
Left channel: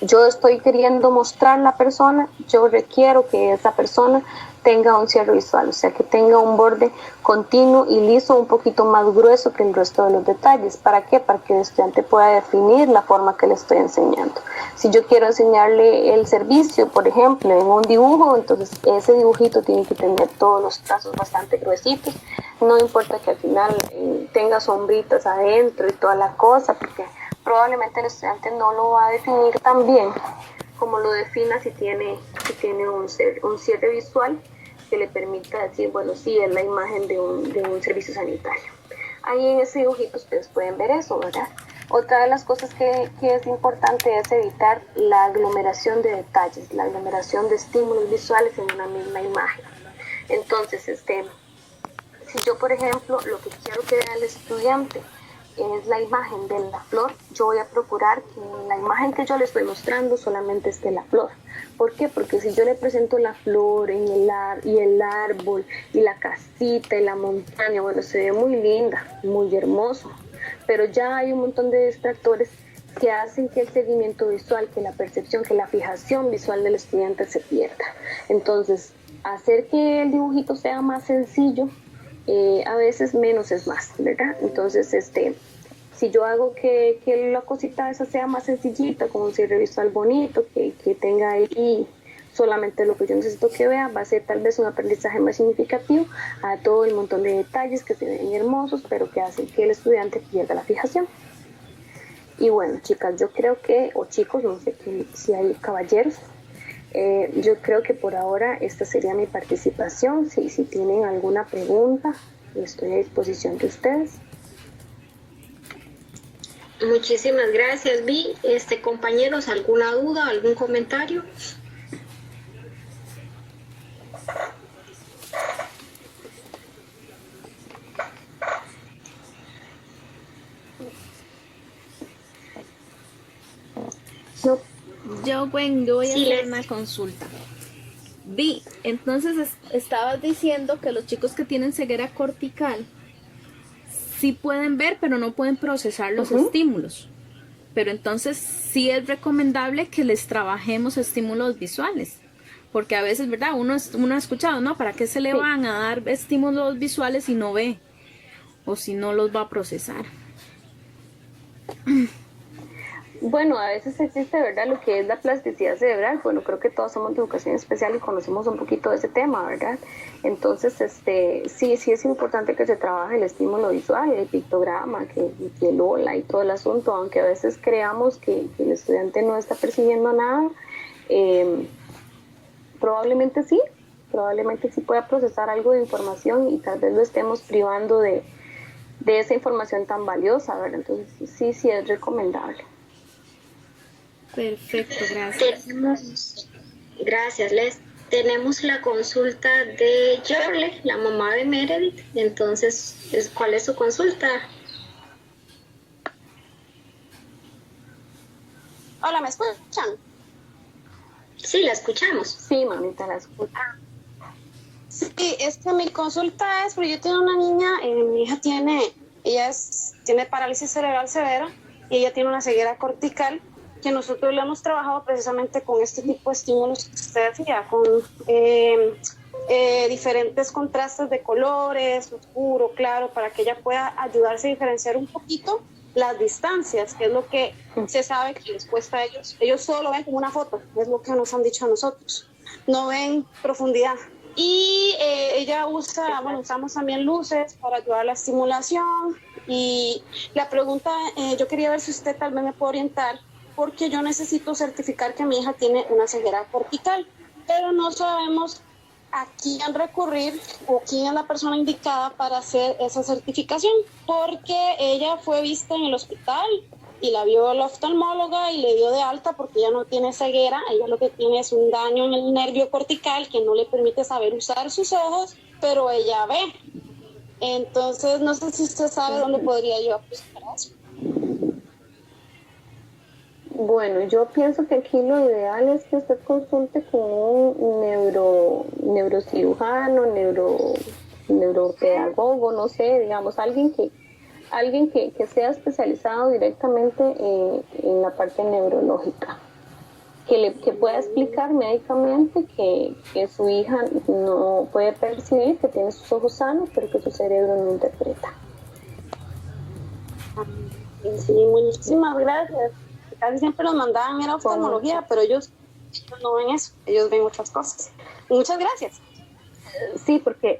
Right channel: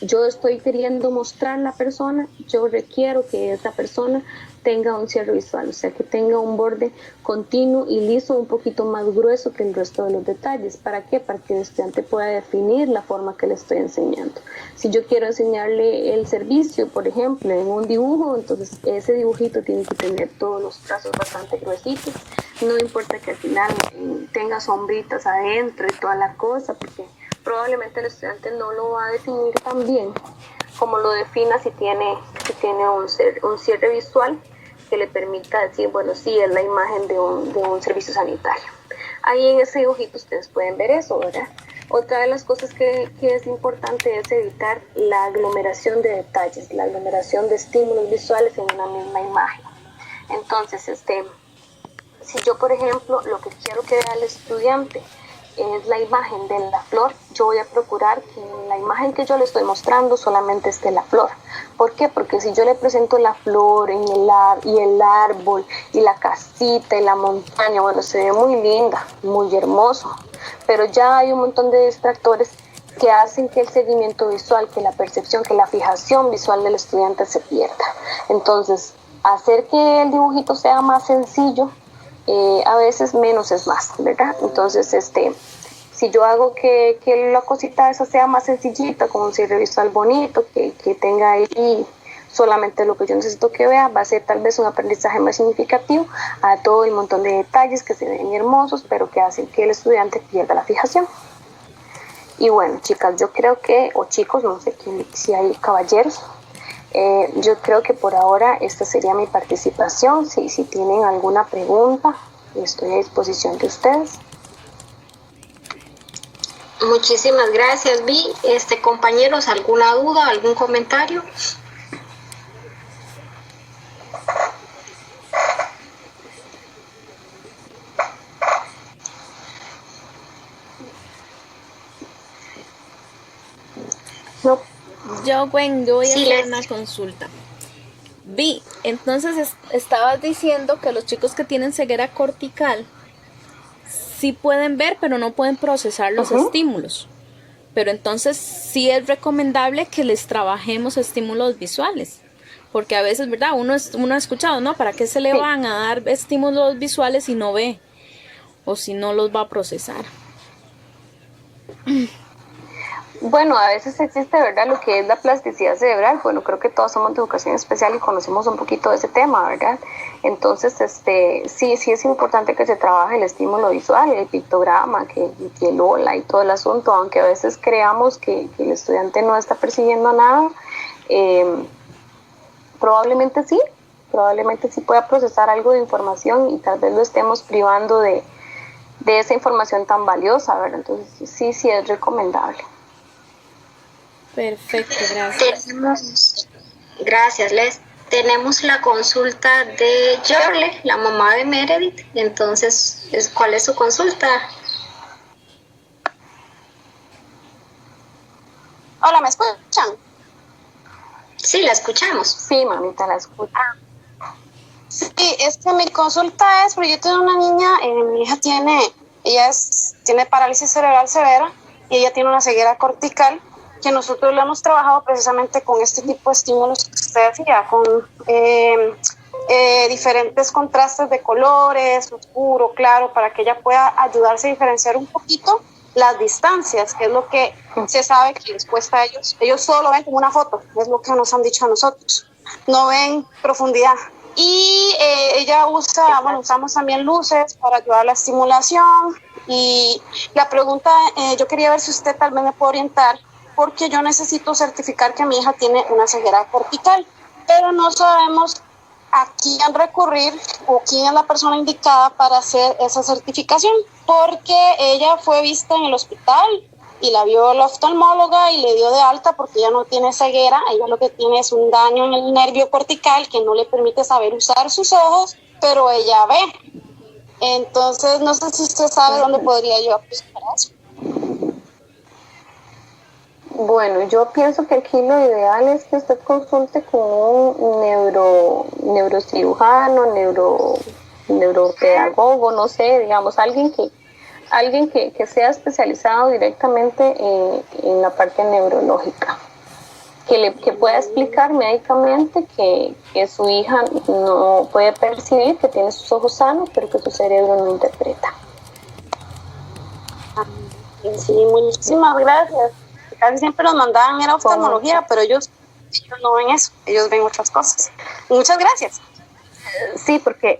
yo estoy queriendo mostrar la persona, yo requiero que esa persona tenga un cierre visual, o sea, que tenga un borde continuo y liso, un poquito más grueso que el resto de los detalles. ¿Para qué? Para que el estudiante pueda definir la forma que le estoy enseñando. Si yo quiero enseñarle el servicio, por ejemplo, en un dibujo, entonces ese dibujito tiene que tener todos los trazos bastante gruesitos. No importa que al final tenga sombritas adentro y toda la cosa, porque probablemente el estudiante no lo va a definir tan bien como lo defina si tiene un cierre visual que le permita decir, bueno, sí, es la imagen de un servicio sanitario. Ahí en ese dibujito ustedes pueden ver eso, ¿verdad? Otra de las cosas que es importante es evitar la aglomeración de detalles, la aglomeración de estímulos visuales en una misma imagen. Entonces, si yo, por ejemplo, lo que quiero que vea el estudiante es la imagen de la flor, yo voy a procurar que en la imagen que yo le estoy mostrando solamente esté la flor. ¿Por qué? Porque si yo le presento la flor y el árbol y la casita y la montaña, bueno, se ve muy linda, muy hermoso, pero ya hay un montón de distractores que hacen que el seguimiento visual, que la percepción, que la fijación visual del estudiante se pierda. Entonces, hacer que el dibujito sea más sencillo, a veces menos es más, ¿verdad? Entonces, si yo hago que la cosita esa sea más sencillita, como un cierre visual bonito, que tenga ahí solamente lo que yo necesito que vea, va a ser tal vez un aprendizaje más significativo a todo el montón de detalles que se ven hermosos, pero que hacen que el estudiante pierda la fijación. Y bueno, chicas, yo creo que, o chicos, no sé si hay caballeros, yo creo que por ahora esta sería mi participación. Si tienen alguna pregunta, estoy a disposición de ustedes. Muchísimas gracias, Vi. Compañeros, ¿alguna duda, algún comentario? No. Yo voy a Sí, hacer una consulta. Vi, entonces estabas diciendo que los chicos que tienen ceguera cortical sí pueden ver, pero no pueden procesar los estímulos. Pero entonces sí es recomendable que les trabajemos estímulos visuales. Porque a veces, ¿verdad? Uno ha escuchado, ¿no? ¿Para qué se le van a dar estímulos visuales si no ve? O si no los va a procesar. Bueno, a veces existe, ¿verdad?, lo que es la plasticidad cerebral. Bueno, creo que todos somos de educación especial y conocemos un poquito de ese tema, ¿verdad? Entonces, sí es importante que se trabaje el estímulo visual, el pictograma, que el ola y todo el asunto, aunque a veces creamos que el estudiante no está percibiendo nada, probablemente sí pueda procesar algo de información y tal vez lo estemos privando de esa información tan valiosa, ¿verdad? Entonces, sí es recomendable. Perfecto, gracias. Gracias, Les. Tenemos la consulta de Jorle, la mamá de Meredith. Entonces, ¿cuál es su consulta? Hola, ¿me escuchan? Sí, la escuchamos. Sí, mamita, la escucho. Sí, mi consulta es porque yo tengo una niña, mi hija tiene parálisis cerebral severa y ella tiene una ceguera cortical, que nosotros lo hemos trabajado precisamente con este tipo de estímulos que usted decía, con diferentes contrastes de colores, oscuro, claro, para que ella pueda ayudarse a diferenciar un poquito las distancias, que es lo que se sabe que les cuesta a ellos. Ellos solo lo ven como una foto, es lo que nos han dicho a nosotros, no ven profundidad. Y usamos también luces para ayudar a la estimulación. Y la pregunta, yo quería ver si usted tal vez me puede orientar, porque yo necesito certificar que mi hija tiene una ceguera cortical, pero no sabemos a quién recurrir o quién es la persona indicada para hacer esa certificación, porque ella fue vista en el hospital y la vio la oftalmóloga y le dio de alta porque ella no tiene ceguera, ella lo que tiene es un daño en el nervio cortical que no le permite saber usar sus ojos, pero ella ve. Entonces, no sé si usted sabe dónde podría yo buscar eso. Bueno, yo pienso que aquí lo ideal es que usted consulte con un neurocirujano, neuropedagogo, no sé, digamos, alguien que sea especializado directamente en la parte neurológica, que pueda explicar médicamente que su hija no puede percibir, que tiene sus ojos sanos, pero que su cerebro no interpreta. Sí, muchísimas gracias. Casi siempre nos mandaban era oftalmología, pero ellos no ven eso, ellos ven otras cosas. Muchas gracias. Sí, porque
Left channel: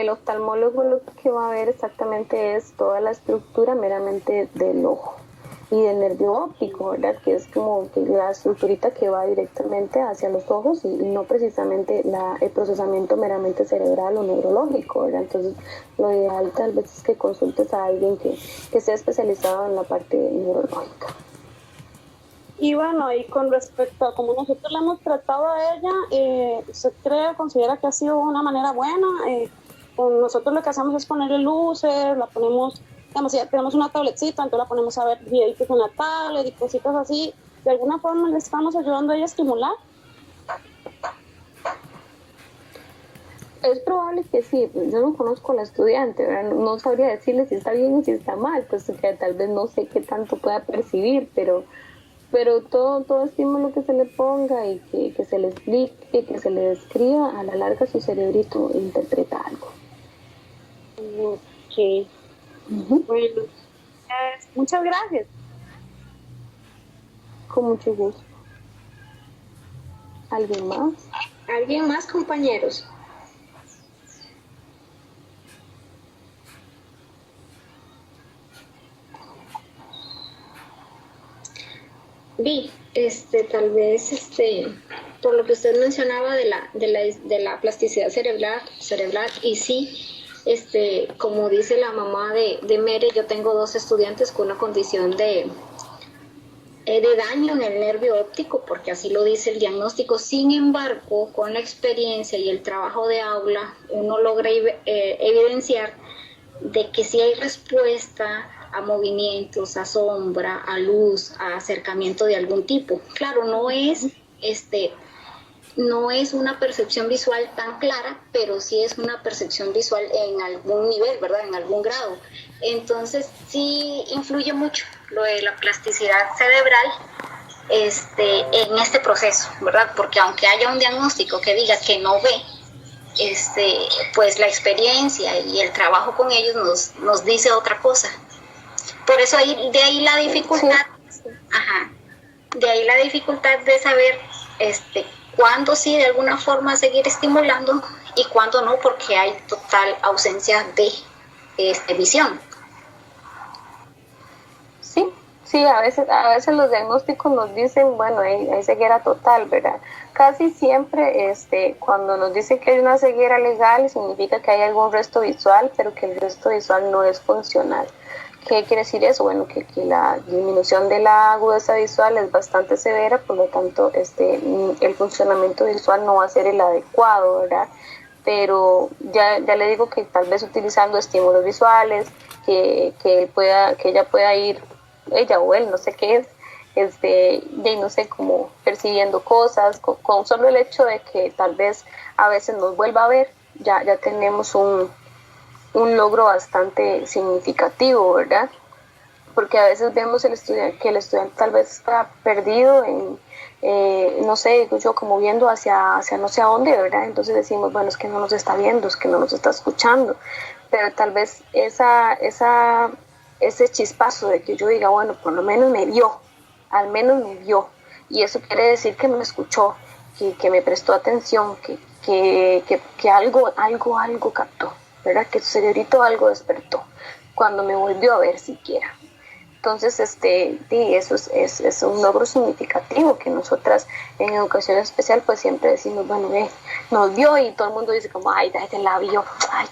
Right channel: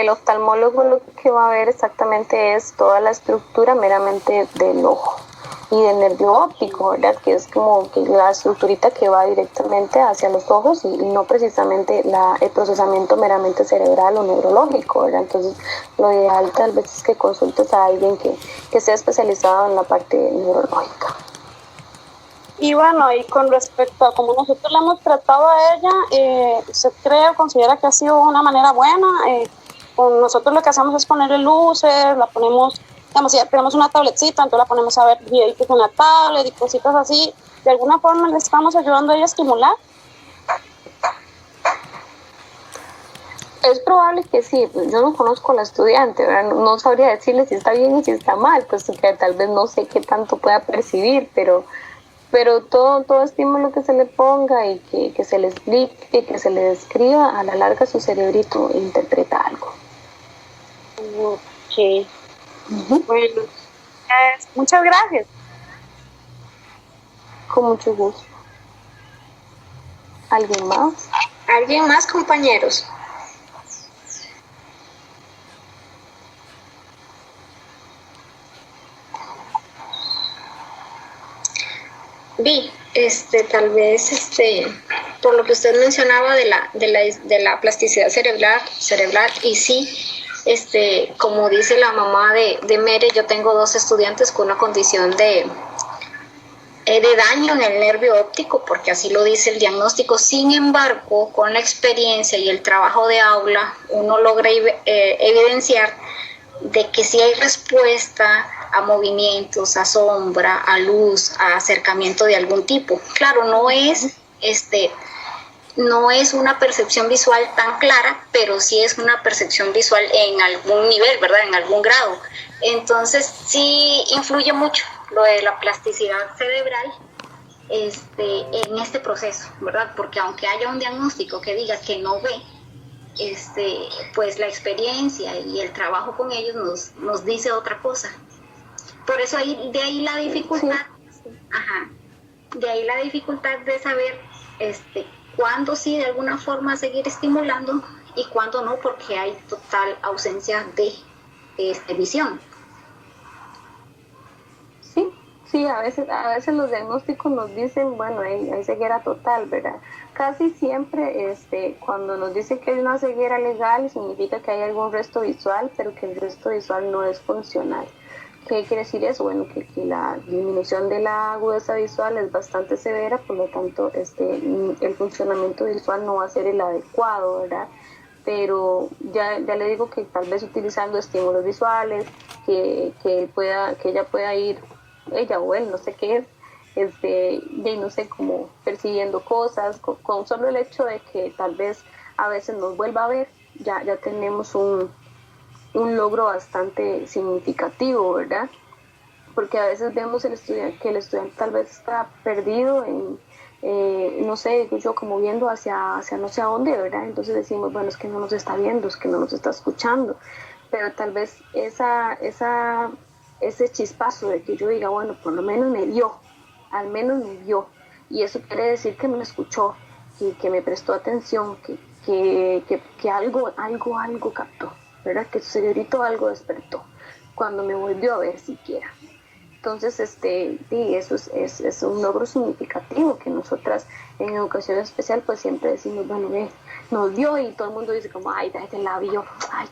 el oftalmólogo lo que va a ver exactamente es toda la estructura meramente del ojo y del nervio óptico, ¿verdad? Que es como que la estructurita que va directamente hacia los ojos y no precisamente el procesamiento meramente cerebral o neurológico, ¿verdad? Entonces, lo ideal tal vez es que consultes a alguien que sea especializado en la parte neurológica. Y bueno, y con respecto a cómo nosotros la hemos tratado a ella, ¿usted cree o considera que ha sido una manera buena? Con nosotros lo que hacemos es ponerle luces, la ponemos digamos, si ya tenemos una tabletcita, entonces la ponemos a ver videitos en la tablet y cositas así, de alguna forma le estamos ayudando a ella a estimular. Es probable que sí, yo no conozco a la estudiante, ¿verdad? No sabría decirle si está bien y si está mal, pues que tal vez no sé qué tanto pueda percibir, pero todo estímulo que se le ponga y que se le explique, que se le describa, a la larga su cerebrito interpreta algo. Ok. Bueno, muchas gracias. Con mucho gusto. ¿Alguien más? ¿Alguien más, compañeros? Vi, tal vez, por lo que usted mencionaba de la plasticidad cerebral, y sí, como dice la mamá de Mere, yo tengo 2 estudiantes con una condición de daño en el nervio óptico, porque así lo dice el diagnóstico. Sin embargo, con la experiencia y el trabajo de aula, uno logra evidenciar de que sí hay respuesta a movimientos, a sombra, a luz, a acercamiento de algún tipo. Claro, no es una percepción visual tan clara, pero sí es una percepción visual en algún nivel, ¿verdad? En algún grado. Entonces sí influye mucho lo de la plasticidad cerebral en este proceso, ¿verdad? Porque aunque haya un diagnóstico que diga que no ve, pues la experiencia y el trabajo con ellos nos dice otra cosa. Por eso de ahí la dificultad, de ahí la dificultad de saber cuándo sí de alguna forma seguir estimulando y cuándo no, porque hay total ausencia de visión. Sí, a veces los diagnósticos nos dicen, bueno, hay ceguera total, ¿verdad? Casi siempre cuando nos dicen que hay una ceguera legal significa que hay algún resto visual, pero que el resto visual no es funcional. ¿Qué quiere decir eso? Bueno, que la disminución de la agudeza visual es bastante severa, por lo tanto el funcionamiento visual no va a ser el adecuado, ¿verdad? Pero ya le digo que tal vez utilizando estímulos visuales, que ella pueda ir, ella o él, no sé qué es, no sé, como percibiendo cosas, con solo el hecho de que tal vez a veces nos vuelva a ver, ya tenemos un logro bastante significativo, ¿verdad? Porque a veces vemos que el estudiante tal vez está perdido no sé, yo como viendo hacia no sé a dónde, ¿verdad? Entonces decimos, bueno, es que no nos está viendo, es que no nos está escuchando, pero tal vez ese chispazo de que yo diga, bueno, por lo menos me vio, al menos me vio, y eso quiere decir que me escuchó, que me prestó atención, que algo captó, ¿verdad? Que su cerebrito algo despertó cuando me volvió a ver siquiera. Entonces, eso es un logro significativo que nosotras en educación especial pues siempre decimos, bueno, nos vio, y todo el mundo dice como, ay, se la vio, ay,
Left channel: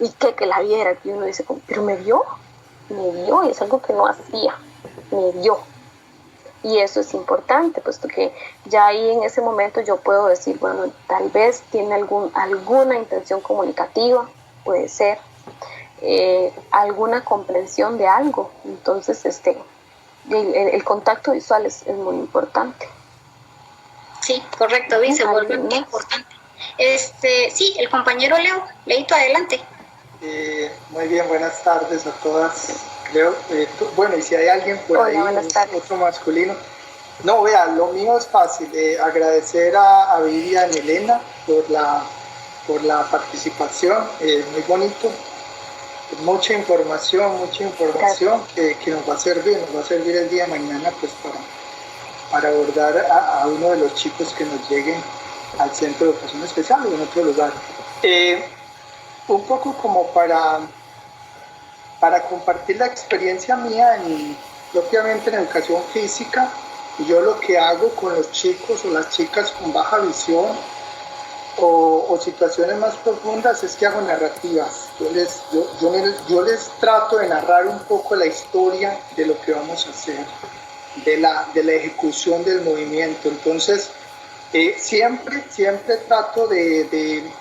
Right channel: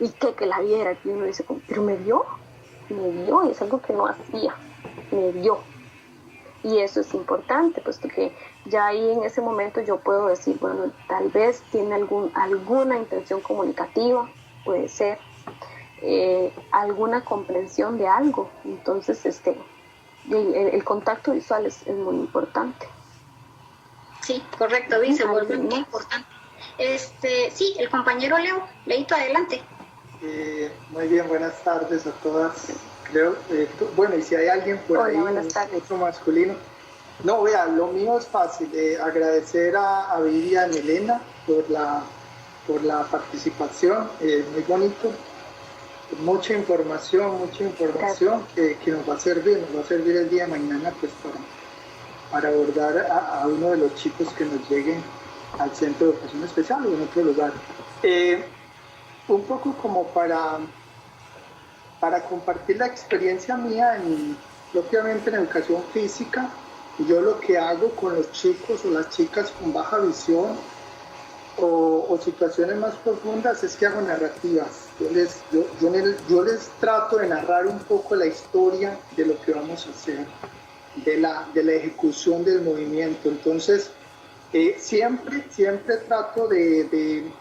¿y qué que la viera? Y uno dice como, pero me vio, y es algo que no hacía, me vio. Y eso es importante, puesto que ya ahí en ese momento yo puedo decir, bueno, tal vez tiene alguna intención comunicativa, puede ser, alguna comprensión de algo. Entonces, el contacto visual es muy importante. Sí, correcto, se vuelve muy importante. Sí, el compañero Leito, adelante. Muy bien, buenas tardes a todas. Creo, bueno, y si hay alguien por ahí, otro masculino. No, vea, lo mío es fácil. Agradecer a Vivian y Elena por la participación, muy bonito. Mucha información que nos va a servir el día de mañana pues para abordar a uno de los chicos que nos lleguen al centro de educación especial o en otro lugar. Un poco como para compartir la experiencia mía propiamente en educación física. Yo lo que hago con los chicos o las chicas con baja visión o situaciones más profundas es que hago narrativas. Yo les trato de narrar un poco la historia de lo que vamos a hacer, de la ejecución del movimiento. Entonces, siempre trato de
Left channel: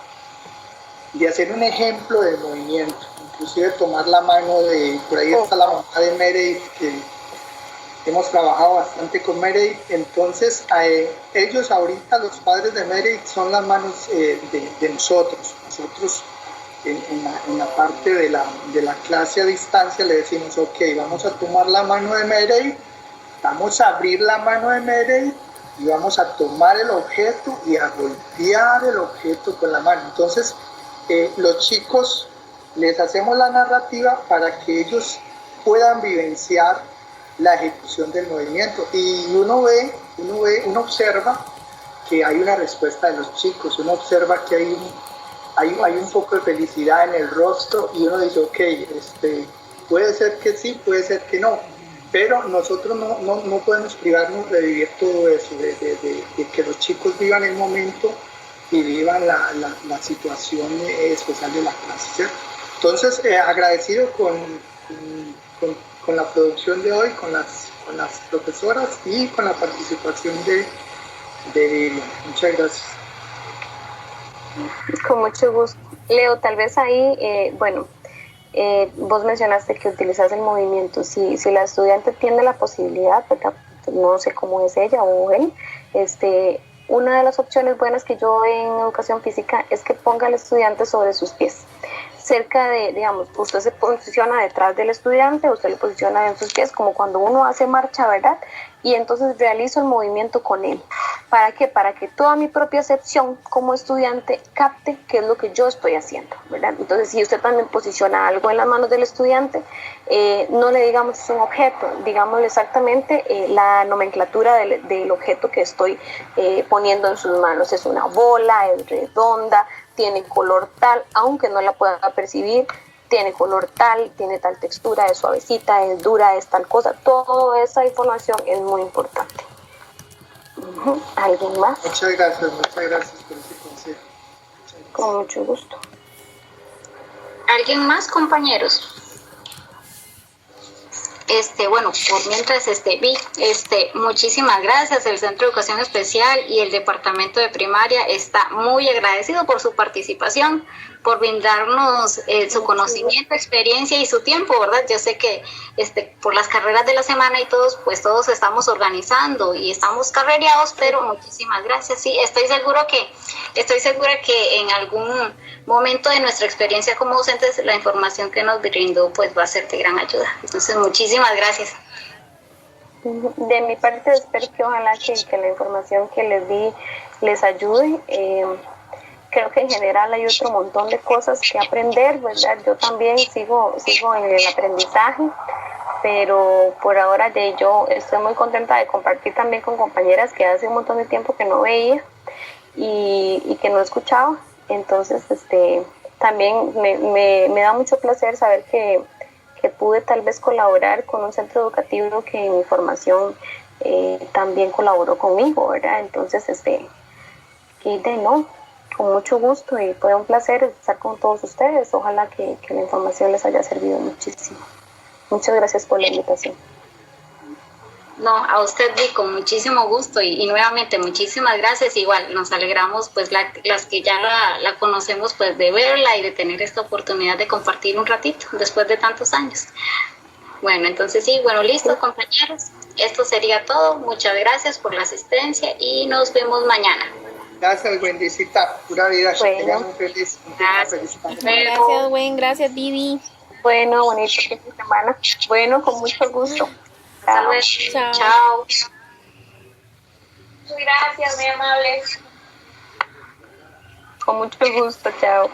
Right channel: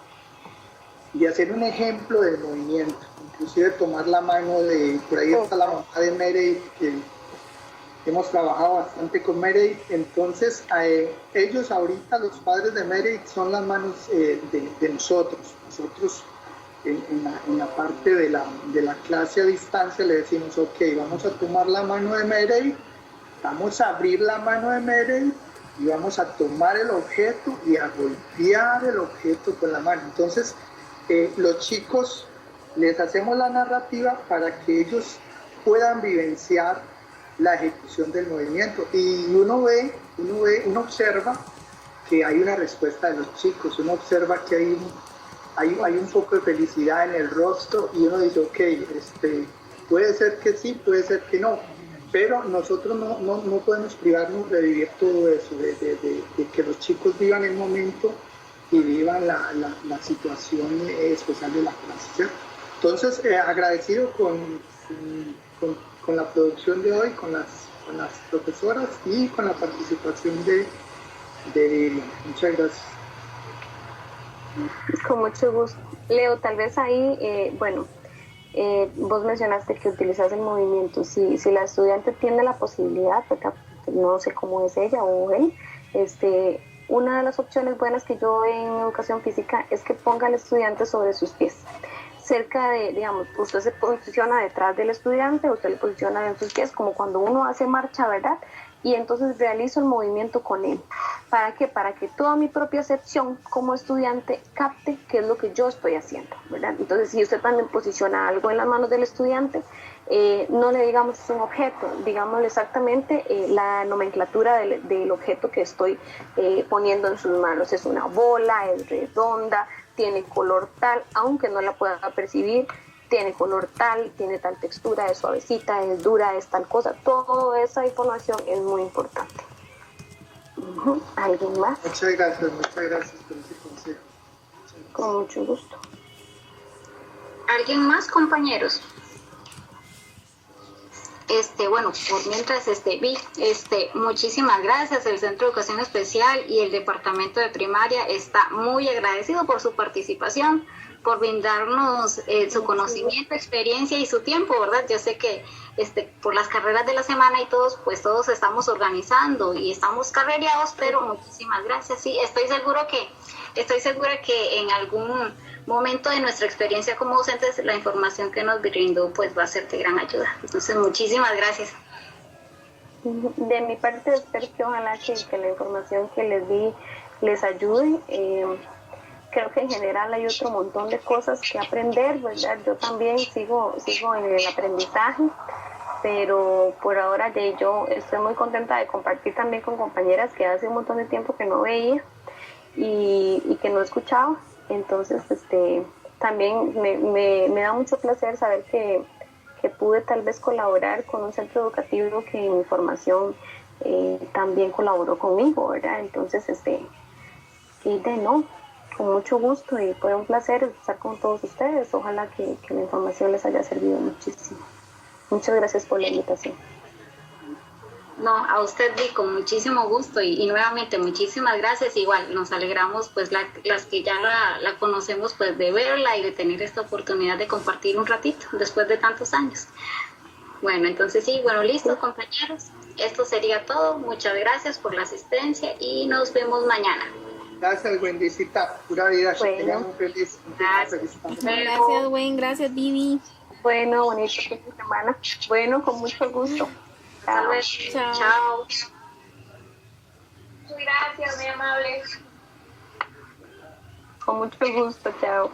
hacer un ejemplo del movimiento. inclusive tomar la mano de, por ahí está la mamá de Meredith, que hemos trabajado bastante con Meredith. Entonces ellos ahorita, los padres de Meredith, son las manos de nosotros. Nosotros en la parte de la clase a distancia le decimos, ok, vamos a tomar la mano de Meredith, vamos a abrir la mano de Meredith y vamos a tomar el objeto y a golpear el objeto con la mano. Entonces los chicos les hacemos la narrativa para que ellos puedan vivenciar la ejecución del movimiento, y uno observa que hay una respuesta de los chicos, uno observa que hay un poco de felicidad en el rostro, y uno dice, ok, puede ser que sí, puede ser que no, pero nosotros no podemos privarnos de vivir todo eso, de que los chicos vivan el momento y vivan la situación especial de la clase, ¿cierto? Entonces, agradecido con la producción de hoy, con las profesoras y con la participación de Vivian. Muchas gracias. Con mucho gusto. Leo, tal vez ahí, vos mencionaste que utilizas el movimiento. Si la estudiante tiene la posibilidad, no sé cómo es ella o él, una de las opciones buenas que yo doy en educación física es que ponga al estudiante sobre sus pies. Cerca de, digamos, usted se posiciona detrás del estudiante, usted lo posiciona en sus pies, como cuando uno hace marcha, ¿verdad? Y entonces realizo el movimiento con él. ¿Para qué? Para que toda mi propia percepción como estudiante capte qué es lo que yo estoy haciendo, ¿verdad? Entonces, si usted también posiciona algo en las manos del estudiante, no le digamos es un objeto, digámosle exactamente la nomenclatura del objeto que estoy poniendo en sus manos. Es una bola, es redonda, tiene color tal, aunque no la pueda percibir, tiene color tal, tiene tal textura, es suavecita, es dura, es tal cosa. Toda esa información es muy importante. ¿Alguien más? Muchas gracias por ese consejo. Con mucho gusto. ¿Alguien más, compañeros? Bueno, por mientras vi, muchísimas gracias. El Centro de Educación Especial y el Departamento de Primaria está muy agradecido por su participación, por brindarnos su conocimiento, experiencia y su tiempo, ¿verdad? Yo sé que por las carreras de la semana y todos estamos organizando y estamos carrereados, pero muchísimas gracias. Sí, estoy segura que en algún momento de nuestra experiencia como docentes la información que nos brindó pues va a ser de gran ayuda. Entonces, muchísimas gracias. De mi parte, espero que ojalá que la información que les di les ayude. Creo que en general hay otro montón de cosas que aprender, ¿verdad? Yo también sigo en el aprendizaje, pero por ahora yo estoy muy contenta de compartir también con compañeras que hace un montón de tiempo que no veía y que no escuchaba. Entonces, también me da mucho placer saber que pude tal vez colaborar con un centro educativo que en mi formación también colaboró conmigo, ¿verdad? Entonces, con mucho gusto, y fue un placer estar con todos ustedes. Ojalá que la información les haya servido muchísimo. Muchas gracias por la invitación. No, a usted, con muchísimo gusto y nuevamente muchísimas gracias. Igual nos alegramos pues las que ya la conocemos pues de verla y de tener esta oportunidad de compartir un ratito después de tantos años. Bueno, entonces listo, compañeros. Esto sería todo. Muchas gracias por la asistencia y nos vemos mañana. Gracias, Wendycita. Pura vida. Bueno. Feliz. Gracias, Wen. Gracias, Vivi. Bueno, bonito fin de semana. Bueno, con mucho gusto. Chao. Chao. Gracias, muy amable. Con mucho gusto, chao.